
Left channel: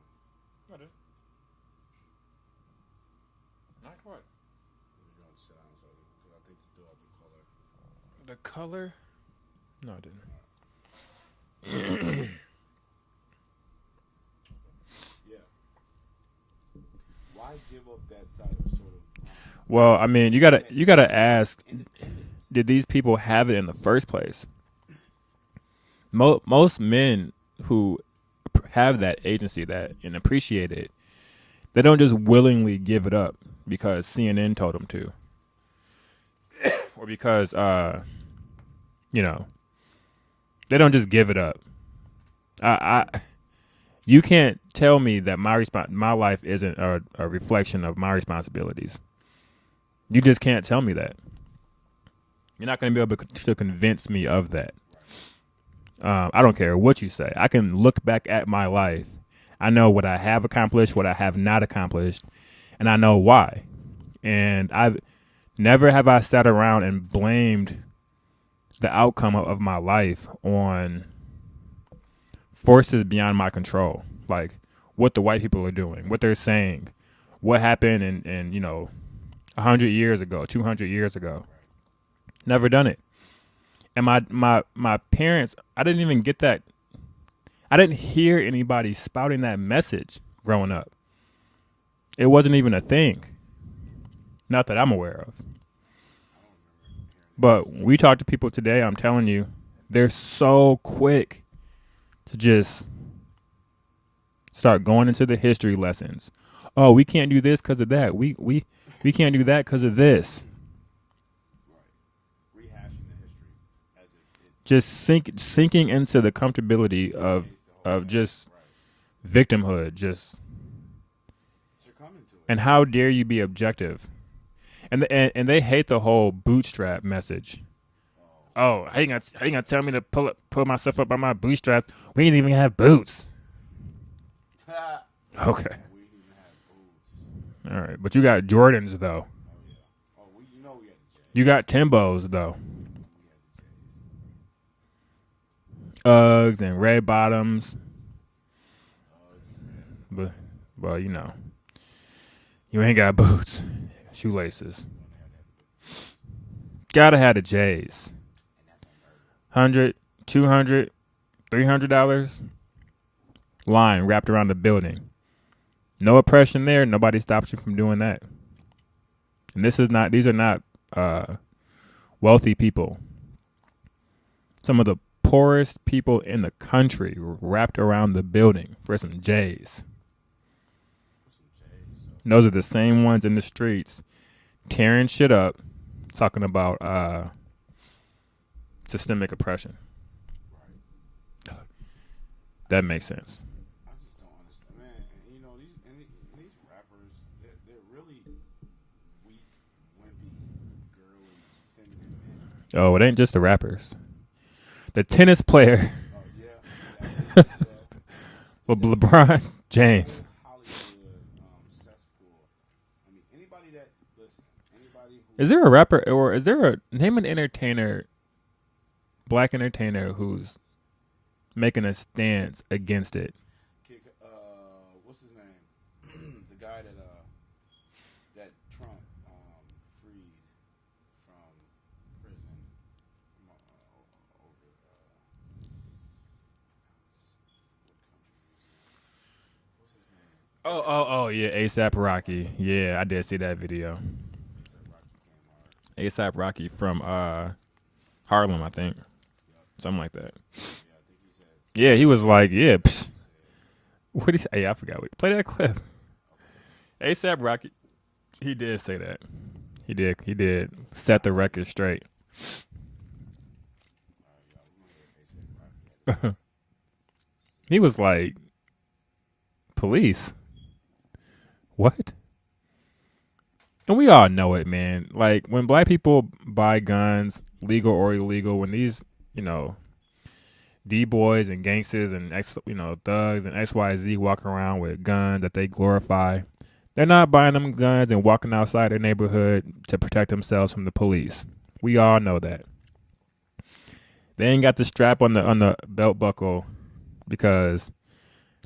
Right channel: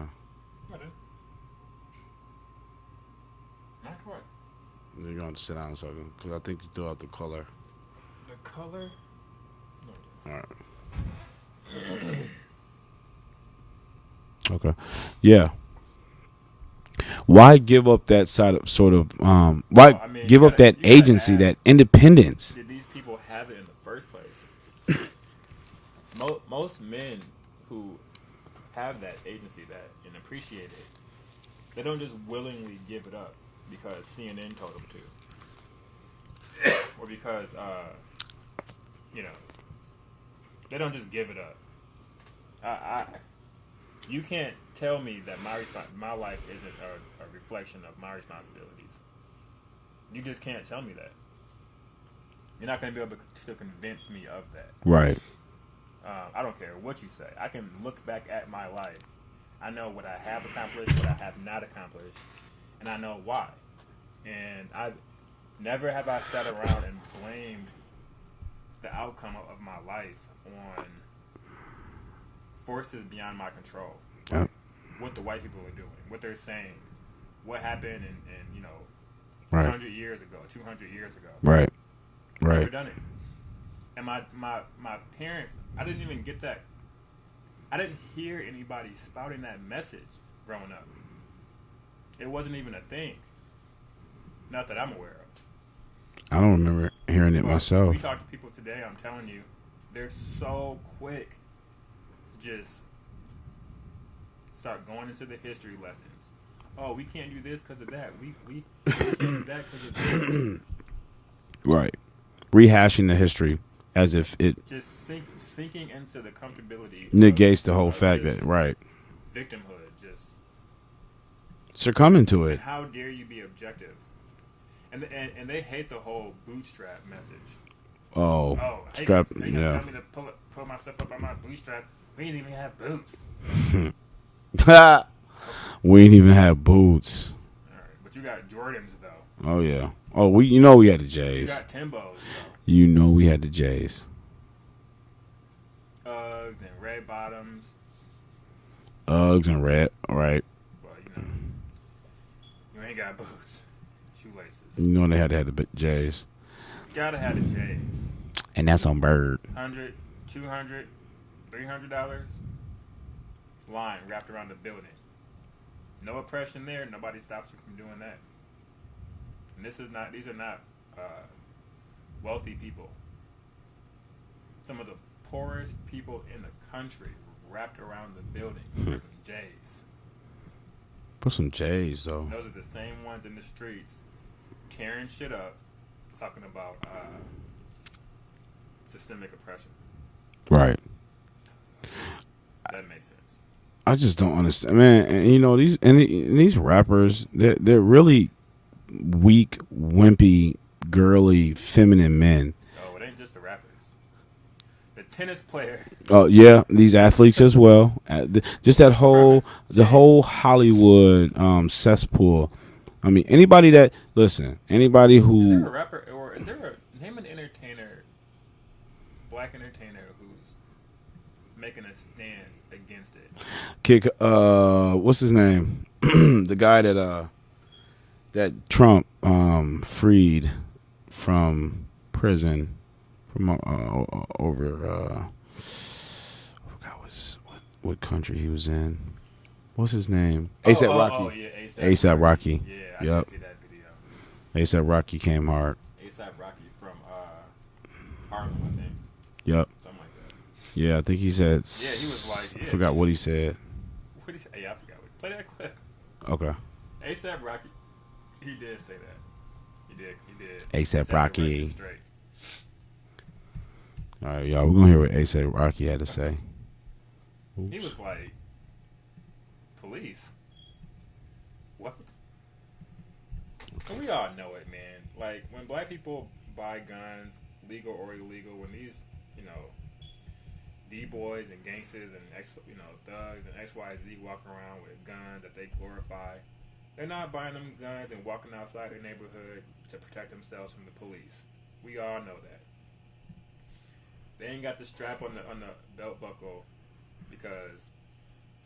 going to sit down a second because I think you threw out the color. The color? No, I didn't. All right. Okay. Yeah. Why give up that side of sort of? Why I mean, give up that agency, that independence? Did these people have it in the first place? Most men who have that agency and appreciate it, they don't just willingly give it up because CNN told them to, or because they don't just give it up. You can't tell me that my life isn't a reflection of my responsibilities. You just can't tell me that. You're not going to be able to convince me of that. Right. I don't care what you say. I can look back at my life. I know what I have accomplished, what I have not accomplished, and I know why. And I've never have I sat around and blamed the outcome of my life on forces beyond my control, like what the white people are doing, what they're saying, what happened in 100 years ago, 200 years ago. Right. Never done it. And my parents, I didn't even get that. I didn't hear anybody spouting that message growing up. It wasn't even a thing. Not that I'm aware of. I don't remember hearing it but myself. We talk to people today, I'm telling you, they're so quick to just start going into the history lessons. Oh, we can't do this because of that. We can't do that because of this. Right. Rehashing the history as if it just sinking into the comfortability negates the whole fact that right. Victimhood, just succumbing to it. And how dare you be objective? And they hate the whole bootstrap message. Oh, how you gonna tell me to pull myself up by my bootstraps? We didn't even have boots. Okay. We didn't even have boots. All right, but you got Jordans though. Oh yeah. Oh, we had the J's. You got Timbos though. We had the J's. Uggs and red bottoms. Uggs and red, right? Well, you ain't got boots, shoelaces. They had to have the J's. Gotta have the J's. And that's on Bird. $100, $200, $300 line wrapped around the building. No oppression there. Nobody stops you from doing that. And these are not wealthy people. Some of the poorest people in the country wrapped around the building for some J's. Put some J's though. And those are the same ones in the streets tearing shit up, talking about systemic oppression. Right. That makes sense. I just don't understand, man. And these rappers, they're really weak, wimpy, girly, feminine men. Oh, it ain't just the rappers. The tennis player. Oh yeah, these athletes as well. Just that LeBron the whole Hollywood cesspool. I mean, anybody who is there a rapper or is there a name an entertainer, black entertainer who's making a stance against it? What's his name? The guy that Trump freed from prison from over I forgot what country he was in. What's his name? A$AP Rocky. Oh yeah, A$AP Rocky. Yeah, I did see that video. A$AP Rocky came hard. A$AP Rocky from Harlem, I think. Yep. Something like that. Yeah, I think he said. Yeah, he was like, yeah. I forgot what he said. What did he say? Hey, I forgot. Play that clip. Okay. A$AP Rocky. He did say that. He did. A$AP set Rocky. the record straight. All right, y'all. We're gonna hear what A$AP Rocky had to say. He was like, police. What? And we all know it, man. Like when black people buy guns, legal or illegal, when these, D-boys and gangsters and thugs and XYZ walk around with guns that they glorify, they're not buying them guns and walking outside their neighborhood to protect themselves from the police. We all know that. They ain't got the strap on the belt buckle because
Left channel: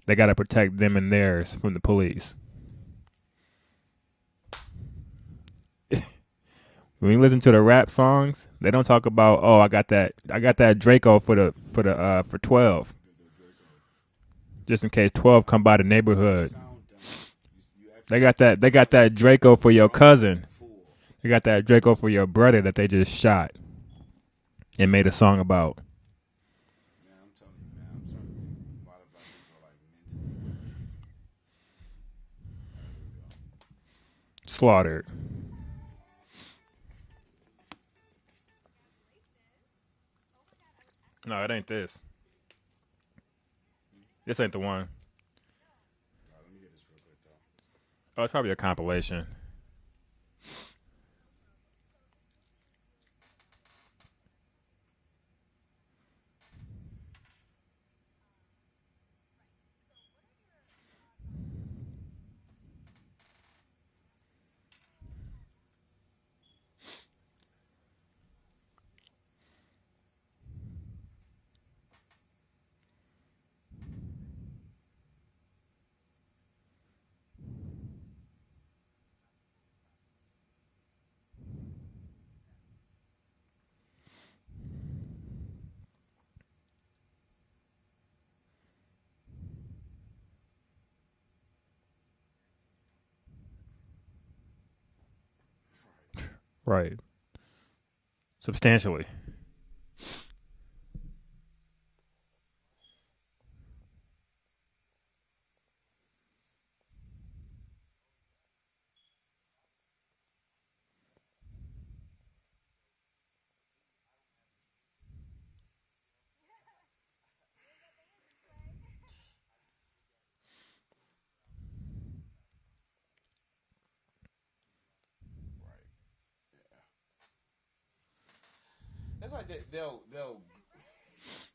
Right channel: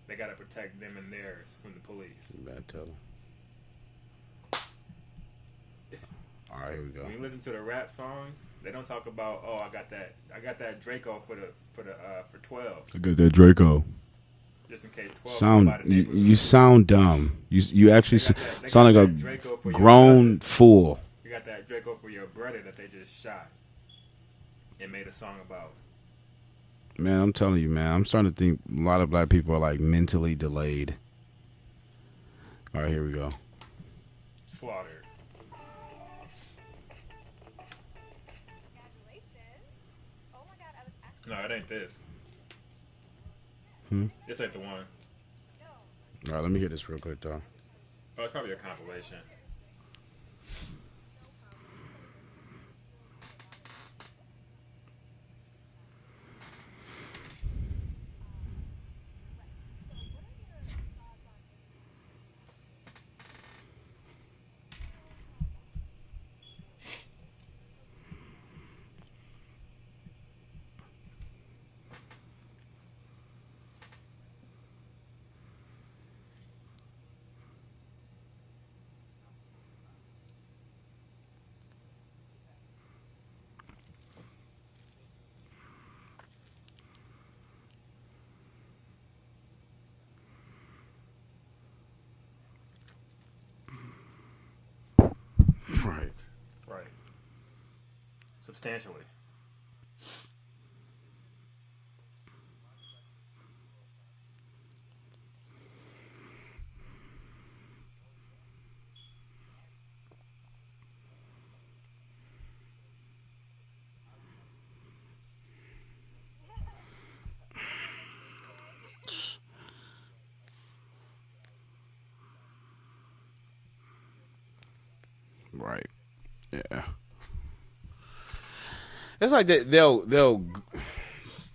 they got to protect them and theirs from the police. When you listen to the rap songs, they don't talk about, oh, I got that Draco for 12. I got that Draco. Just in case 12 come by the neighborhood. You sound dumb. You actually they got that Draco for your cousin. Fool. You got that Draco for your brother that they just shot and made a song about. Man, I'm telling you, man. I'm starting to think a lot of black people are like mentally delayed. All right, here we go. Slaughtered. No, it ain't this. This ain't the one. All right, let me hear this real quick, though. Oh, it's probably a compilation. Right. Substantially. Right. Yeah. It's like they'll.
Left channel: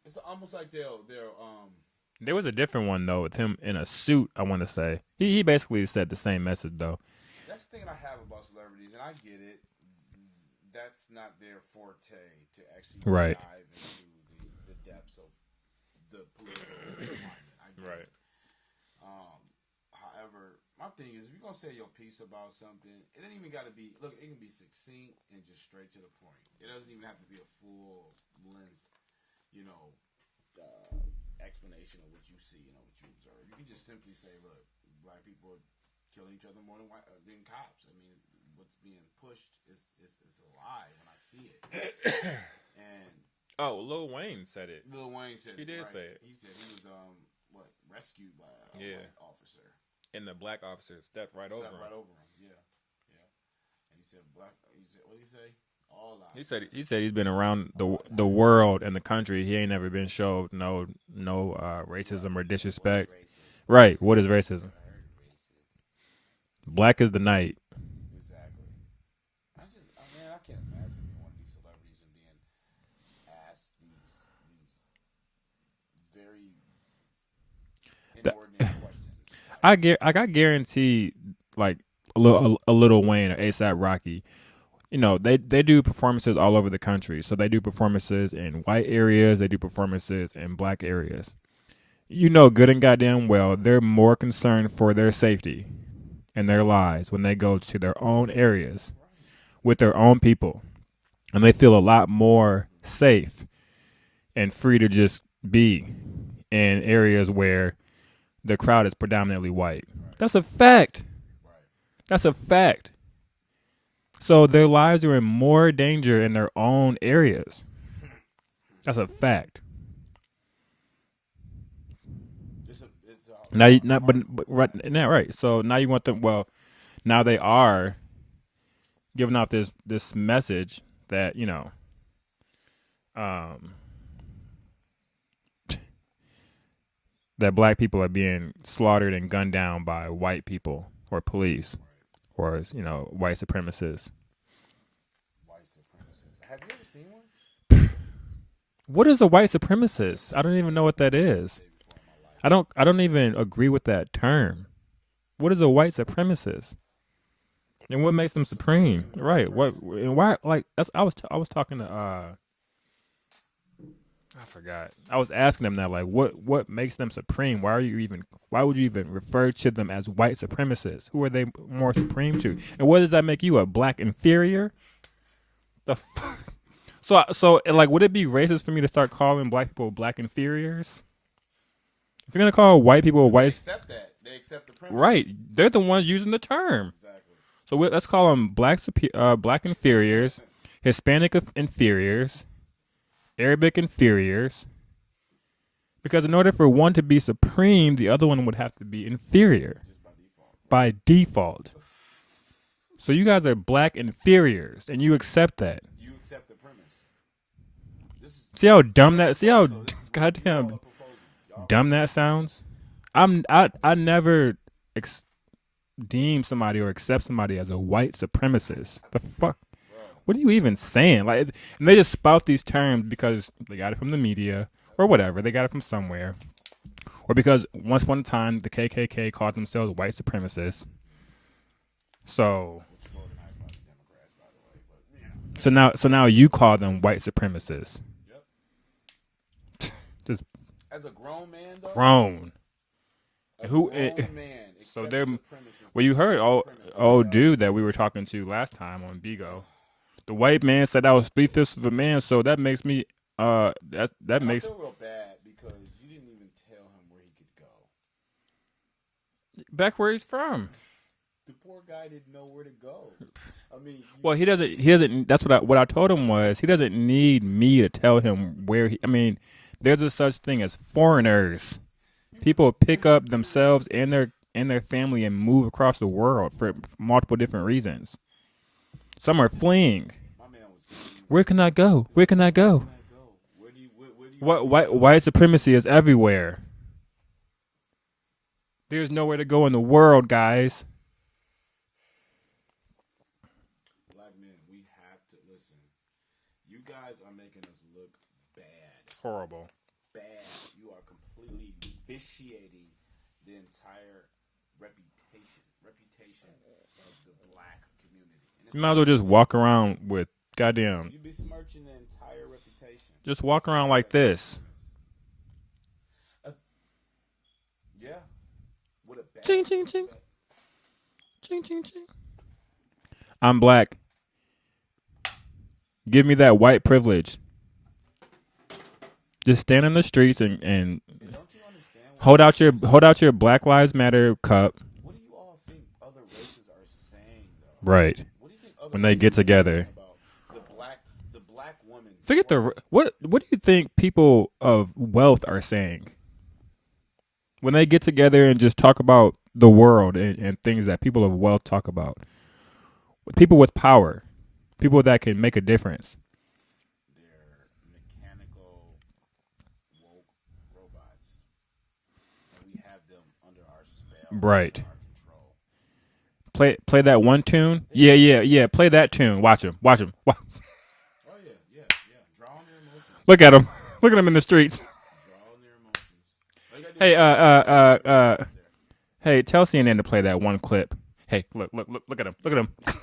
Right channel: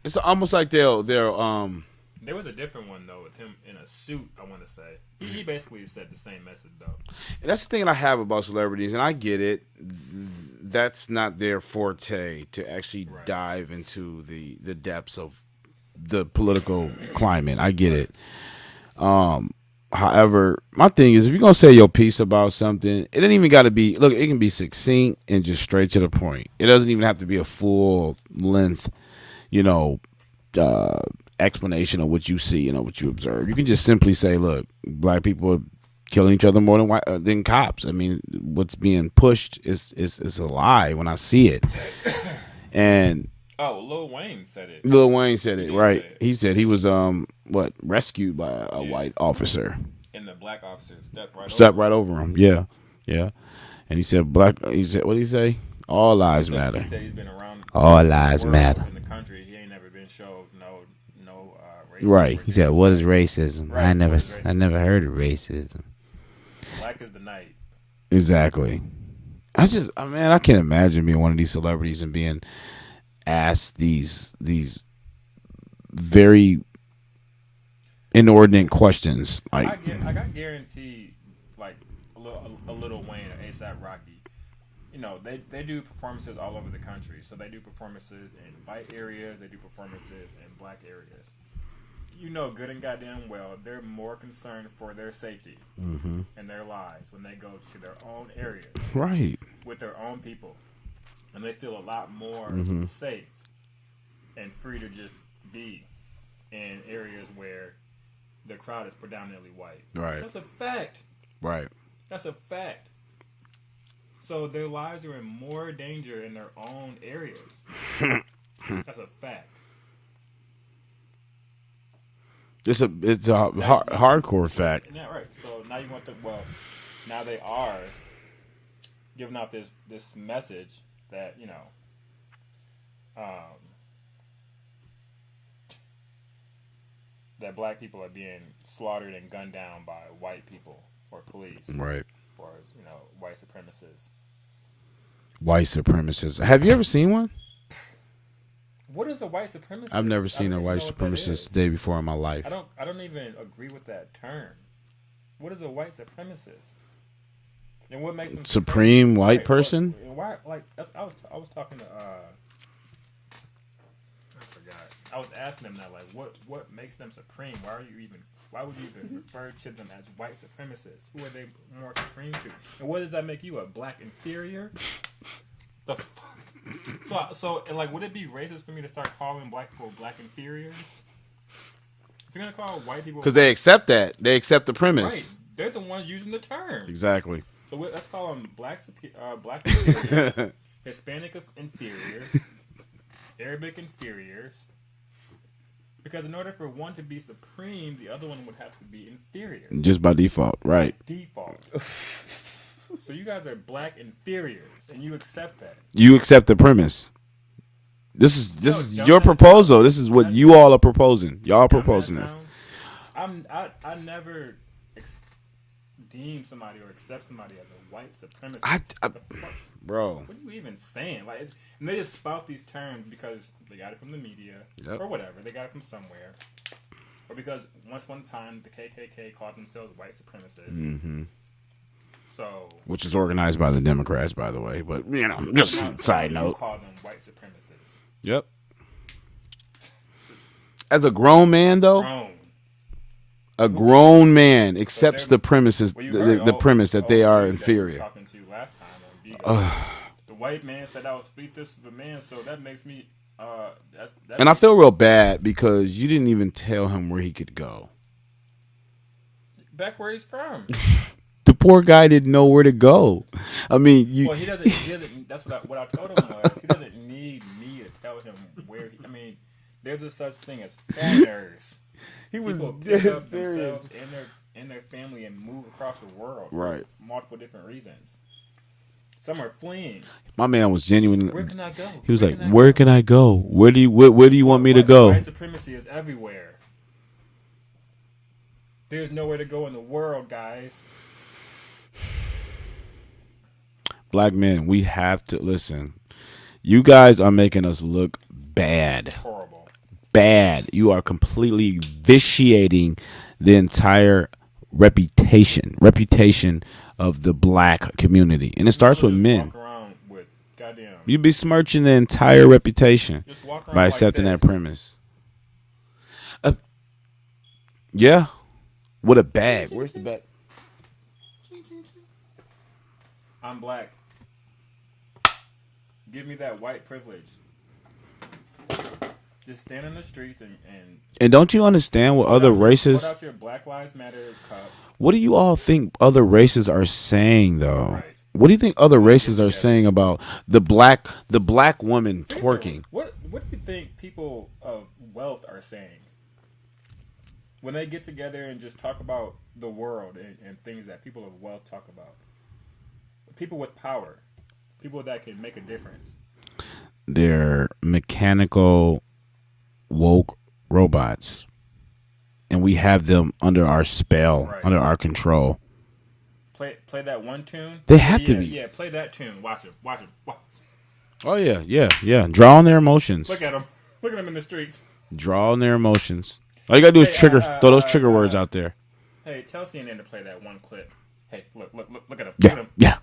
It's almost like they'll. There was a different one though with him in a suit. I want to say he basically said the same message though. That's the thing I have about celebrities, and I get it. That's not their forte to actually dive into the depths of the political climate. I get it. However, my thing is, if you're gonna say your piece about something, it ain't even got to be. Look, it can be succinct and just straight to the point. It doesn't even have to be a full length, explanation of what you see and what you observe. You can just simply say, "Look, black people are killing each other more than cops." I mean, what's being pushed is a lie when I see it. And Lil Wayne said it. Lil Wayne said it, right? He said he was rescued by a white officer. And the black officer stepped right over him. Yeah. And he said what did he say? All lives matter. He said he's been around all the lives world matter. and the country. He ain't never been showed no racism. Right. Or He said, "What is racism?" Right. What is racism? I never heard of racism. Black is the night. Exactly. I can't imagine being one of these celebrities and being asked these very inordinate questions. Like, I got guaranteed like a little Wayne or ASAP Rocky. You know, they do performances all over the country. So they do performances in white areas, they do performances in black areas. You know good and goddamn well they're more concerned for their safety and their lives when they go to their own areas. Right. With their own people. And they feel a lot more safe and free to just be in areas where the crowd is predominantly white. Right. That's a fact. Right. That's a fact. So their lives are in more danger in their own areas. That's a fact. It's a hardcore fact. Right. So now you want them. Well, now they are giving out this message that that black people are being slaughtered and gunned down by white people or police, right? Or white supremacists. White supremacists. Have you ever seen one? What is a white supremacist? I've never seen I don't even know what that is. The day before in my life. I don't even agree with that term. What is a white supremacist? And what makes them supreme white person? And why? Like I was talking to I forgot. I was asking them that, like, what makes them supreme? Why would you even refer to them as white supremacists? Who are they more supreme to? And what does that make you, a black inferior? So like, would it be racist for me to start calling black people black inferiors? If you're gonna call white people, because they accept that, they accept the premise, right? They're the ones using the term. Exactly. So let's call them black inferiors, Hispanic inferiors, Arabic inferiors. Because in order for one to be supreme, the other one would have to be inferior. Just by default, right? By default. So you guys are black inferiors, and you accept that. You accept the premise. This is your proposal. This is what you all are proposing. Y'all are proposing. That sounds. I never deem somebody or accept somebody as a white supremacist. The fuck, bro? What are you even saying? Like, and they just spout these terms because they got it from the media or whatever. They got it from somewhere, or because once upon a time the KKK called themselves white supremacists. Mm-hmm. So, which is organized by the Democrats, by the way. But so now you call them white supremacists. Yep. As a grown man, though. A grown man accepts the premises. Well, you heard the premise that they are dude that we were talking to last time on Bigo. The white man said I was 3/5 of a man, so that makes me. I feel real bad because you didn't even tell him where he could go. Back where he's from. The poor guy didn't know where to go. I mean, he doesn't. That's what I told him was he doesn't need me to tell him where he. I mean, there's a such thing as foreigners. People pick up themselves and their family and move across the world for multiple different reasons. Some are fleeing. My man was genuine. Where can I go? He was where can I go? Where do you want me to go? White supremacy is everywhere. There's nowhere to go in the world, guys. Black men, we have to listen. You guys are making us look bad. Horrible. Bad. You are completely vitiating the entire reputation of the black community, and it starts with just men. Walk around with goddamn. You'd be smirching the entire reputation. Just walk around by like accepting this. that premise. Yeah, with a bag. Where's the bag? I'm black. Give me that white privilege. Just stand in the streets and don't you understand what other races? Hold out your Black Lives Matter cup. What do you all think other races are saying, though? Right. What do you think other races are saying about the black woman twerking? What do you think people of wealth are saying when they get together and just talk about the world and things that people of wealth talk about? People with power, people that can make a difference. They're mechanical, woke robots, and we have them under our spell, under our control. Play that one tune. They yeah, have yeah, to. yeah. Play that tune. Watch him. Oh yeah, yeah, yeah. Draw on their emotions. Look at him. Look at him in the streets. Draw on their emotions. All you gotta do is throw those trigger words out there. Hey, tell CNN to play that one clip. Hey, look at him. Yeah, Look at him. Yeah.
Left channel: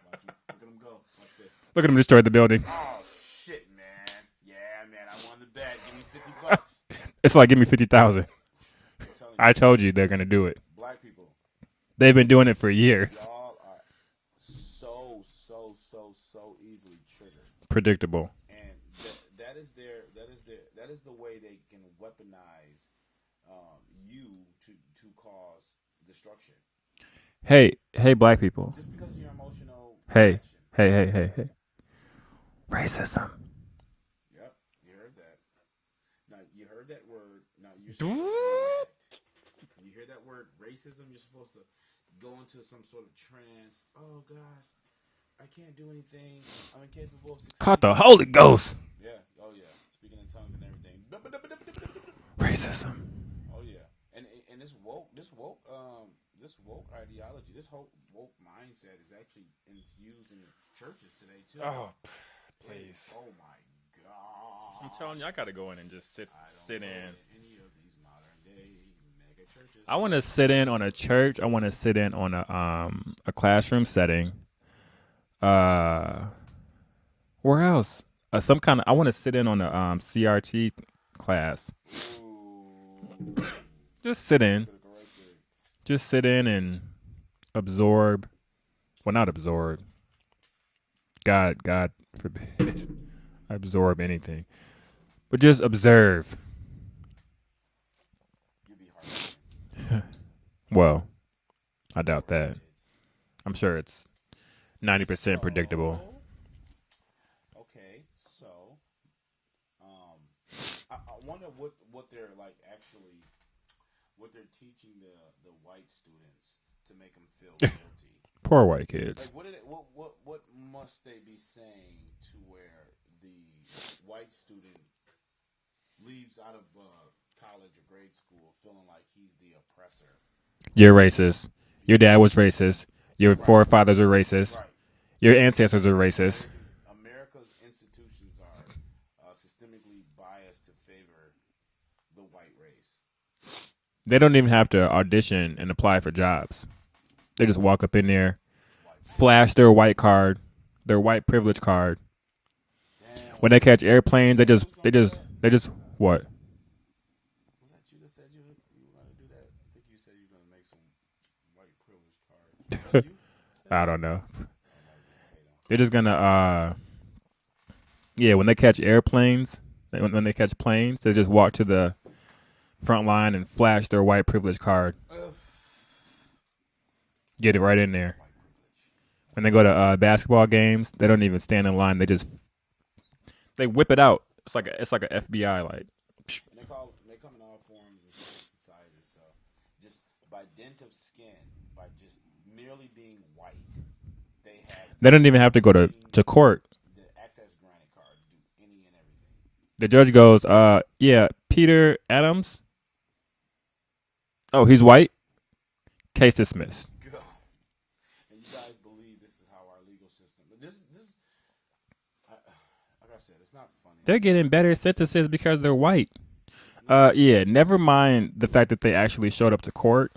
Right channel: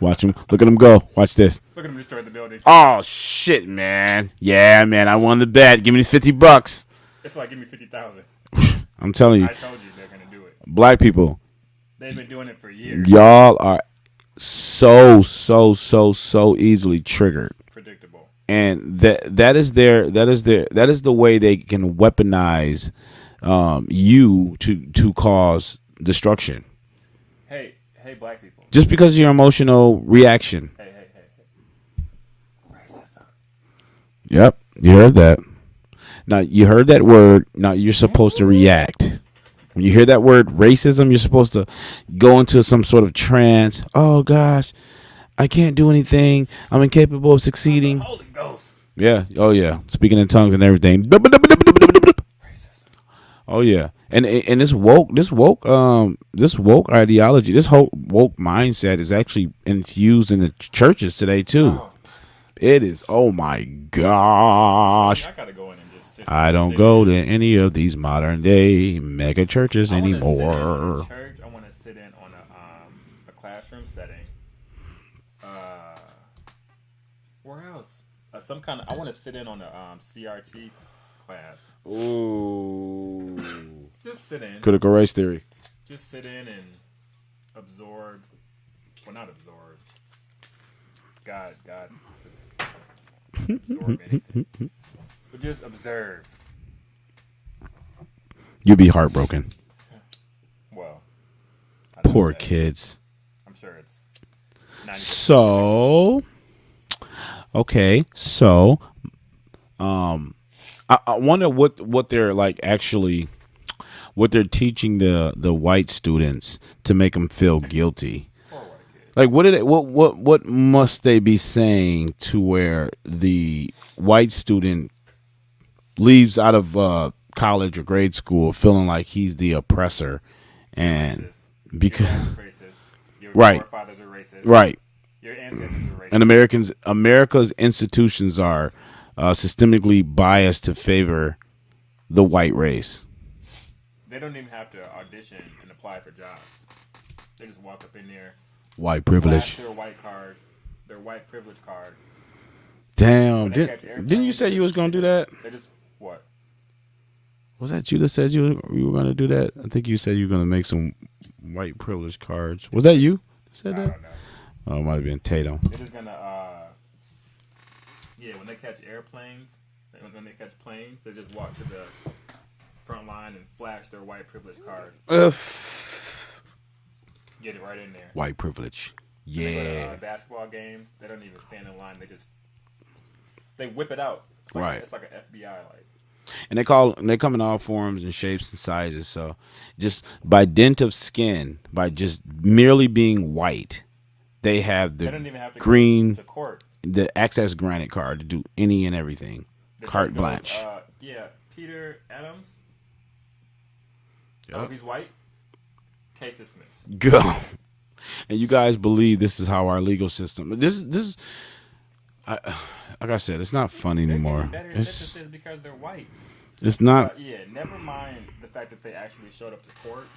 Watch him. Look at him go. Watch this. Look at him destroy the building. Oh shit, man. Yeah, man. I won the bet. Give me $50. It's like give me 50,000. I'm telling you. I told you they're gonna do it. Black people. They've been doing it for years. Y'all are so easily triggered. Predictable. And that is the way they can weaponize you to cause destruction. Hey, black people. Just because of your emotional reaction. Hey. Racism. Yep, you heard that. Now you heard that word. Now you're supposed to react. When you hear that word racism, you're supposed to go into some sort of trance. Oh gosh, I can't do anything. I'm incapable of succeeding. The Holy Ghost. Yeah. Oh yeah. Speaking in tongues and everything. Racism. Oh yeah. And this woke ideology, this whole woke mindset is actually infused in the churches today too. It is. Oh my gosh. I don't go to any of these modern day mega churches anymore. I want to sit in on a church. I want to sit in on a classroom setting. Where else? I want to sit in on a CRT class. Ooh. Just sit in. Critical race theory. Just sit in and absorb. Well, not absorb. God forbid. Absorb anything. But just observe. You'd be heartbroken. Well, I doubt poor that. kids. I'm sure it's 90% so predictable. Okay, so I wonder what they're like actually, what they're teaching the white students to make them feel guilty. Poor white kids. Like what must they be saying to where the white student leaves out of college or grade school feeling like he's the oppressor? You're racist. Your dad was racist. Your forefathers are racist. Right. Your ancestors are racist. And America's institutions are systemically biased to favor the white race. They don't even have to audition and apply for jobs. They just walk up in there, white privilege, flash their white card, their white privilege card. Damn. When they catch airplanes, they just what? Was that you that said you were going to do that? I think you said you were going to make some white privilege cards. Was that you? I don't know. Oh, it might have been Tatum. They're just gonna, when they catch airplanes, when they catch planes, they just walk to the front line and flash their white privilege card. Get it right in there. White privilege. And they go to basketball games. They don't even stand in line. They whip it out. It's like it's like an FBI like. And they come in all forms and shapes and sizes. So just by dint of skin, by just merely being white, they have they don't even have to go to court. The access granted card to do any and everything. The judge goes, Peter Adams. Oh, he's white. Case dismissed. Go. And you guys believe this is how our legal system. This is. Like I said, it's not funny. They're anymore. getting better sentences because they're white. It's not. Never mind the fact that they actually showed up to court.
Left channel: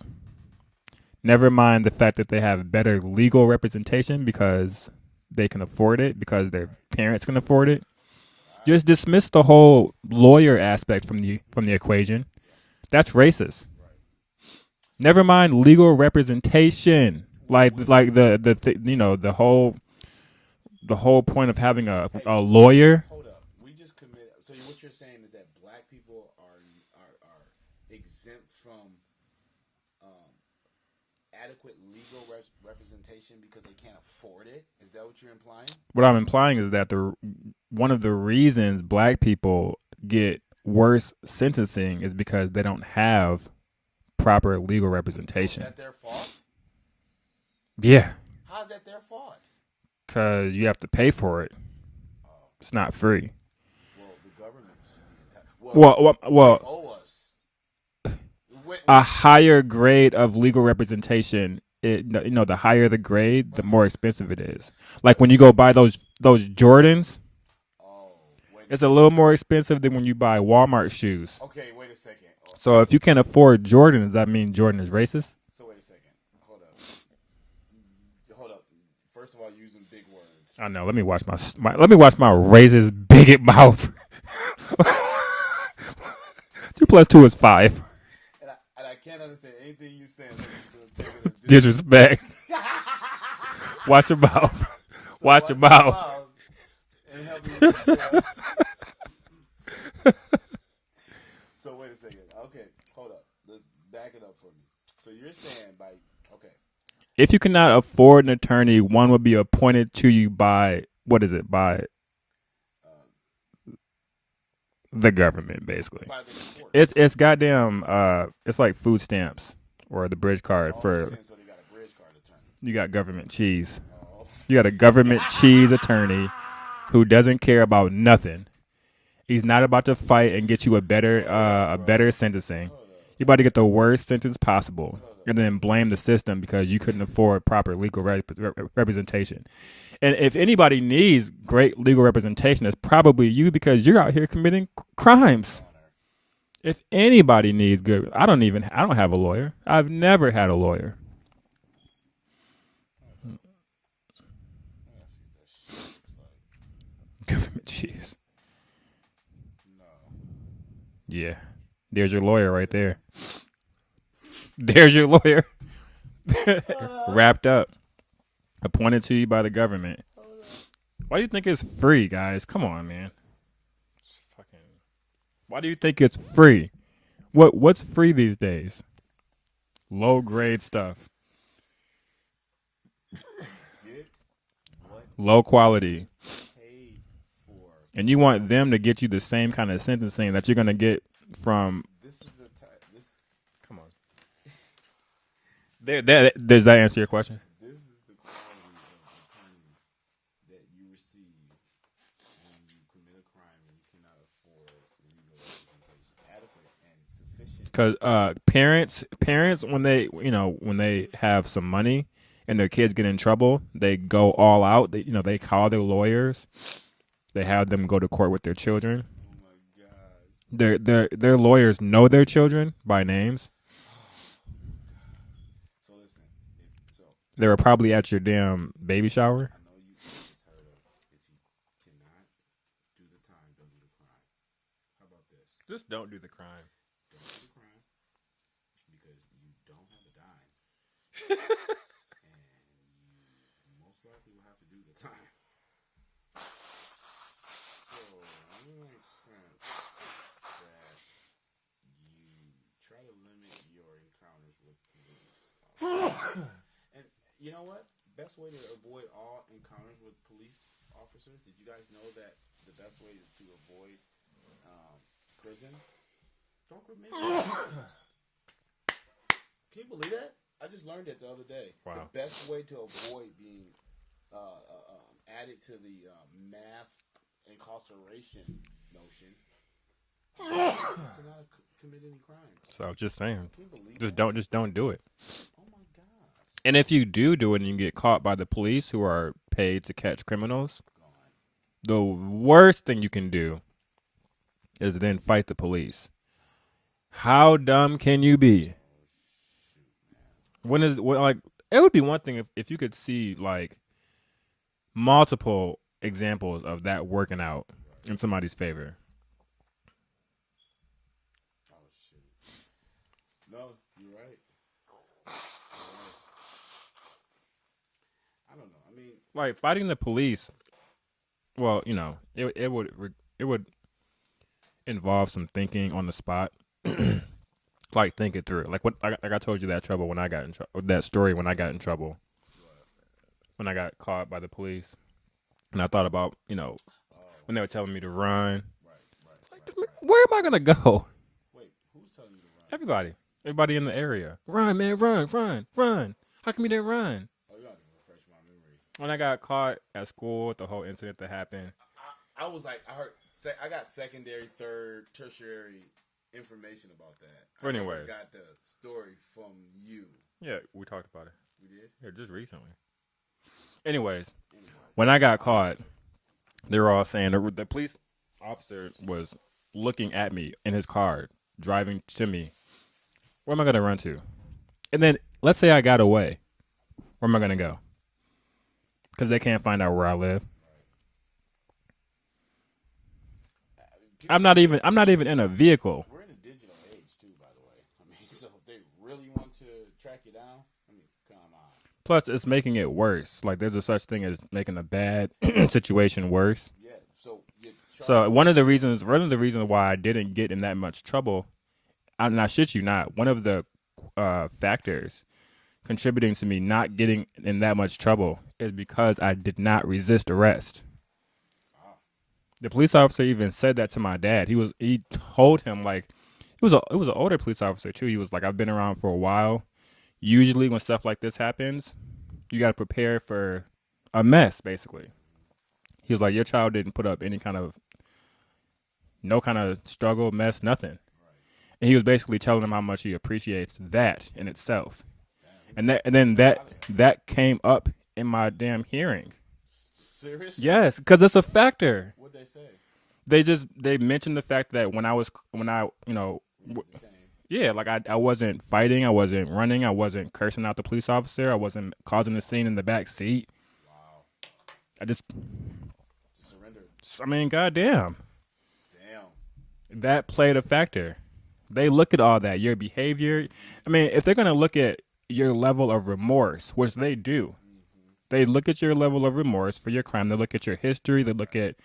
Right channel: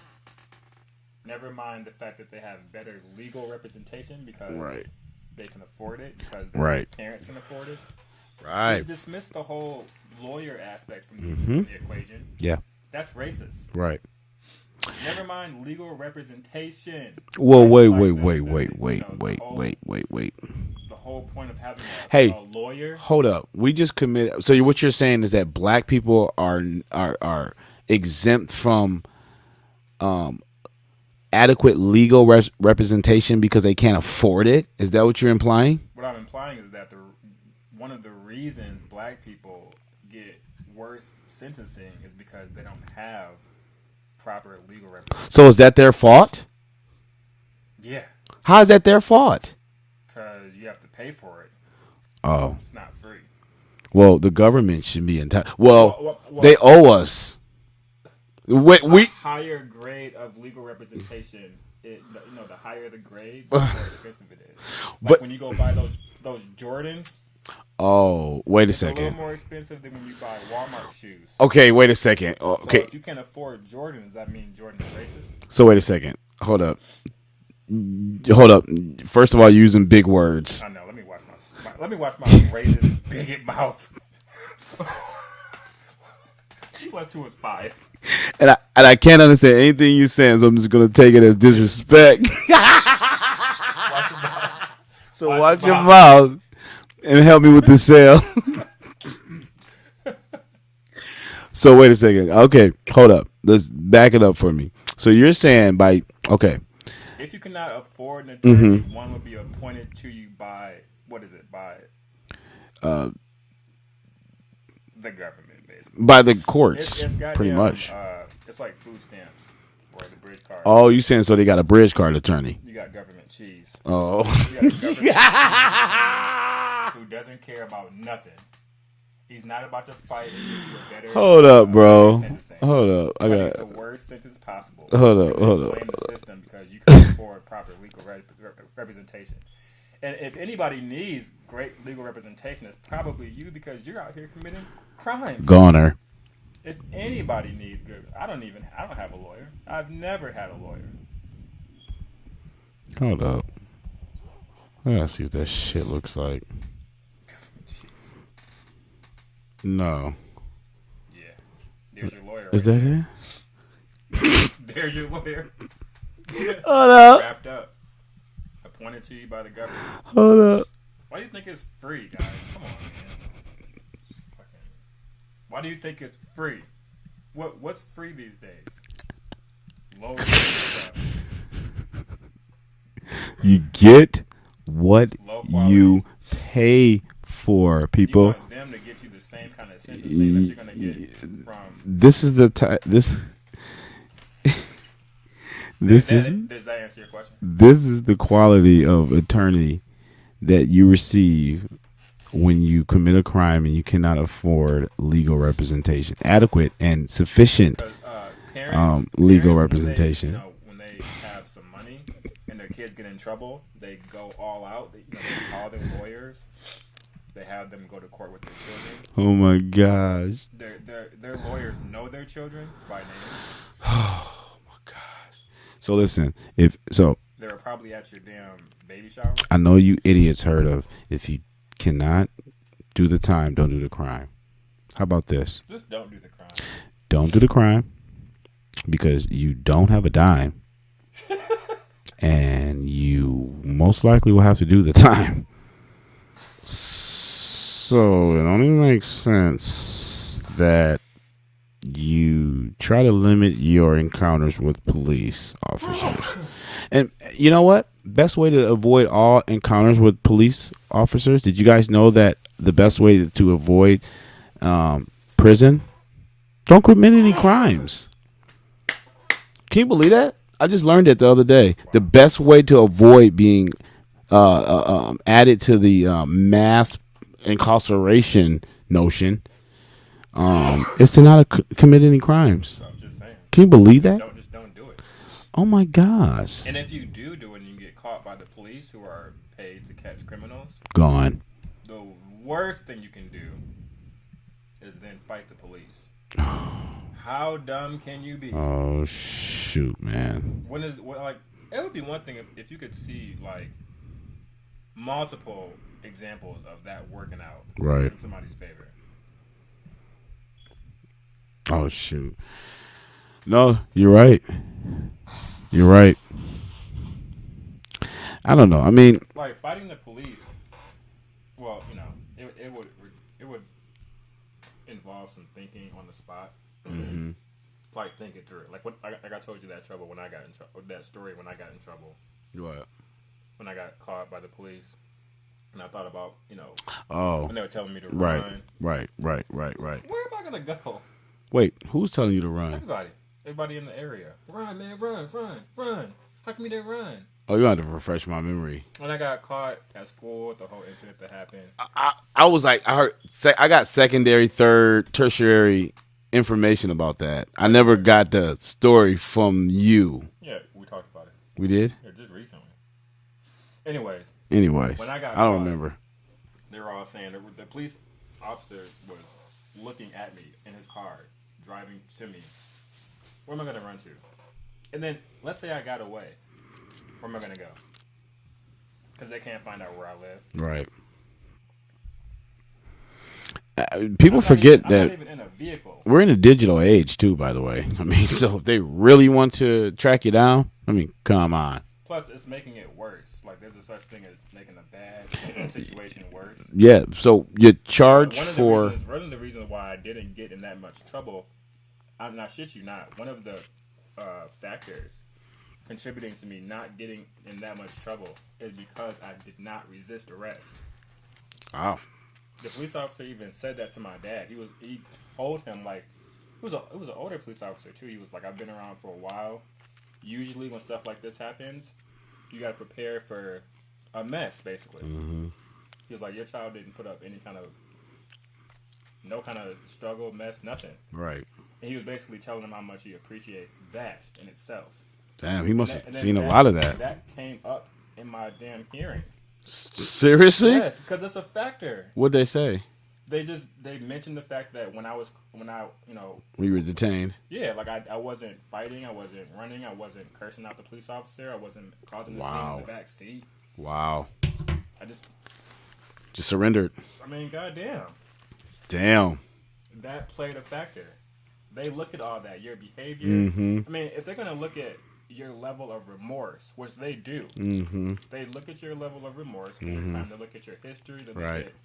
Never mind the fact that they have better legal representation because they can afford it, because their parents can afford it. Right. Just dismiss the whole lawyer aspect from the equation. Yeah, that's racist. Right. Never mind legal representation. Well, wait. The whole point of having a lawyer. Hold up. We just committed. So what you're saying is that black people are exempt from adequate legal representation because they can't afford it? Is that what you're implying? What I'm implying is that one of the reasons black people get worse sentencing is because they don't have proper legal representation. So is that their fault? Yeah. How is that their fault? Because you have to pay for it. Oh. It's not free. Well, the government should be entitled. Well, they owe us. a higher grade of legal representation. The higher the grade, the more expensive it is. Like when you go buy those Jordans. Oh, wait a second. It's a little more expensive than when you buy Walmart shoes. Okay, wait a second. Okay. So if you can't afford Jordan, does that mean Jordan is racist? So wait a second. Hold up. First of all, you're using big words. I know. Let me watch my racist bigot mouth. 2 + 2 is 5. And I can't understand anything you're saying, so I'm just gonna take it as disrespect. Watch your mouth. So watch your mouth and help me with the sale. So wait a second. Okay, hold up. Let's back it up for me. So you're saying if you cannot afford an attorney, one will be appointed to you by the government, basically. By the courts. It's goddamn. It's like food stamps or the bridge card. Oh, you saying so they got a bridge card attorney? You got government cheese. Oh, you got a government cheese attorney who doesn't care about nothing. He's not about to fight and get you a better better sentencing. Hold up. You're about to get the worst sentence possible. Hold up. And then blame the system because you couldn't afford proper legal representation. And if anybody needs great legal representation, it's probably you because you're out here committing crimes. Goner. If anybody needs good, I don't have a lawyer. I've never had a lawyer. Hold up. I gotta see what that shit looks like. Government cheese. No. Yeah. There's your lawyer right that there. There's your lawyer. Hold up. Wrapped up. Appointed to you by the government. Hold up. Why do you think it's free, guys? Come on, man. Why do you think it's free? What's free these days? Low grade stuff. You get what low quality you pay for, people. And you want them to get you the same kind of sentencing that you're gonna get from. This is the does that answer your question? This is the quality of attorney that you receive when you commit a crime and you cannot afford legal representation, adequate and sufficient. Because parents legal representation. when they have some money and their kids get in trouble, they go all out. They call their lawyers. They have them go to court with their children. Oh my gosh! Their lawyers know their children by names. So listen, they were probably at your damn baby shower. I know you idiots heard of if you cannot do the time, don't do the crime. How about this? Just don't do the crime. Don't do the crime because you don't have a dime, and you most likely will have to do the time. So it only makes sense that you try to limit your encounters with police officers. And you know what? Best way to avoid all encounters with police officers, did you guys know that the best way to avoid prison? Don't commit any crimes. Can you believe that? I just learned it the other day. The best way to avoid being added to the mass incarceration notion is to not commit any crimes. So just saying. Can you believe that? Don't do it. Oh my gosh. And if you do it and you get caught by the police who are paid to catch criminals, gone. The worst thing you can do is then fight the police. How dumb can you be? Oh shoot, man. It would be one thing if you could see like multiple examples of that working out in somebody's favor. Oh shoot. No, you're right. You're right. I don't know. I mean, like fighting the police. Well, it would involve some thinking on the spot. Like think it through. Like I told you that trouble when I got in trouble. That story when I got in trouble. What? When I got caught by the police. And I thought about, when they were telling me to run. Right. Where am I gonna go? Wait, who's telling you to run? Everybody in the area. Run, man, run. How come you didn't run? Oh, you have to refresh my memory. When I got caught at school with the whole incident that happened. I was like, I got secondary, third, tertiary information about that. I never got the story from you. Yeah, we talked about it. We did? Yeah, just recently. Anyways. Anyways. When I got I don't caught, remember. they were all saying the police officer was looking at me in his car, driving to me. Where am I going to run to? And then let's say I got away. Where am I going to go? Because they can't find out where I live. Right. People forget that I'm not even in a vehicle. We're in a digital age too, by the way. I mean, so if they really want to track you down, I mean, come on. Plus, it's making it worse. Like, there's a such thing as making a bad situation worse. Yeah. So you're charged. So one of the reasons why I didn't get in that much trouble, I'm not shit you not. One of the factors contributing to me not getting in that much trouble is because I did not resist arrest. Wow. The police officer even said that to my dad. He told him, like, it was an older police officer too. He was like, I've been around for a while. Usually when stuff like this happens, you got to prepare for a mess, basically. Mm-hmm. He was like, your child didn't put up no kind of struggle, mess, nothing. Right. And he was basically telling him how much he appreciates that in itself. Damn, he must have and then seen a lot of that. That came up in my damn hearing. Seriously? Yes, because it's a factor. What'd they say? They mentioned the fact that when I we were detained. Yeah, like I wasn't fighting, I wasn't running, I wasn't cursing out the police officer, I wasn't causing a scene in the back seat. Wow. I just surrendered. I mean, goddamn. Damn. That played a factor. They look at all that, your behavior. Mm-hmm. I mean, if they're gonna look at your level of remorse, which they do, they look at your level of remorse for your crime. They look at your history. They look at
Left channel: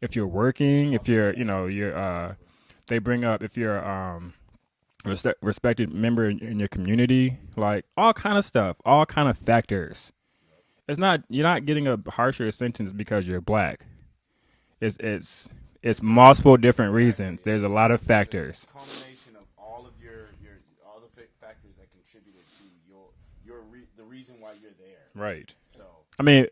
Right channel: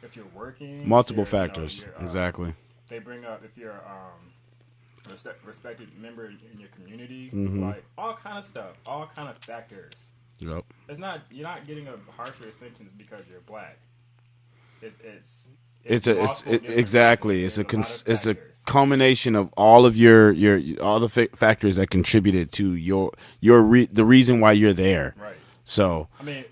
if you're working, multiple if you're, factors. Exactly. They bring up if you're a respected member in your community, like all kind of stuff, all kind of factors. Yep. You're not getting a harsher sentence because you're black. It's multiple different exactly. reasons. There's a lot of factors. It's a culmination of all of your all the factors that contributed to the reason why you're there. Right. So I mean,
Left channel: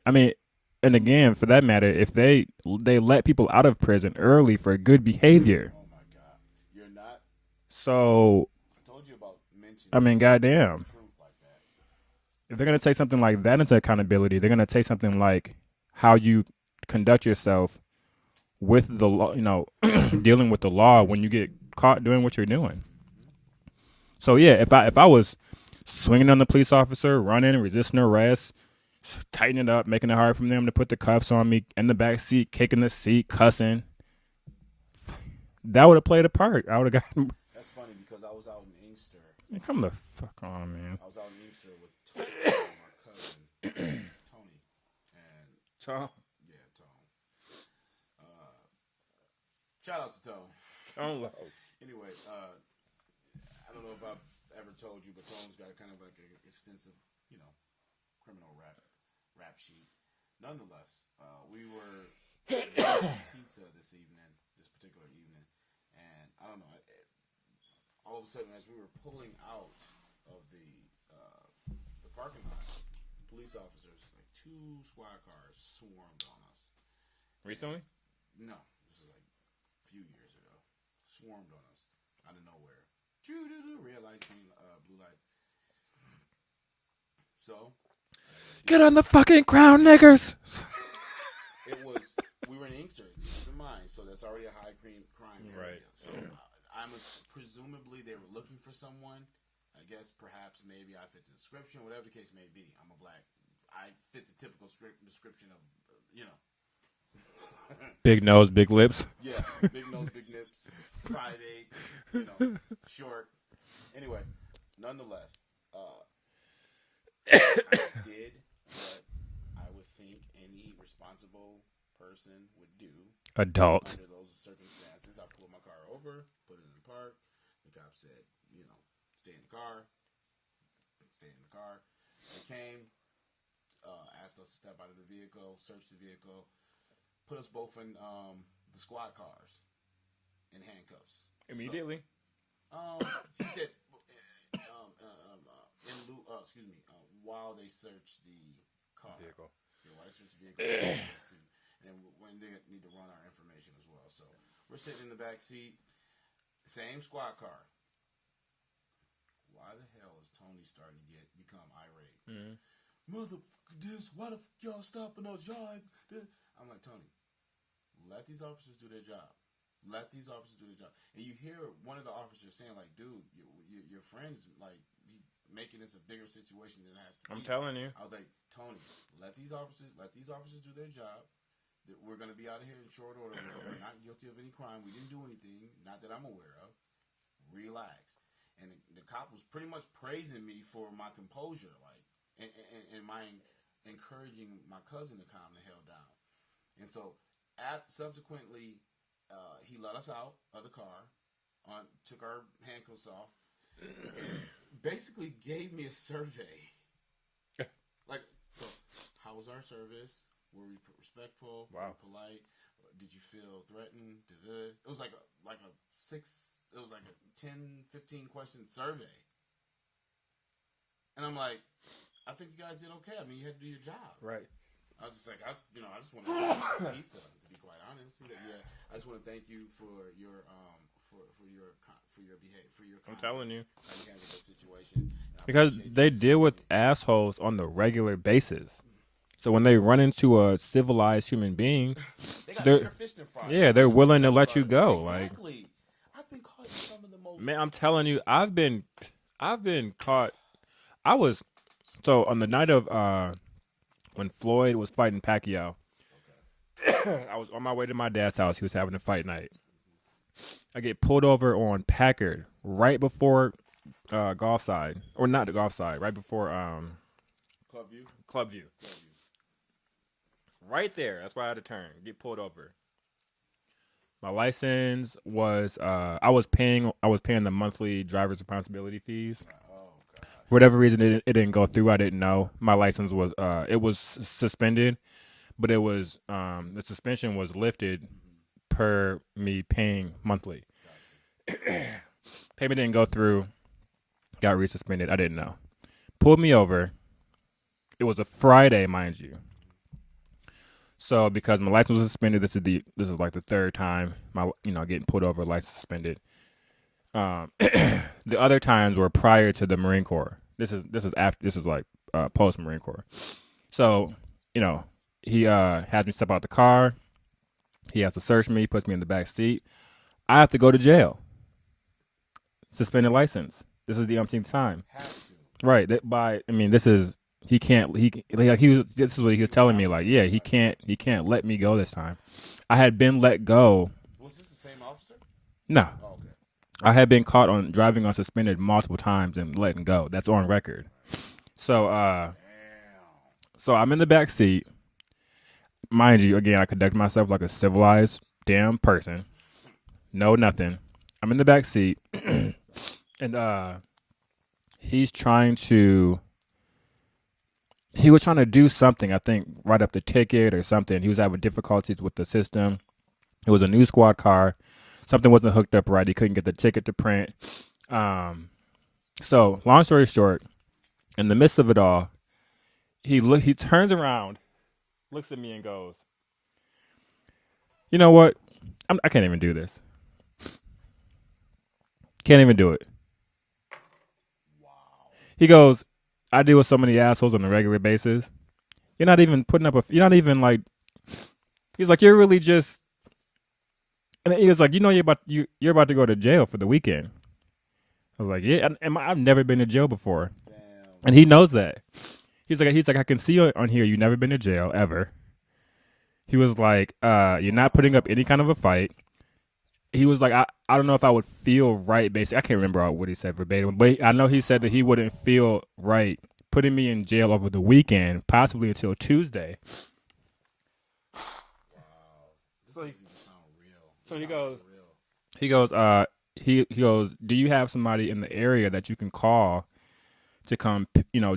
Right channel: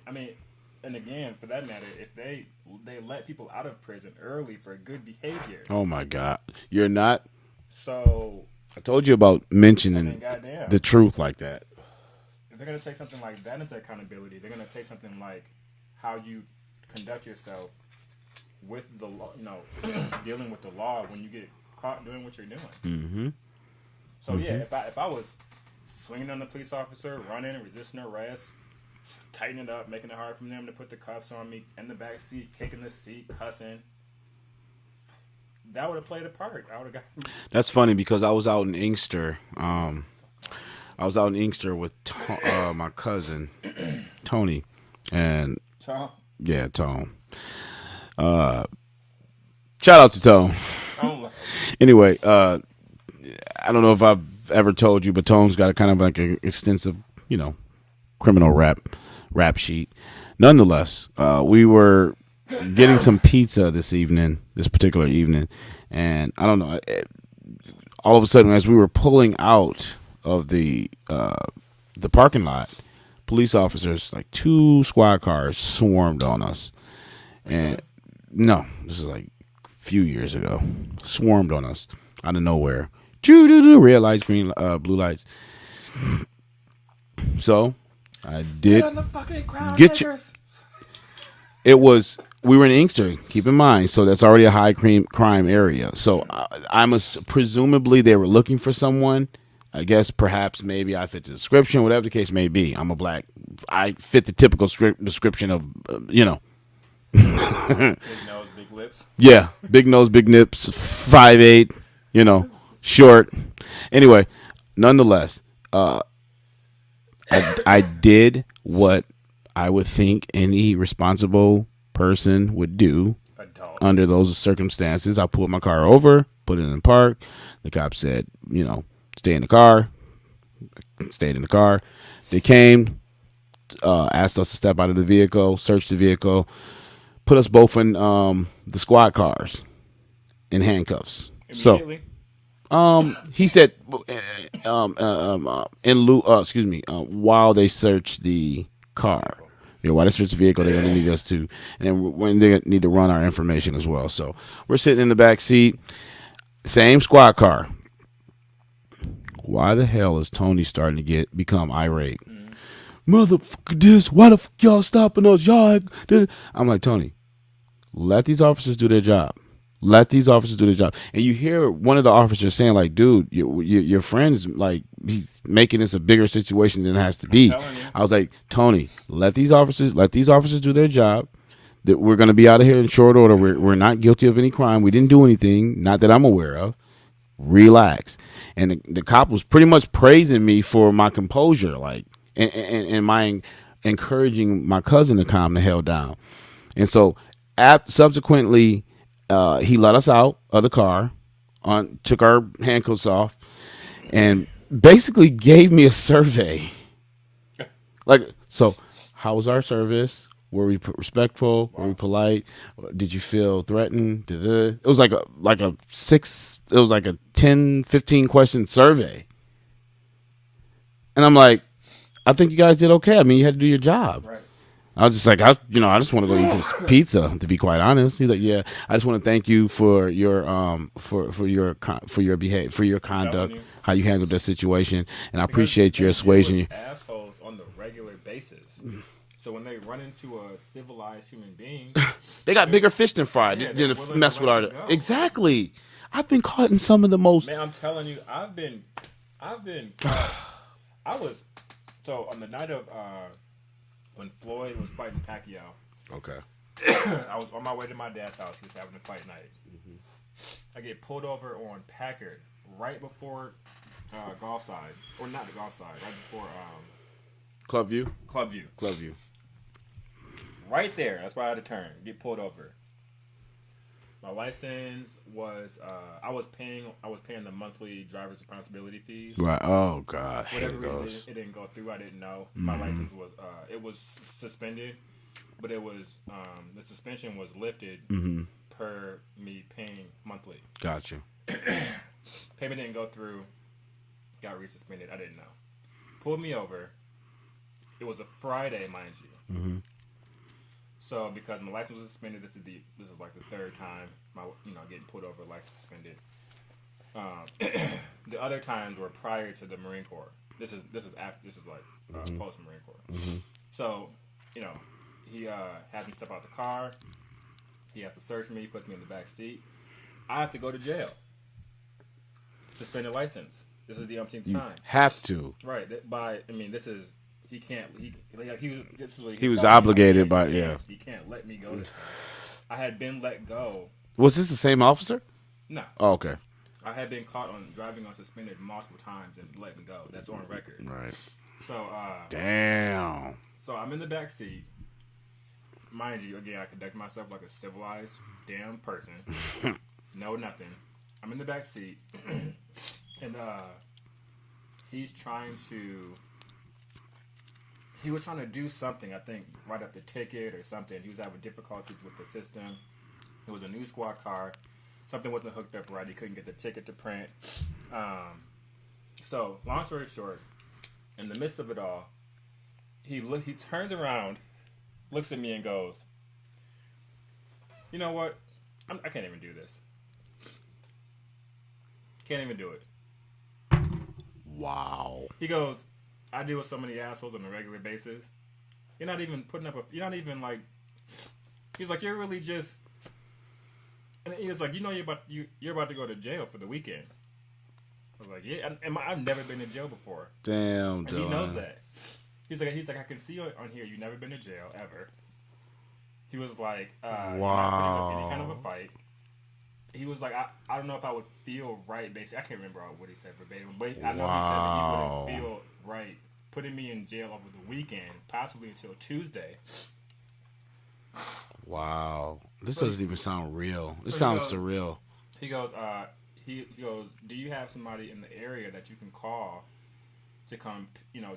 and again, for that matter, if they let people out of prison early for good behavior. Oh my God, you're not. So I told you about mentioning. I mean, goddamn, the truth like that. If they're gonna take something like that into accountability, they're gonna take something like how you conduct yourself with the law, dealing with the law when you get caught doing what you're doing. Mm-hmm. So yeah, if I was swinging on the police officer, running, resisting arrest, tightening it up, making it hard for them to put the cuffs on me in the back seat, kicking the seat, cussing, that would have played a part. I would have got. That's funny because I was out in Inkster. I was out in Inkster with my cousin Tony, and Tom. Yeah, Tone. Shout out to Tone. Anyway, I don't know if I've ever told you, but Tone's got a kind of like an extensive, criminal rap sheet. Nonetheless, we were getting some pizza this particular evening, and I don't know. All of a sudden, as we were pulling out of the parking lot, police officers, like 2 squad cars, swarmed on us. And no, this is like a few years ago. Swarmed on us out of nowhere. Red lights, green, blue lights. So I did. Get on the fucking ground, niggers. We were in Inkster, keep in mind. So that's already a high crime area. So presumably they were looking for someone. I guess perhaps maybe I fit the description, whatever the case may be. I'm a black. I fit the typical description of, big nose, big lips. Yeah, big nose, big nips, 5'8", short. Anyway, nonetheless, I did what I would think any responsible person would do. Adult. Under those circumstances, I pulled my car over, put it in the park. The cop said, stay in the car. Stayed in the car. They came, asked us to step out of the vehicle, search the vehicle, put us both in the squad cars in handcuffs. So, he said, while they search the car, while they search the vehicle, they're gonna need us to, and then when they need to run our information as well. So we're sitting in the back seat. Same squad car. Why the hell is Tony starting to become irate? Motherfucker, this. Why the fuck y'all stopping us? Y'all. This. I'm like, Tony, let these officers do their job. Let these officers do their job. And you hear one of the officers saying, like, dude, your friend's like, he's making this a bigger situation than it has to be. I was like, Tony, let these officers do their job. That we're going to be out of here in short order. We're not guilty of any crime. We didn't do anything, not that I'm aware of. Relax. And the cop was pretty much praising me for my composure, like, and my encouraging my cousin to calm the hell down. And so subsequently, he let us out of the car, took our handcuffs off, and basically gave me a survey. Like, so how was our service? Were we respectful? Were we polite? Did you feel threatened? It was like a 10, 15 question survey. And I'm like, I think you guys did okay. I mean, you had to do your job. Right. I was just like, I just want to go eat this pizza, to be quite honest. He's like, yeah, I just want to thank you for your conduct, how you handled that situation, and I appreciate your assuaging. Deal with assholes on the regular basis. So when they run into a civilized human being, they got bigger fish than fry. Yeah, they're willing to let you go. Exactly. Like, I've been caught in some of the most. Man, I'm telling you, I've been caught. So on the night of when Floyd was fighting Pacquiao. Okay. I was on my way to my dad's house. He was having a fight night. I get pulled over on Packard right before golf side, or not the golf side, right before Clubview. Right there. That's why I had to turn. Get pulled over. My license was I was paying the monthly driver's responsibility fees. Right. Oh God. For whatever reason it didn't go through. I didn't know. My license was it was suspended, but it was the suspension was lifted per me paying monthly. Gotcha. Payment didn't go through. Got resuspended. I didn't know. Pulled me over. It was a Friday, mind you. So because my license was suspended, this is like the third time getting pulled over, license suspended. The other times were prior to the Marine Corps. This is like post Marine Corps. So he has me step out the car. He has to search me, puts me in the back seat. I have to go to jail. Suspended license. This is the umpteenth time. Have to. Right. This is. He can't. This is what he was telling obligated me. Like, he can't let me go this time. I had been let go. Was this the same officer? No. Oh, okay. I had been caught on driving on suspended multiple times and letting go. That's on record. Right. So damn. So I'm in the back seat. Mind you, again, I conduct myself like a civilized damn person. No, nothing. I'm in the back seat, and he's trying to. He was trying to do something, I think, write up the ticket or something. He was having difficulties with the system. It was a new squad car. Something wasn't hooked up right. He couldn't get the ticket to print. So, long story short, in the midst of it all, he turns around, looks at me and goes, you know what? I can't even do this. Can't even do it. Wow. He goes, I deal with so many assholes on a regular basis. You're not even putting up you're not even like, he's like, you're really just, and he was like, you're about to go to jail for the weekend. I was like, yeah, I've never been to jail before. Damn. And he knows that. He's like, I can see on here you've never been to jail ever. He was like, you're not putting up any kind of a fight. He was like, I don't know if I would feel right, basically. I can't remember what he said verbatim, but I know he said that he wouldn't feel right putting me in jail over the weekend, possibly until Tuesday. Wow. This doesn't even sound real. This sounds surreal. He goes, he goes, do you have somebody in the area that you can call to come,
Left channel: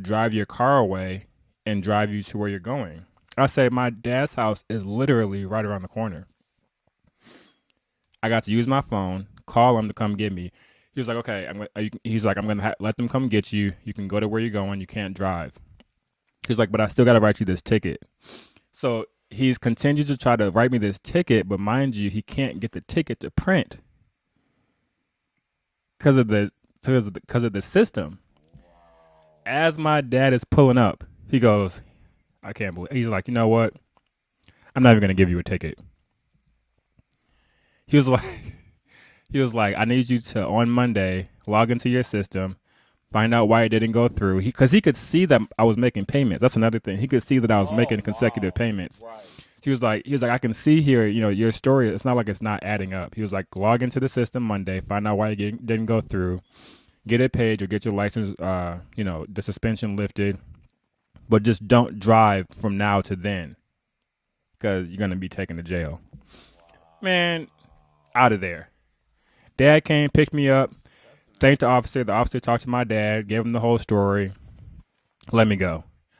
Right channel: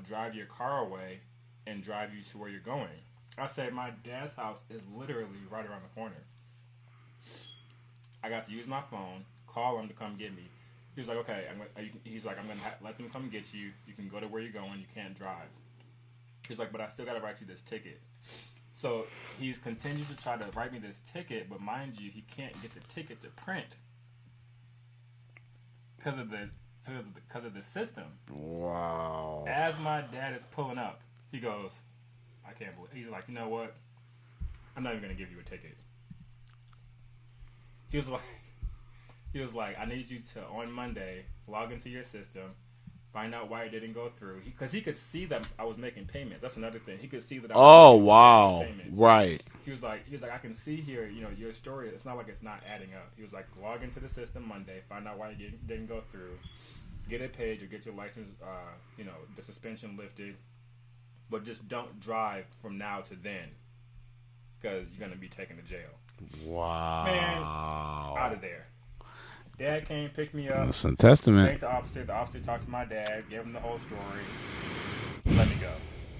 drive your car away and drive you to where you're going? I say, my dad's house is literally right around the corner. I got to use my phone, call him to come get me. He was like, okay. He's like, I'm going to let them come get you. You can go to where you're going. You can't drive. He's like, but I still got to write you this ticket. So he's continues to try to write me this ticket, but mind you, he can't get the ticket to print. because of the system. Wow. As my dad is pulling up, he goes, I can't believe. He's like, you know what? I'm not even gonna give you a ticket. He was like, I need you to on Monday log into your system, find out why it didn't go through. Because he could see that I was making payments. That's another thing. He could see that I was making consecutive payments. Right. He was like, I can see here, your story. It's not like it's not adding up. He was like, log into the system Monday, find out why it didn't go through, get it paid or get your license, the suspension lifted, but just don't drive from now to then, because you're gonna be taken to jail. Wow. Man, out of there. Dad came, picked me up. That's a testament. Thanked the officer. The officer talked to my dad, gave him the whole story, let me go.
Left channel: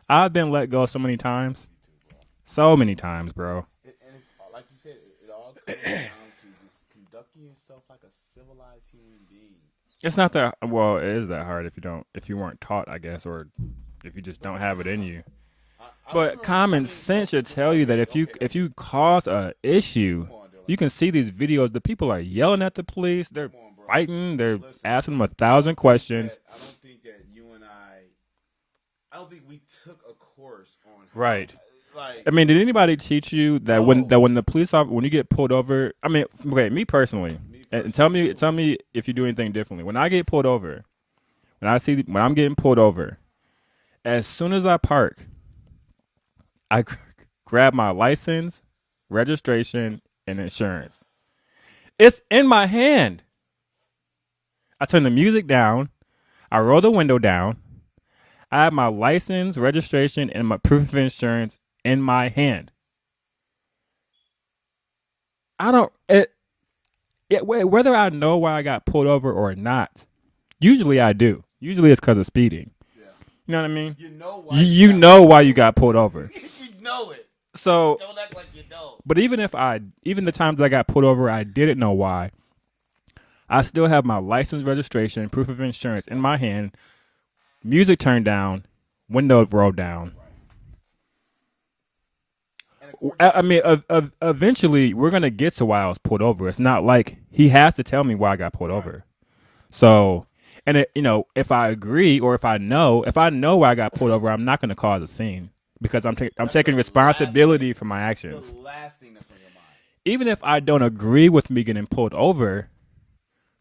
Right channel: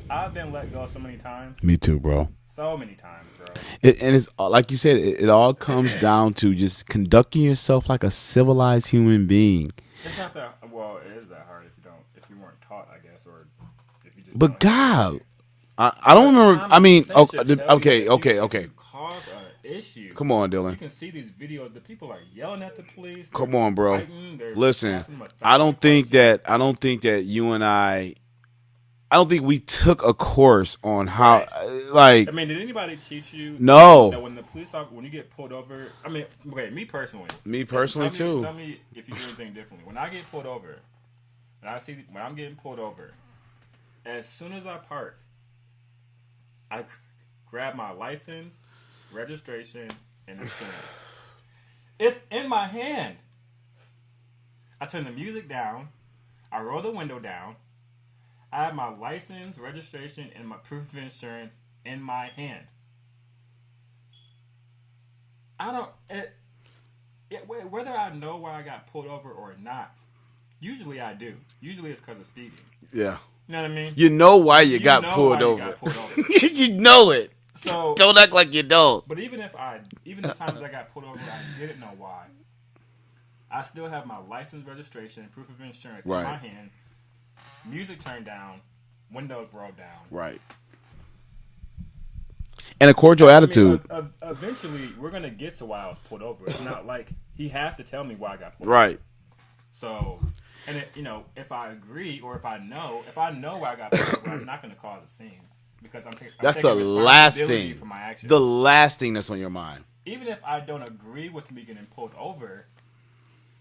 I've been let go so many times. Me too, bro. So many times, bro. And it's like you said, it all comes down to just conducting yourself like a civilized human being. It's not that well. It is that hard if you weren't taught, I guess, or if you just. But don't have it in you. I don't remember. I mean, okay. If you cause an issue, come on, Dylan. You can see these videos. The people are yelling at the police. Come on, bro. Fighting. They're Listen, asking them 1,000 questions. I don't think that you and I don't think we took a course on how, like. I mean, did anybody teach you that when the police officer, when you get pulled over? I mean, okay, me personally. Tell me if you do anything differently. When I get pulled over, when I'm getting pulled over, as soon as I park, I grab my license, registration, and insurance. It's in my hand. I turn the music down. I roll the window down. I have my license, registration, and my proof of insurance in my hand. Whether I know why I got pulled over or not, usually I do. Usually it's because of speeding. Yeah. You know what I mean? You know why you got pulled over. You know it. So don't act like you don't. But even the times I got pulled over, I didn't know why. I still have my license, registration, proof of insurance in my hand. Music turned down, windows rolled down. Right. And a cordial attitude. I mean, eventually, we're gonna get to why I was pulled over. It's not like he has to tell me why I got pulled over. So. And if I agree or if I know why I got pulled over, I'm not going to cause a scene because I'm taking responsibility for my actions. The last thing that's on your mind. Even if I don't agree with me getting pulled over,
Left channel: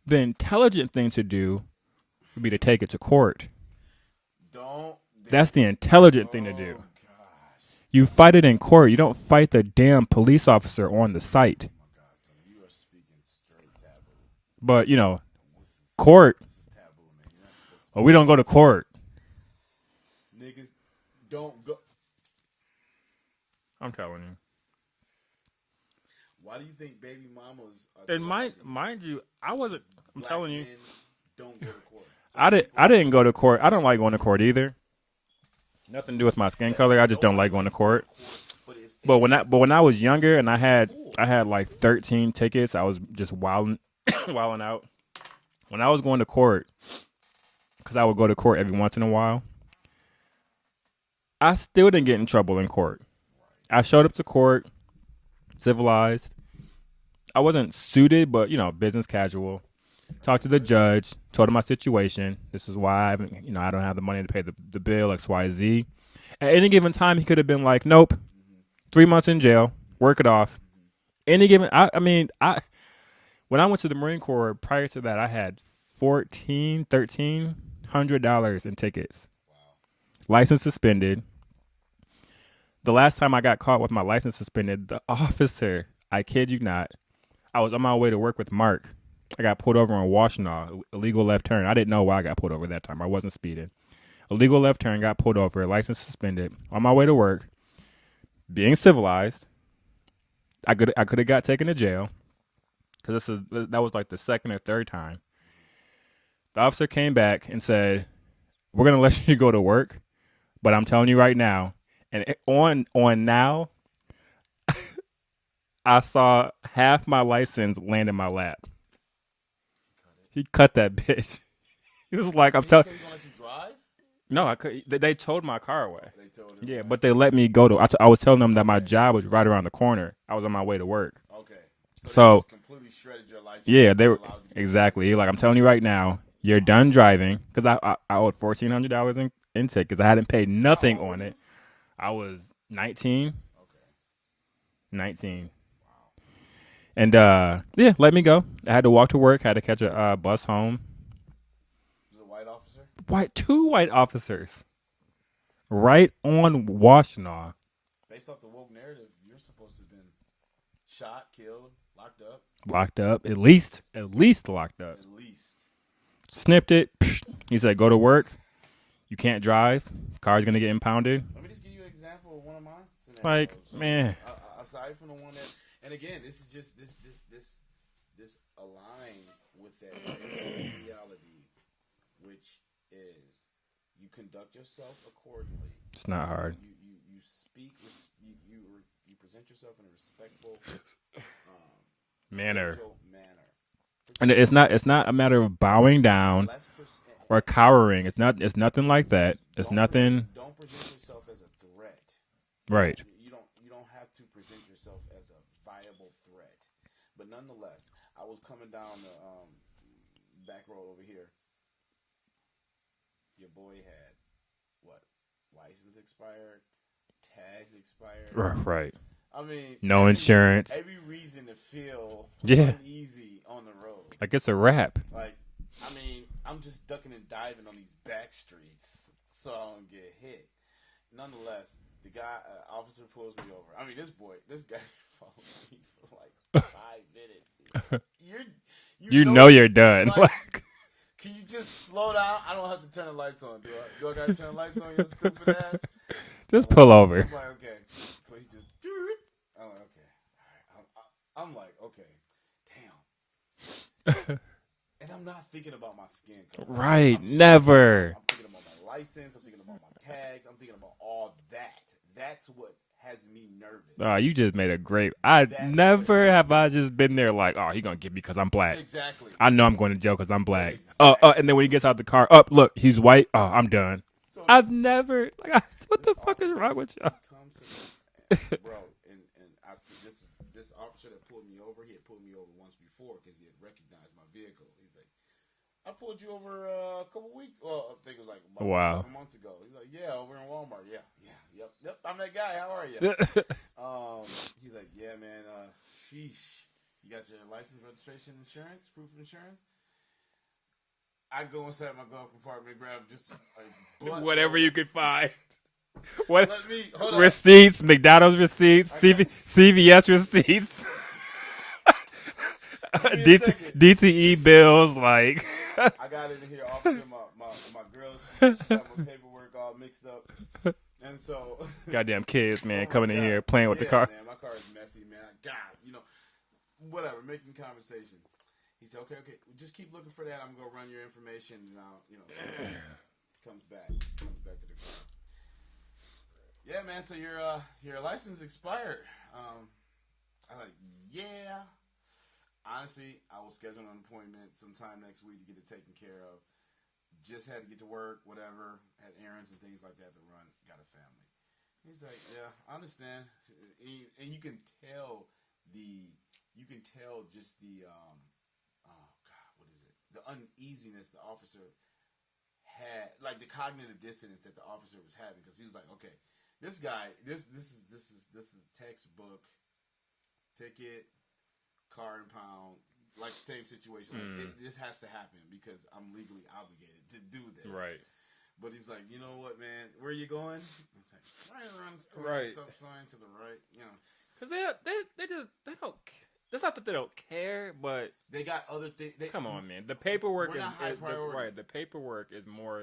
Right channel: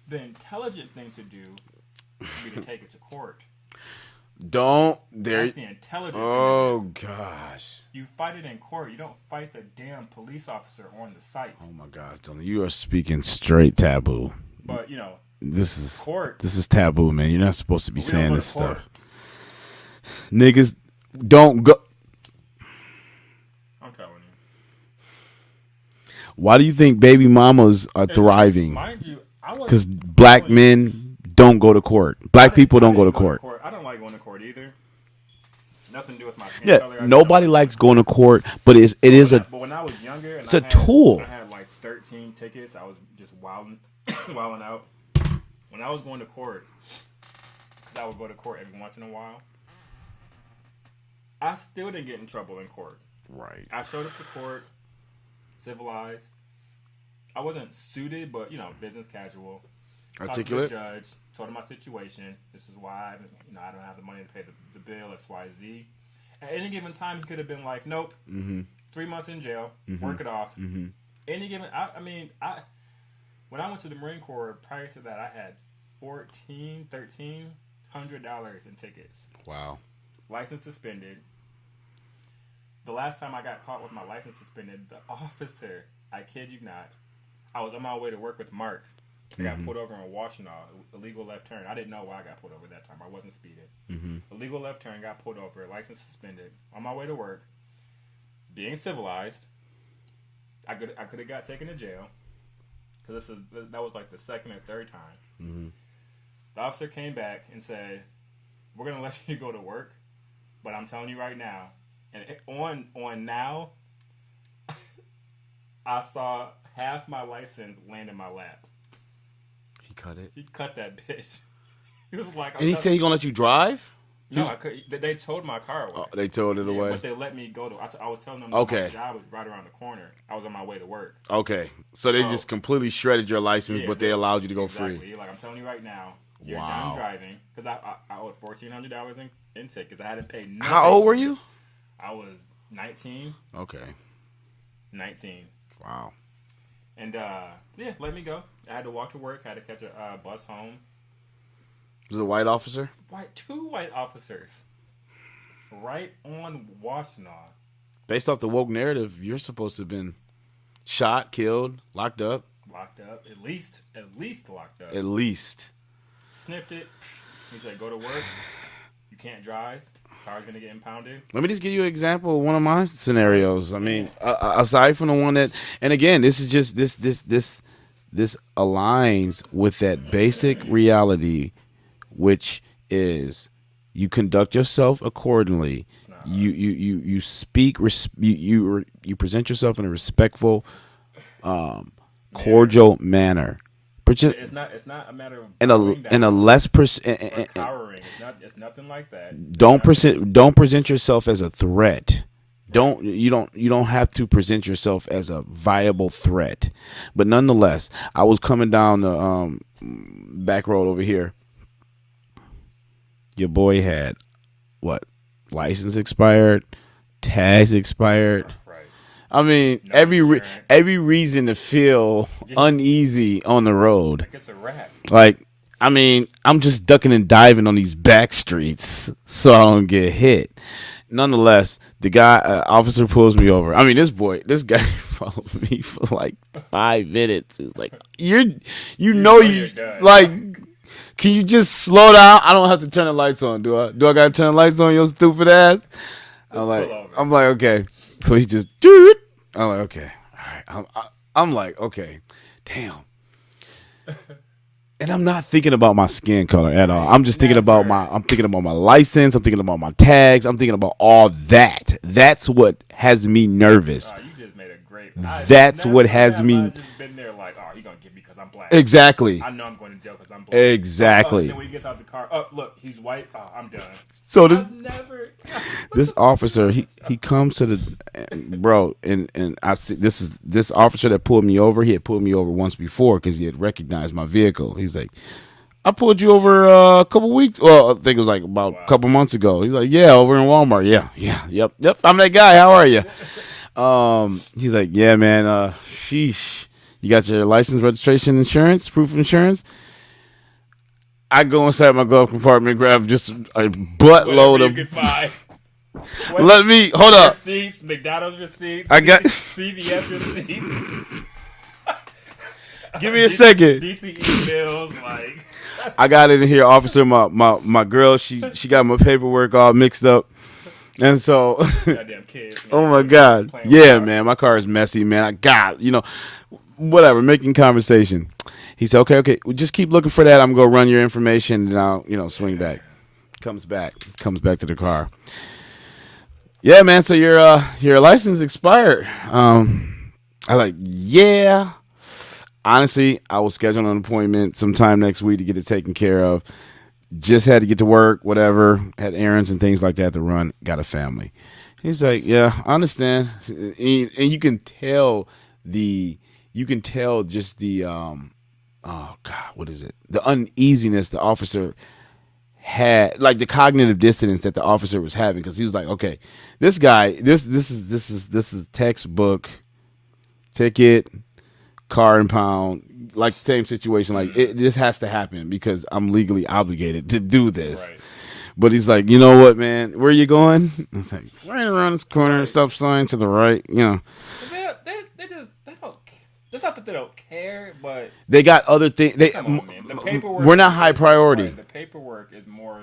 the intelligent thing to do would be to take it to court. That's the intelligent thing to do. Oh gosh. You fight it in court. You don't fight the damn police officer on the site. Oh my gosh, Dylan, you are speaking straight taboo. But this is court. This is taboo, man. You're not supposed to be. We don't go to court. Niggas don't go. I'm telling you. Why do you think baby mamas are thriving? Mind you, because black men don't go to court. Black people don't go to court. I don't like going to court either. Nothing to do with my skin color. I just nobody don't likes going to court, but it is But when I was younger and I had like 13 tickets, I was just wilding out. When I was going to court, because I would go to court every once in a while, I still didn't get in trouble in court. Right. I showed up to court, civilized. I wasn't suited, but business casual. Talked to the judge, told him my situation. This is why I don't have the money to pay the bill, X, Y, Z. At any given time, he could have been like, nope, 3 months in jail, work it off. Any given, when I went to the Marine Corps, prior to that, I had $1,300 in tickets. Wow. License suspended. The last time I got caught with my license suspended, the officer, I kid you not, I was on my way to work with Mark. I got pulled over on Washtenaw, illegal left turn. I didn't know why I got pulled over that time. I wasn't speeding. Illegal left turn, got pulled over, license suspended. On my way to work, being civilized, I could have got taken to jail. Because that was like the second or third time. The officer came back and said, we're going to let you go to work, but I'm telling you right now, and on now, I saw half my license land in my lap. He cut it? He cut that bitch. He was like, he said he going to let you drive? No, I could. They towed my car away. They towed it away. But they let me go to. I was telling them that my Okay. job was right around the corner. I was on my way to work. Okay. So they just completely shredded your license. Yeah, but they allowed you to go exactly. free. Like, I'm telling you right now, you're done driving because I owed $1,400 in tickets because I hadn't paid nothing. How old were on it. you? I was 19. Okay. 19. Wow. And yeah, let me go. I had to walk to work. Had to catch a bus home. Was it a white officer? Two white officers. Right on Washtenaw. Based off the woke narrative, you're supposed to have been shot, killed, locked up. Locked up. At least locked up. At least. Snipped it. He said, go to work. You can't drive. Car's going to get impounded. Let me just give you an example of one of my scenarios. Right, I mean, man. aside from the one that, and again, this is just this aligns with that basic reality, which is you conduct yourself accordingly. It's not hard. You speak. You present yourself in a respectful, cordial manner. And it's not a matter of bowing down and a less or cowering. It's nothing like that. Don't present yourself as a threat. Right. You don't have to present yourself as a viable threat. But nonetheless, I was coming down the back road over here. Your boy had what? License expired, tags expired. Right. I mean, No insurance. every reason to feel uneasy on the road. Like it's a wrap. Like, I mean, I'm just ducking and diving on these back streets so I don't get hit. Nonetheless, the guy, officer pulls me over. I mean, this guy followed me for like 5 minutes. It's like, you know you're done. Like, can you just slow down? I don't have to turn the lights on, do I? Do I got to turn the lights on, your stupid ass? Just pull over. I'm like, okay. So he just, I'm like, okay. All right. I'm like, okay. Damn. And I'm not thinking about my skin color at all. I'm just thinking about my license. I'm thinking about my tags. I'm thinking about all that. That's what has me nervous. You just made a great. That's what has me. I just been there like, he gonna get me because I'm black. Exactly. I know I'm going to jail because I'm black. Exactly. And then when he gets out the car, look, he's white. I'm done. So I've never. This officer, he comes to the bro, and I see this officer that pulled me over. He had pulled me over once before because he had recognized my vehicle. He's like, I pulled you over a couple weeks. Well, I think it was like about a couple months ago. He's like, yeah, over in Walmart. Yep. I'm that guy. How are you? He's like, yeah, man. Sheesh. You got your license, registration, insurance, proof of insurance. I go inside my glove compartment, grab just a buttload of. You can find. Let me hold up. Receipts, McDonald's receipts, I got CVS receipts. Give me a second. DTE bills, like. I got it in here, officer. My girl, she got my paperwork all mixed up, and so. Goddamn kids, man. Oh my god. Yeah, man, my car is messy, man. I got whatever, making conversation. He said, okay, well, just keep looking for that. I'm going to run your information, and I'll, swing back. Comes back to the car. Yeah, man, so your license expired. I was like, yeah. Honestly, I was scheduling an appointment sometime next week to get it taken care of. Just had to get to work, whatever. Had errands and things like that to run. Got a family. He's like, yeah, I understand. And you can tell just the oh God, what is it? The uneasiness the officer had, like the cognitive dissonance that the officer was having, because he was like, okay, this guy, this is textbook ticket, car impound, like same situation. Like this has to happen because I'm legally obligated to do this. Right. But he's like, you know what, man? Where are you going? I was like, right around this corner, stop sign to the right, It's not that they don't care, but they got other things. We're not high priority. Right, the paperwork is more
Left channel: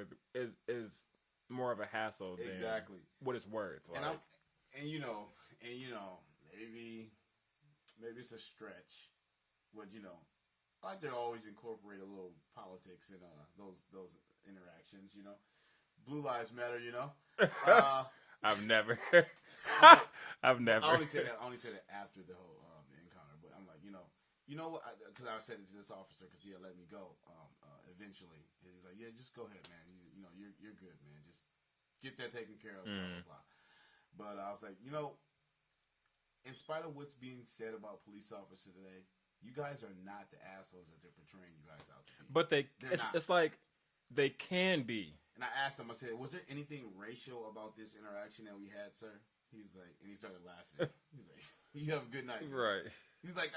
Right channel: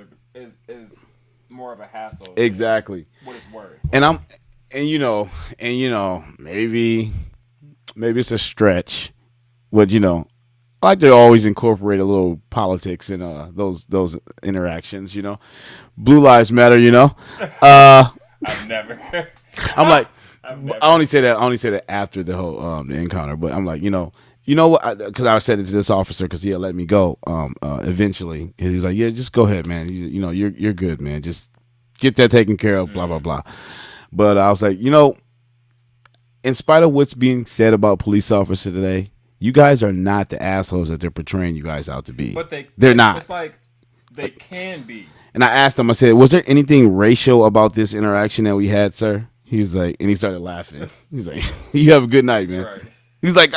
of a hassle. Exactly. What it's worth. Maybe it's a stretch, but I like to always incorporate a little politics in those interactions. Blue Lives Matter. I've never. I'm like. I only say that after the whole the encounter, but I'm like, you You know what? Because I said it to this officer because he'll let me go. Eventually, he was like, "Yeah, just go ahead, man. You know, you're good, man. Just get that taken care of." Blah blah blah. But I was like, in spite of what's being said about police officers today, you guys are not the assholes that they're portraying you guys out to be. But they're not. It's like they can be. And I asked him, I said, was there anything racial about this interaction that we had, sir? He's like, and he started laughing. He's like, you have a good night, man. Right. He's like,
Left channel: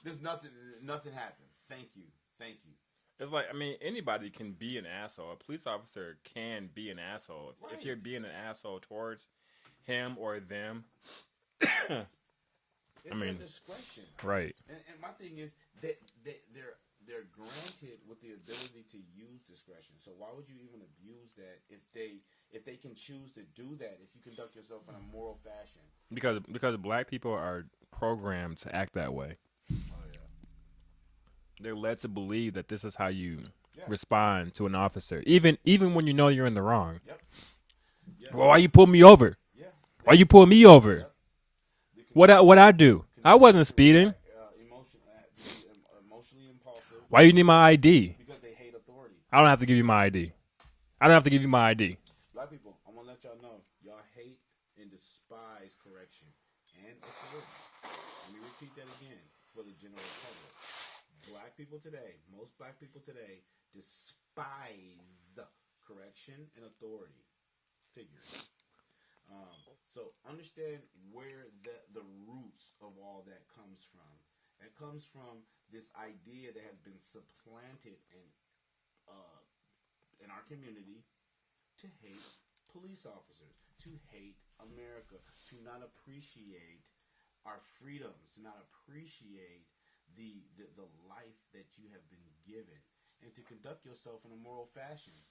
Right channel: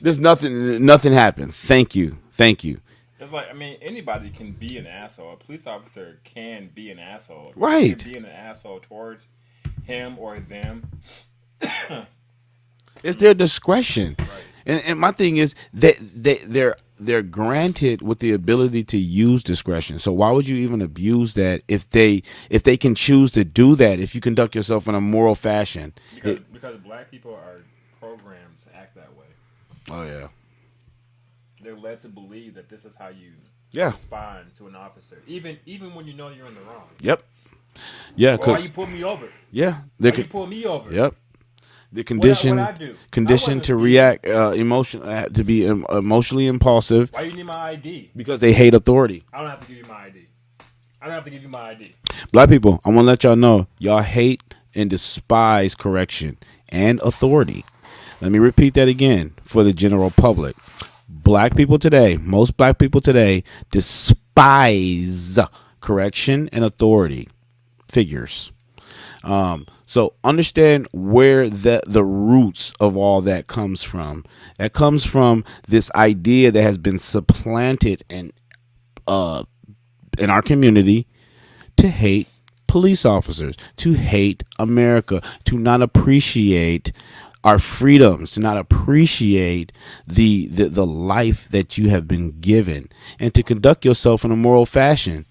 there's nothing happened. Thank you. It's like, I mean, anybody can be an asshole. A police officer can be an asshole. Right. Being an asshole towards him or them. It's their discretion. Right. And my thing is that they're granted with the ability to use discretion. So why would you even abuse that if they can choose to do that if you conduct yourself in a moral fashion? Because black people are programmed to act that way. Oh yeah. They're led to believe that this is how you Yeah. respond to an officer, even when you know you're in the wrong. Yep. Yeah. Why you pull me over? Yeah. Why you pull me over? Yep. The condition, what I do? Condition to speeding. react, to be emotionally impulsive. Why you need my ID? Because they hate authority. I don't have to give you my ID. I don't have to give you my ID. Black people, I want to let y'all know, y'all hate and despise correction and authority. Let me repeat that again for the general public. Black people today, most black people today, despise correction and authority figures. So understand where the roots of all that comes from. That comes from this idea that has been supplanted in our community to hate police officers, to hate America, to not appreciate our freedoms, to not appreciate the life that you have been given, and to conduct yourself in a moral fashion.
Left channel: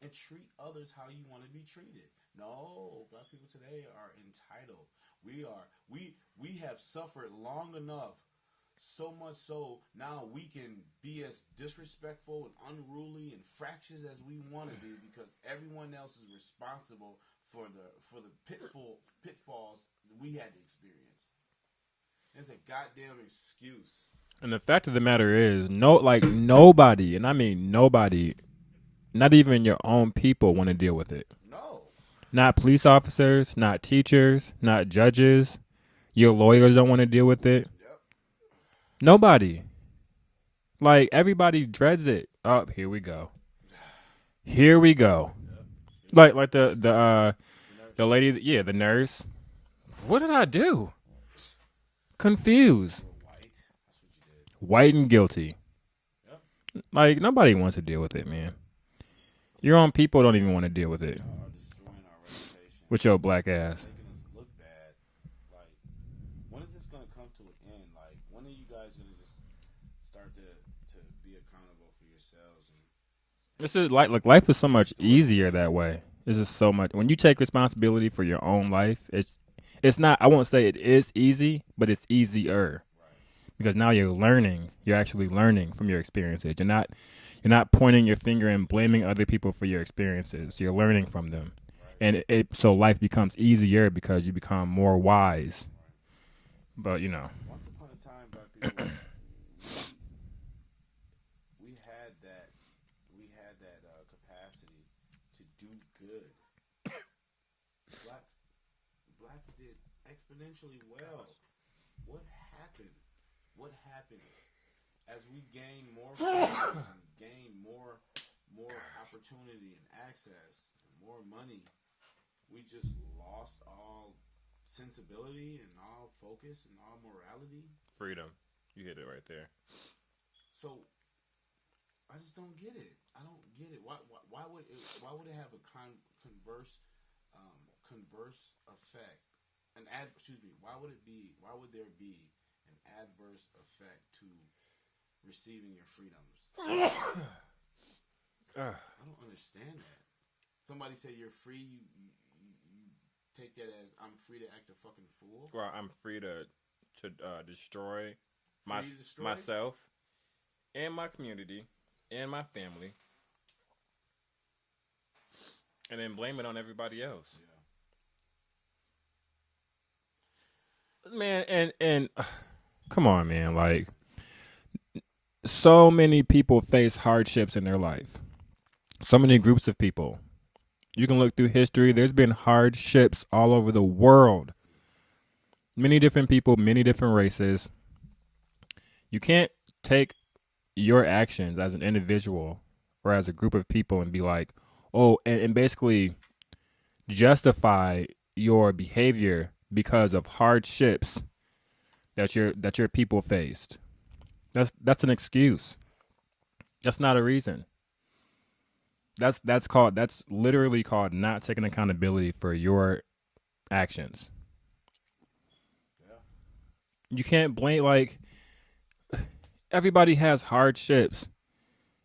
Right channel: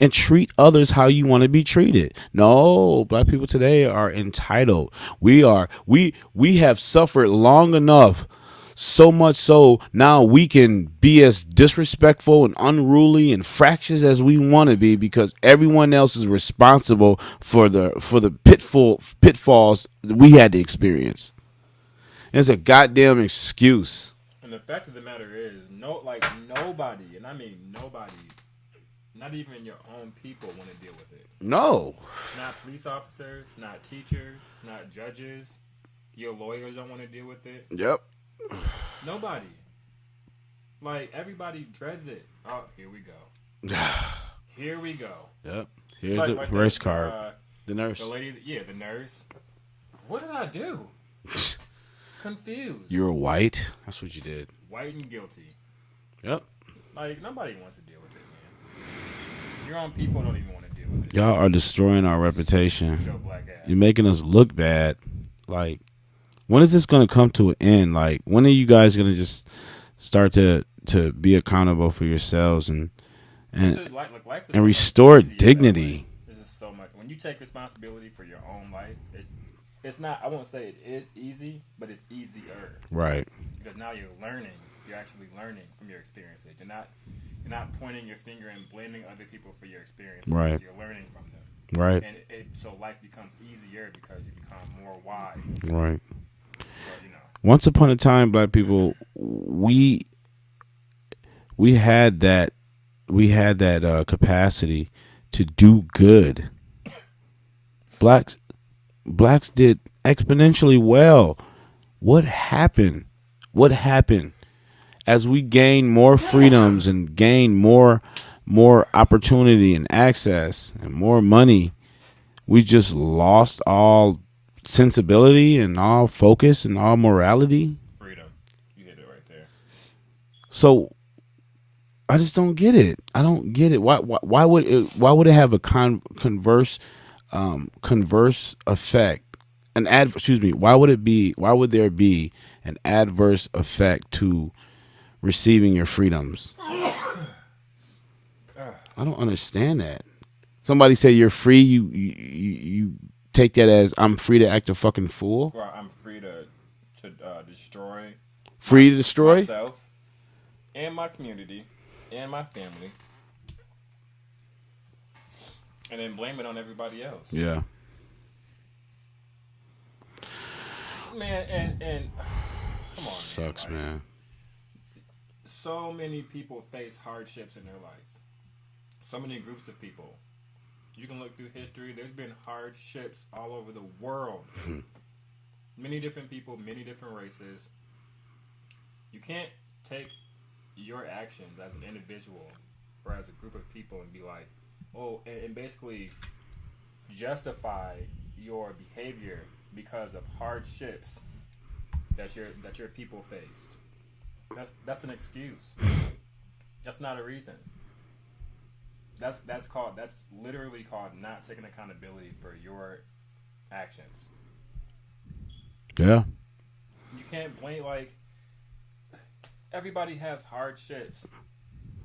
And treat others how you want to be treated. No, black people today are entitled. We have suffered long enough, so much so now we can be as disrespectful and unruly and fractious as we want to be because everyone else is responsible for the pitfalls that we had to experience. It's a goddamn excuse. And the fact of the matter is, nobody, and I mean nobody, not even your own people want to deal with it. No. Not police officers, not teachers, not judges. Your lawyers don't want to deal with it. Yep. Nobody. Like, everybody dreads it. Oh, here we go. Here we go. Yep. Like the nurse. The lady, the nurse. What did I do? Confused. You were white. That's what you did. White and guilty. Yep. Like, nobody wants to deal with it, man. Your own people don't even want to deal with it. Y'all are destroying our reputation. With your black ass. You're making us look bad. Like, when is this going to come to an end? Like, when are you guys going to just start to be accountable for yourselves and life is so restore much easier dignity? That way. This is so much. When you take responsibility for your own life, it's not. I won't say it is easy, but it's easier. Right. Because now you're learning. You're actually learning from your experiences. You're not pointing your finger and blaming other people for your experiences. Right. You're learning from them. Right. And so life becomes easier because you become more wise. Right. But once upon a time, black people, we had that capacity to do good. Blacks did exponentially well. What happened? As we gain more freedoms and gain more opportunity and access and more money, we just lost all sensibility and all focus and all morality. Freedom. You hit it right there. So I just don't get it. I don't get it. Why would it have a converse effect? Why would there be an adverse effect to receiving your freedoms? I don't understand that. Somebody say you're free, you take that as I'm free to act a fucking fool. Or I'm free to destroy. Free to destroy myself and my community and my family, and then blame it on everybody else. Yeah. Man, and Come on, man. Sucks, Like, man. so many people face hardships in their life. So many groups of people. You can look through history. There's been hardships all over the world. Many different people, many different races. You can't take your actions as an individual or as a group of people and be like, oh, and basically justify your behavior because of hardships that your people faced. That's an excuse. That's not a reason. That's literally called not taking accountability for your actions. Yeah. You can't blame, like, everybody has hardships.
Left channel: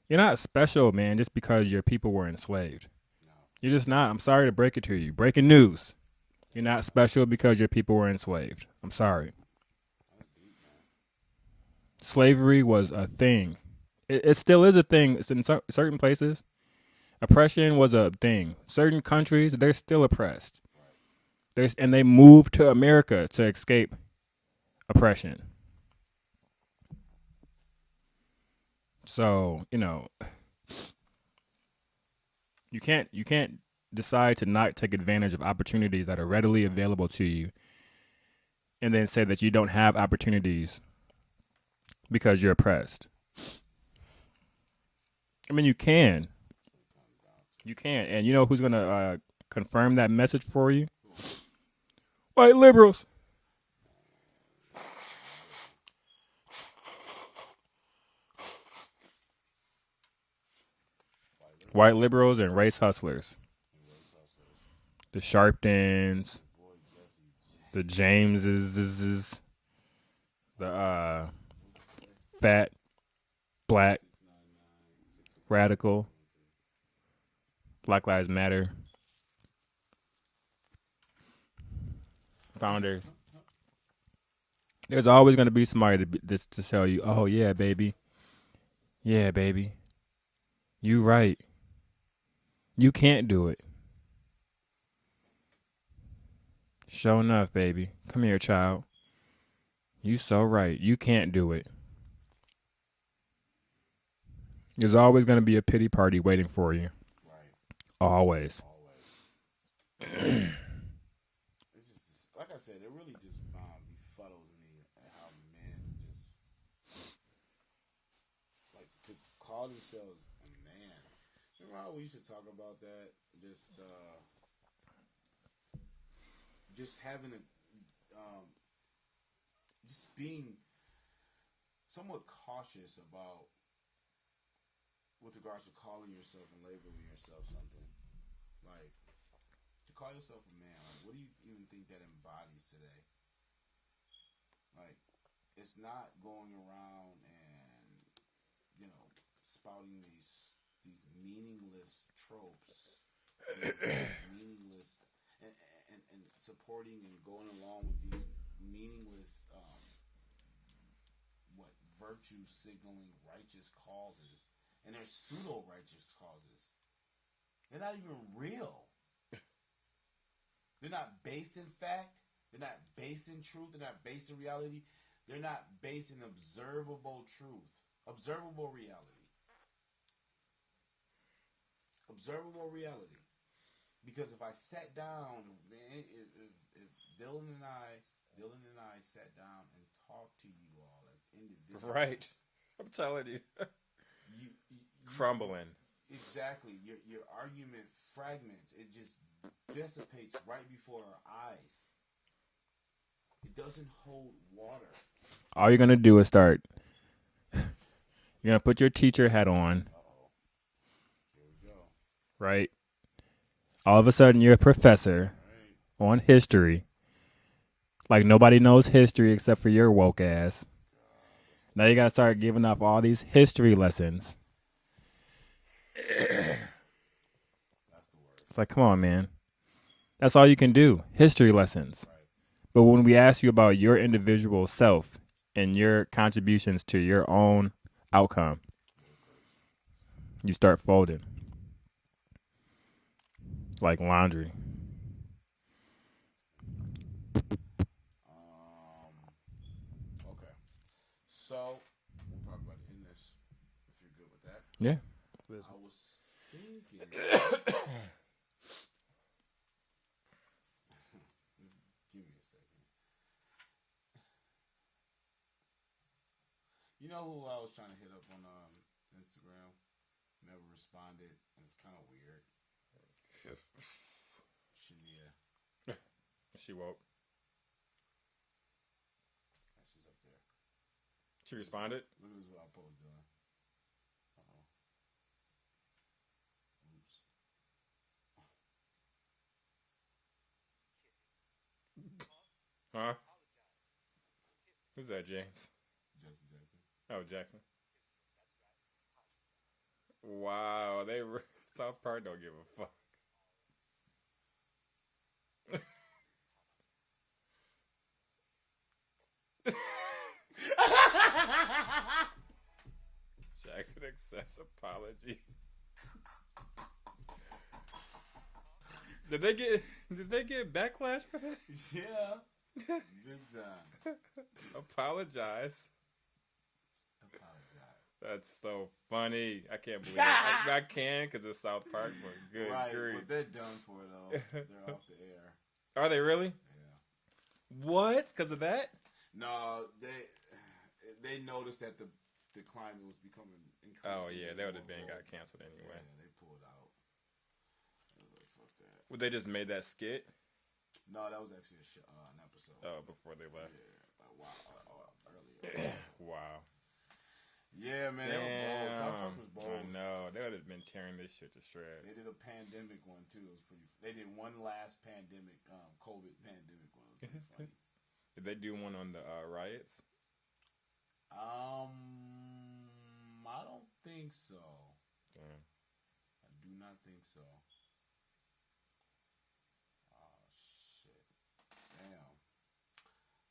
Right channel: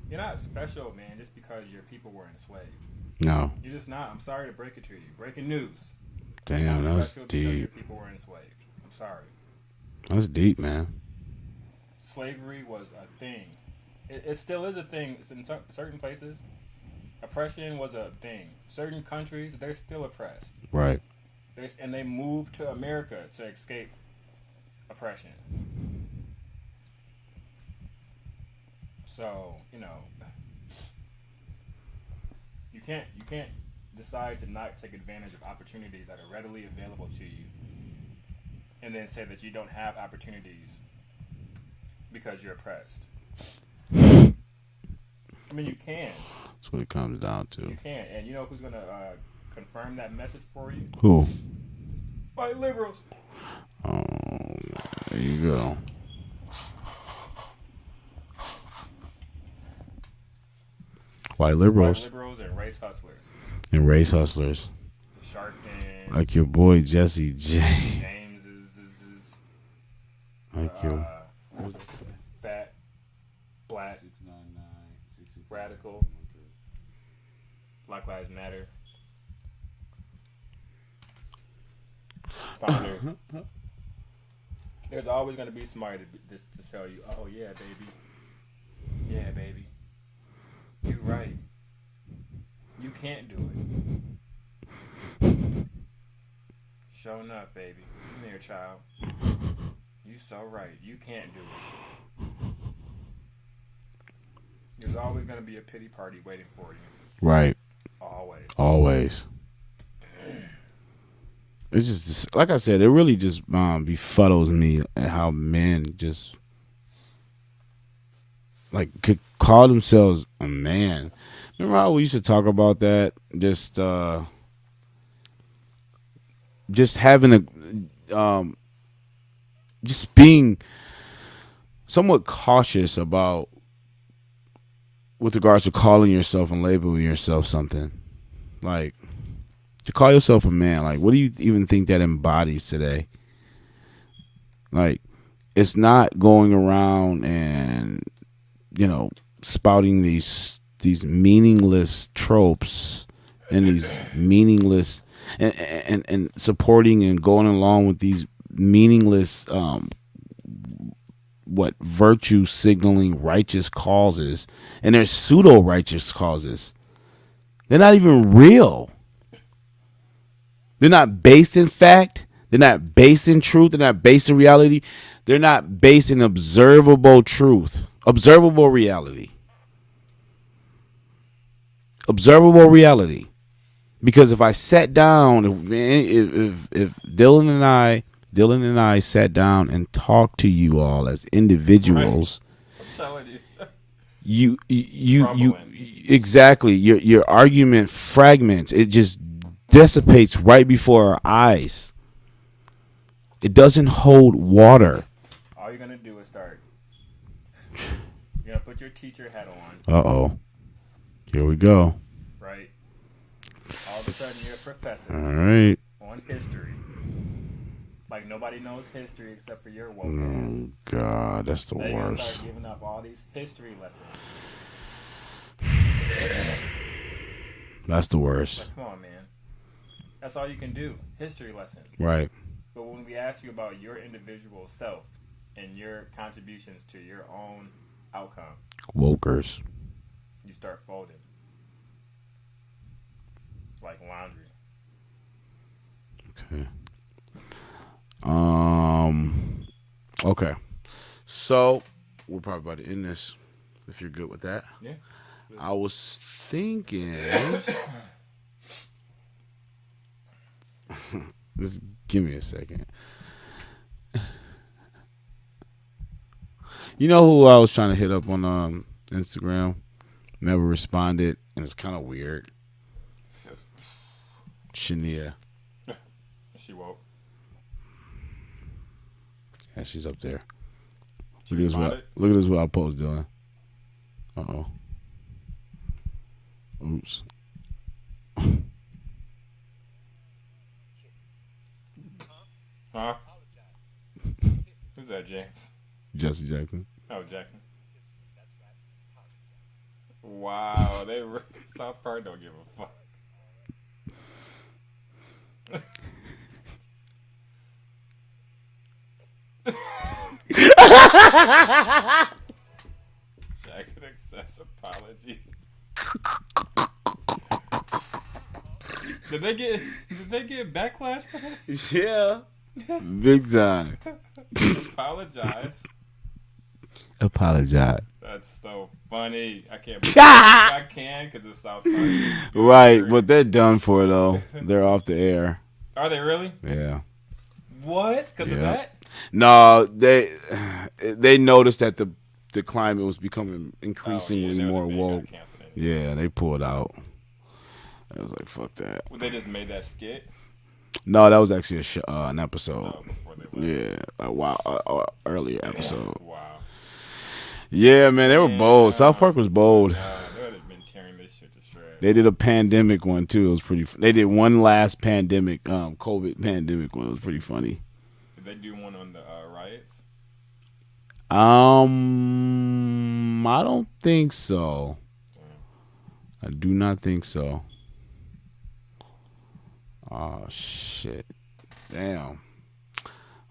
You're not special, man, just because your people were enslaved. No. You're just not. I'm sorry to break it to you. Breaking news. Damn, You're not that's special because deep. your people were enslaved. I'm sorry. That's deep, man. Slavery was a thing. It still is a thing. It's in certain places. Oppression was a thing. Certain countries, they're still oppressed. Right. And they moved to America to escape oppression. So, you can't decide to not take advantage of opportunities that are readily available to you and then say that you don't have opportunities because you're oppressed. I mean, you can. That's what it comes down to. You can. And you know who's going to confirm that message for you? Who? White liberals. Oh, there you go. White liberals. White liberals and race hustlers. And race hustlers. The Sharptons. Like your boy Jesse J. The Jameses. The fat, black, radical, Black Lives Matter founder. There's always going to be somebody to tell you, oh, yeah, baby. Yeah, baby. You right. You can't do it. Sure enough, baby. Come here, child. You so right. You can't do it. There's always going to be a pity party waiting for you. Right. Always. Always. It's just, like I said, it really just befuddles me at how men just, like, could call themselves a man. Remember how we used to talk about that? Just having just being somewhat cautious about, with regards to calling yourself and labeling yourself something. Like, to call yourself a man, like, what do you even think that embodies today? Like, it's not going around and, spouting these meaningless tropes and these meaningless and supporting and going along with these meaningless virtue signaling righteous causes, and they're pseudo righteous causes. They're not even real. They're not based in fact. They're not based in truth. They're not based in reality. They're not based in observable truth, observable reality. Observable reality. Because if I sat down, if Dylan and I sat down and talked to you all as individuals, you exactly, your argument fragments. It just dissipates right before our eyes. It doesn't hold water. All you're going to do is start. You're going to put your teacher hat on. Uh-oh. Here we go. Right? All of a sudden, you're a professor. All right. On history. Like, nobody knows history except for your woke ass. God, that's the worst. Now you got to start giving up all these history lessons. That's the worst. Like, come on, man. That's all you can do. History lessons. Right. But when we ask you about your individual self and your contributions to your own outcome, wokers, you start folding. Like laundry. Okay. Okay. So we're probably about to end this. If you're good with that. Yeah. I was thinking. Just give me a second. You know who I was trying to hit up on Instagram? Never responded, and it's kind of weird. Shania. She woke. Yeah, she's up there. She Look at this what I post doing. Uh-oh. Oops. Huh? Who's that, James? Jesse Jackson. Oh, Jackson. Wow, South Park don't give a fuck. Jackson accepts apology. Did they get backlash for that? Yeah. Big time. Apologize. Apologize. That's so funny. I can't believe I can because it's South Park. Right, but they're done for though. They're off the air. Are they really? Yeah. What? Because of that? No, they noticed that the climate was becoming increasingly more woke. Yeah, they pulled out. I was like, fuck that. Well, they just made that skit? No, that was actually an episode. Yeah, a while earlier episode. Wow. Yeah, man, they were bold. South Park was bold. They would have been tearing this shit to shreds. They did a pandemic one too. It was pretty. They did one last pandemic, COVID pandemic one. It was pretty funny. Did they do one on the riots? I don't think so. I do not think so. Oh shit! Damn.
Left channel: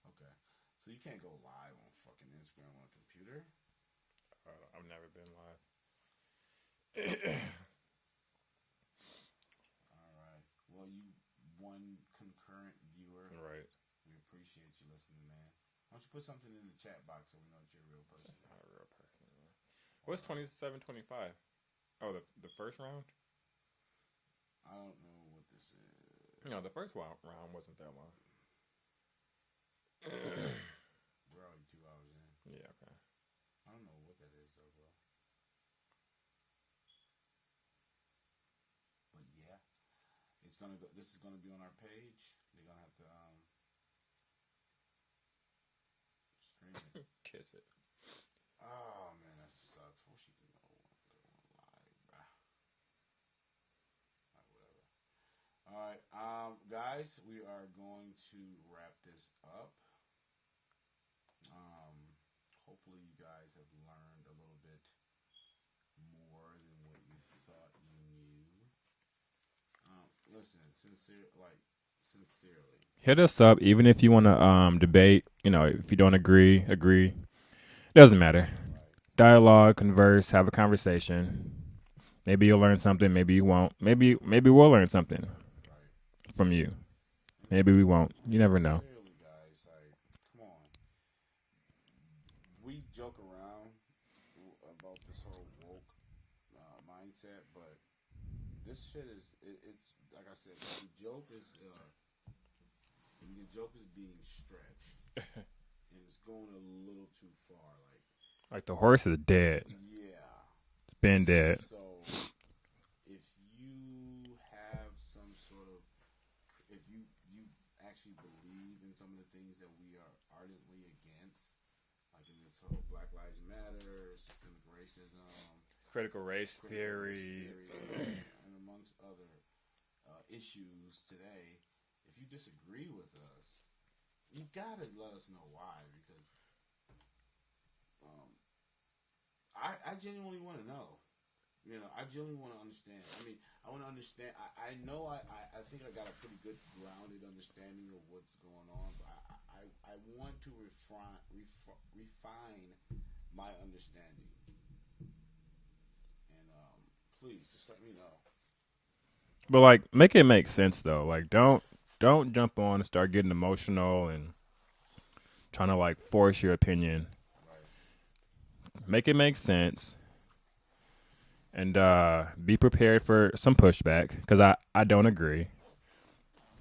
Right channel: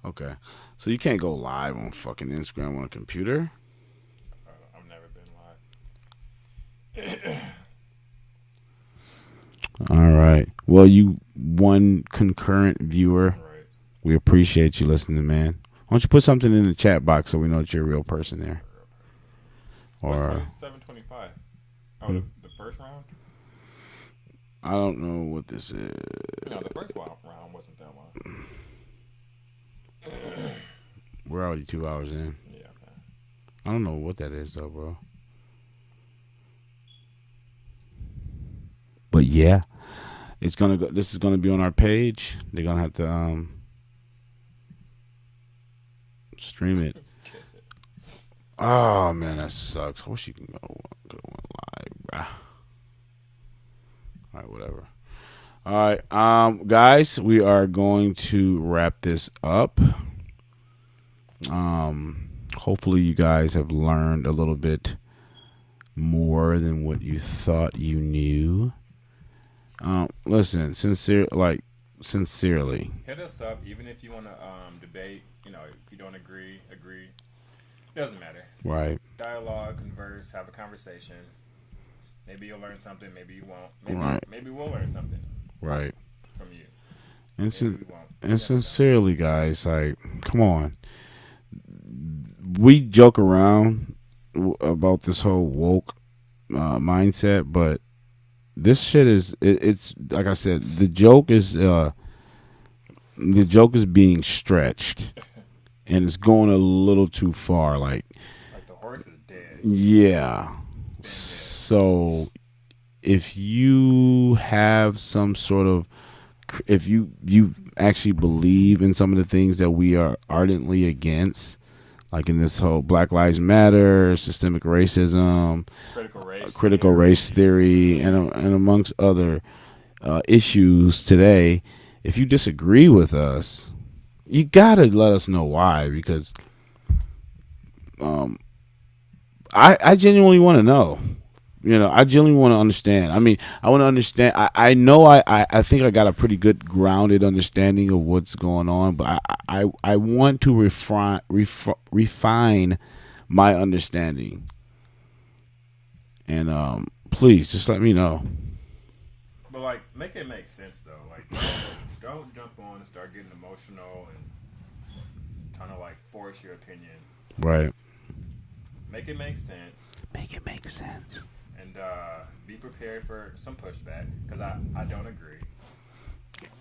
Okay, so you can't go live on fucking Instagram on a computer. I've never been live. All right. Well, you one concurrent viewer. Right. We appreciate you listening, man. Why don't you put something in the chat box so we know that you're a real person there? Or 725. Oh, the first round? I don't know what this is. No, the first round wasn't that long. We're already 2 hours in. Yeah. Okay. I don't know what that is though, bro. But yeah, it's gonna go. This is gonna be on our page. They're gonna have to stream it. Kiss it. Oh man, that sucks. I wish you can go live, bruh. All right, whatever. All right, guys, we are going to wrap this up. Hopefully you guys have learned a little bit more than what you thought you knew. Listen, sincerely. Hit us up, even if you want to debate. You know, if you don't agree. Doesn't matter. Right. Dialogue, converse, have a conversation. Maybe you'll learn something. Maybe you won't. Maybe we'll learn something. Right. From you. And maybe we won't. You and never sincerely, guys, like, come on. We joke around about this whole woke mindset, but this shit is it's like I said, the joke is being stretched, and it's going a little too far. Like the horse is dead. Yeah, it's been dead. So if you have some sort of, if you actually believe in some of the things that we are ardently against, like in this whole Black Lives Matter, systemic racism, critical race theory, and amongst other issues today, if you disagree with us, you gotta let us know why, because I genuinely want to know. You know, I genuinely want to understand. I mean, I want to understand. I know I think I got a pretty good grounded understanding of what's going on, but I want to refine my understanding. And please just let me know. But like, make it make sense though. Like, don't jump on and start getting emotional and trying to like force your opinion Right. Make it make sense. Make it make sense. And be prepared for some pushback because I don't agree.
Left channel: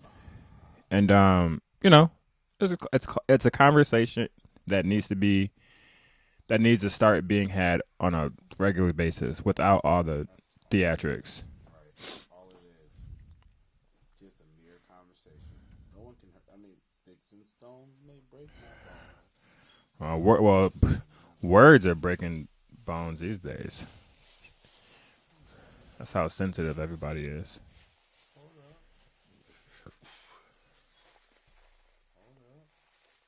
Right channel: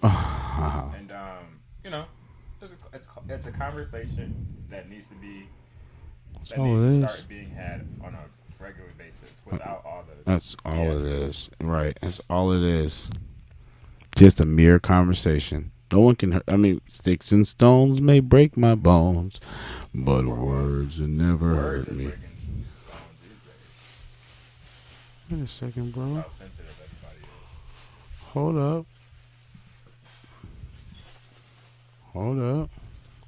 And you know, it's a conversation that needs to start being had on a regular basis without all the theatrics. Right. That's all it is. Just a mere conversation. No one can hurt. I mean, sticks and stones may break my bones, but words will never. Words hurt are me. breaking bones these days. Wait a second, bro. That's how sensitive everybody is. Hold up.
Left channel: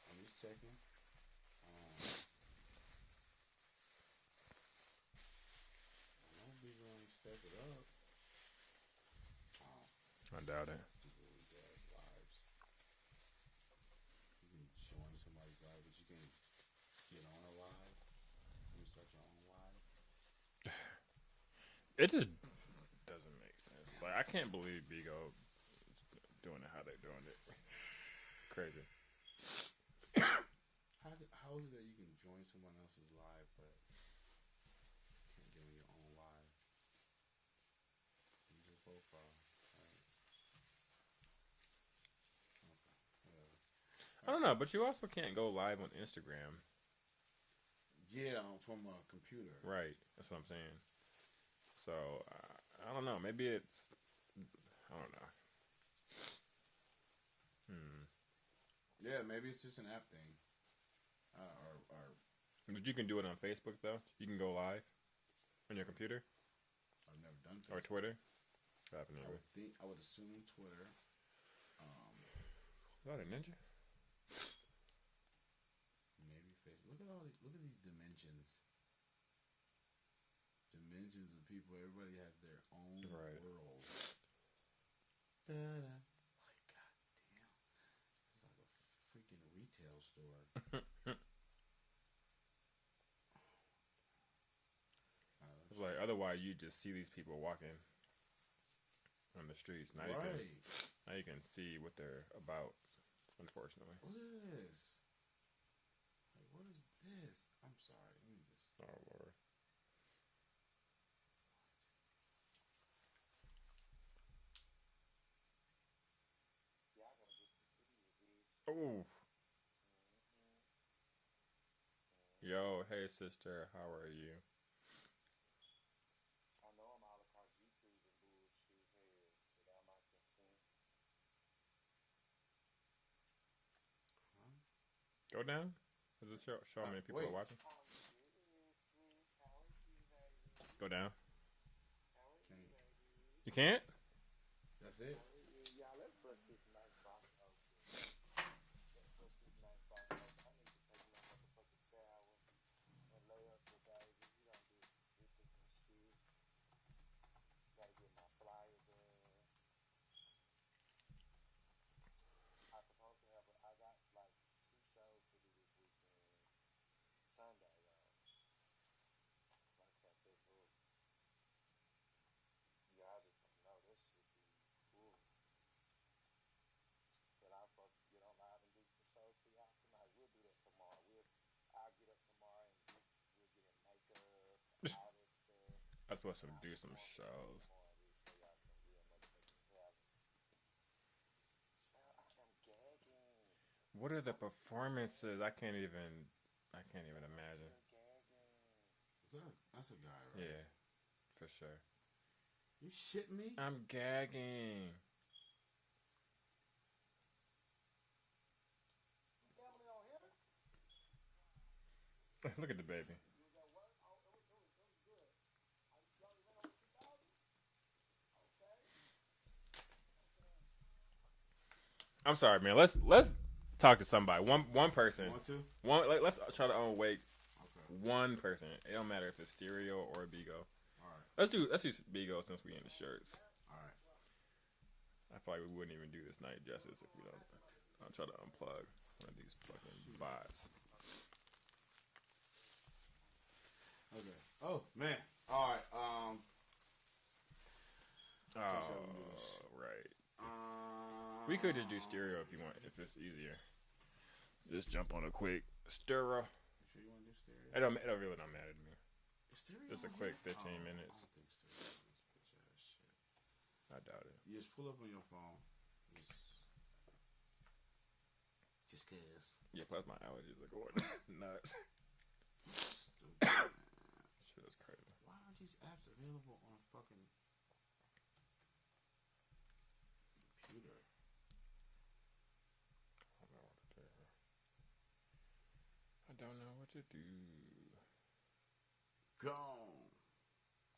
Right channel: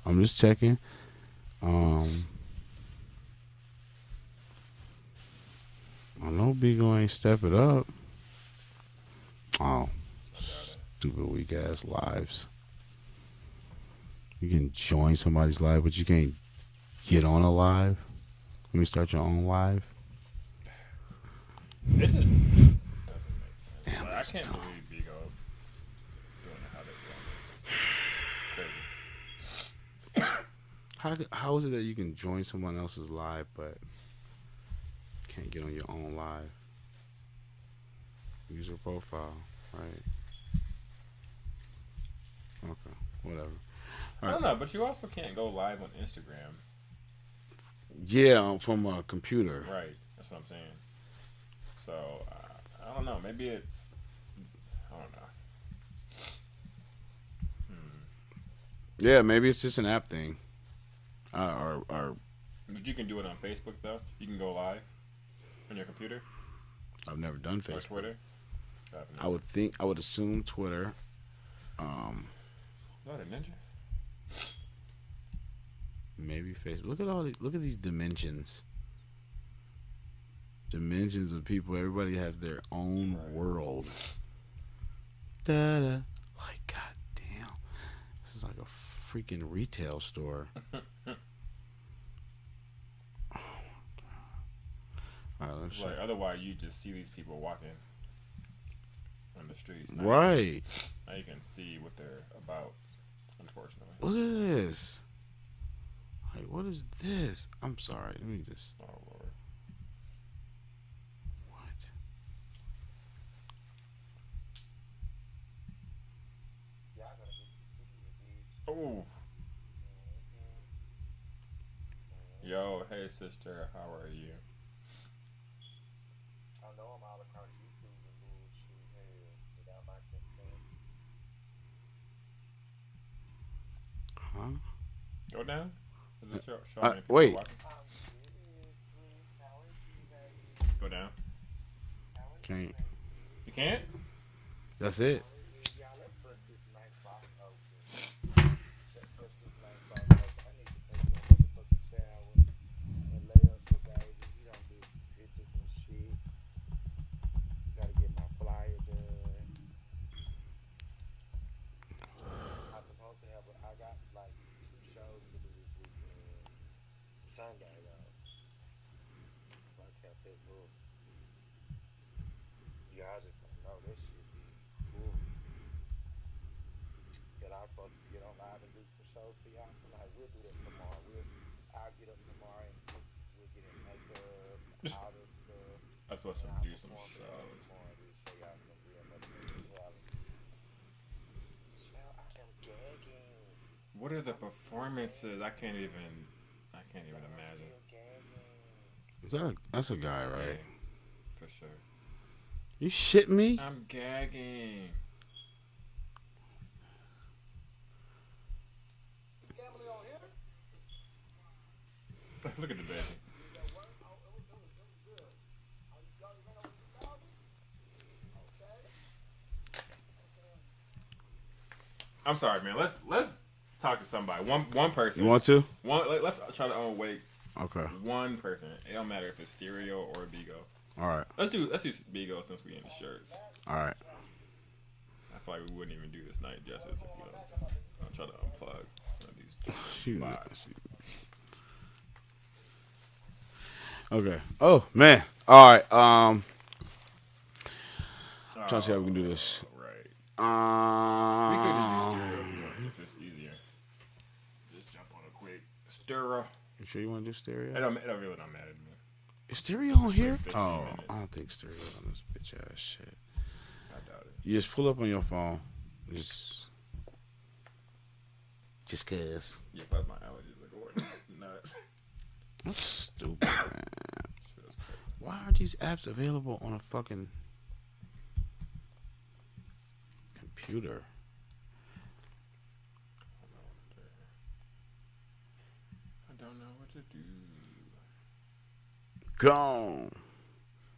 I'm just checking. I know Bigo ain't step it up. Oh, stupid weak ass lives. You can join somebody's live, but you can't get on a live. Let me start your own live. It just doesn't make sense. I can't believe Bigo doing how they How is it that you can join someone else's live but can't get on your own live? User profile, right? Okay, whatever. I don't know, but you also can't go live on Instagram. Yeah, from a computer. Right, that's what I'm saying. So I don't know. Maybe it's I don't know. Yeah, maybe it's just an app thing. Or But you can do it on Facebook though. You can go live on your computer. I've never done Facebook. Or Twitter. I would assume Twitter. What a ninja. Maybe Facebook. Look at these dimensions. Dimensions of people. Everybody has their own world. Da-da. Like, goddamn. This is like a freaking retail store. Like, otherwise, you just see these people walking on the streets. Right. Now you can see what they're about, unfortunately. Look at this. Like, what is this? I'm sorry. Let me just. Oh, Lord. What? Oh. Yo, hey, sister. How are you? Huh? Go down? Is this wait. Go down. Can't. You can't? That's it. I'm supposed to do some shows. What are the performances? I can't even imagine. That's a guy, right? For sure. You shit me? I'm gagging. Look at the baby. I'm sorry, man. Let's talk to somebody. One person. You want to? Let's try to unwake. Okay. One person. It don't matter if it's Stereo or Bigo. All right. Let's do Bigo since we in the shirts. All right. I feel like we wouldn't even do this night justice if we don't try to unplug one of these bots. Okay. Oh man. All right. Trying to see how we can do this. Right. We could just do Stereo if it's easier. Just jump on a quick Stereo. You sure you want to do stereo? It really don't matter to me. Is stereo on here? 15 Oh, minutes. I don't think stereo's on this bitch ass shit. I doubt it. You just pull up on your phone. Just cause. Yeah, but my allergies are going nuts. That's stupid, man. Why are these apps available on a fucking computer? I don't know what to do. Gone.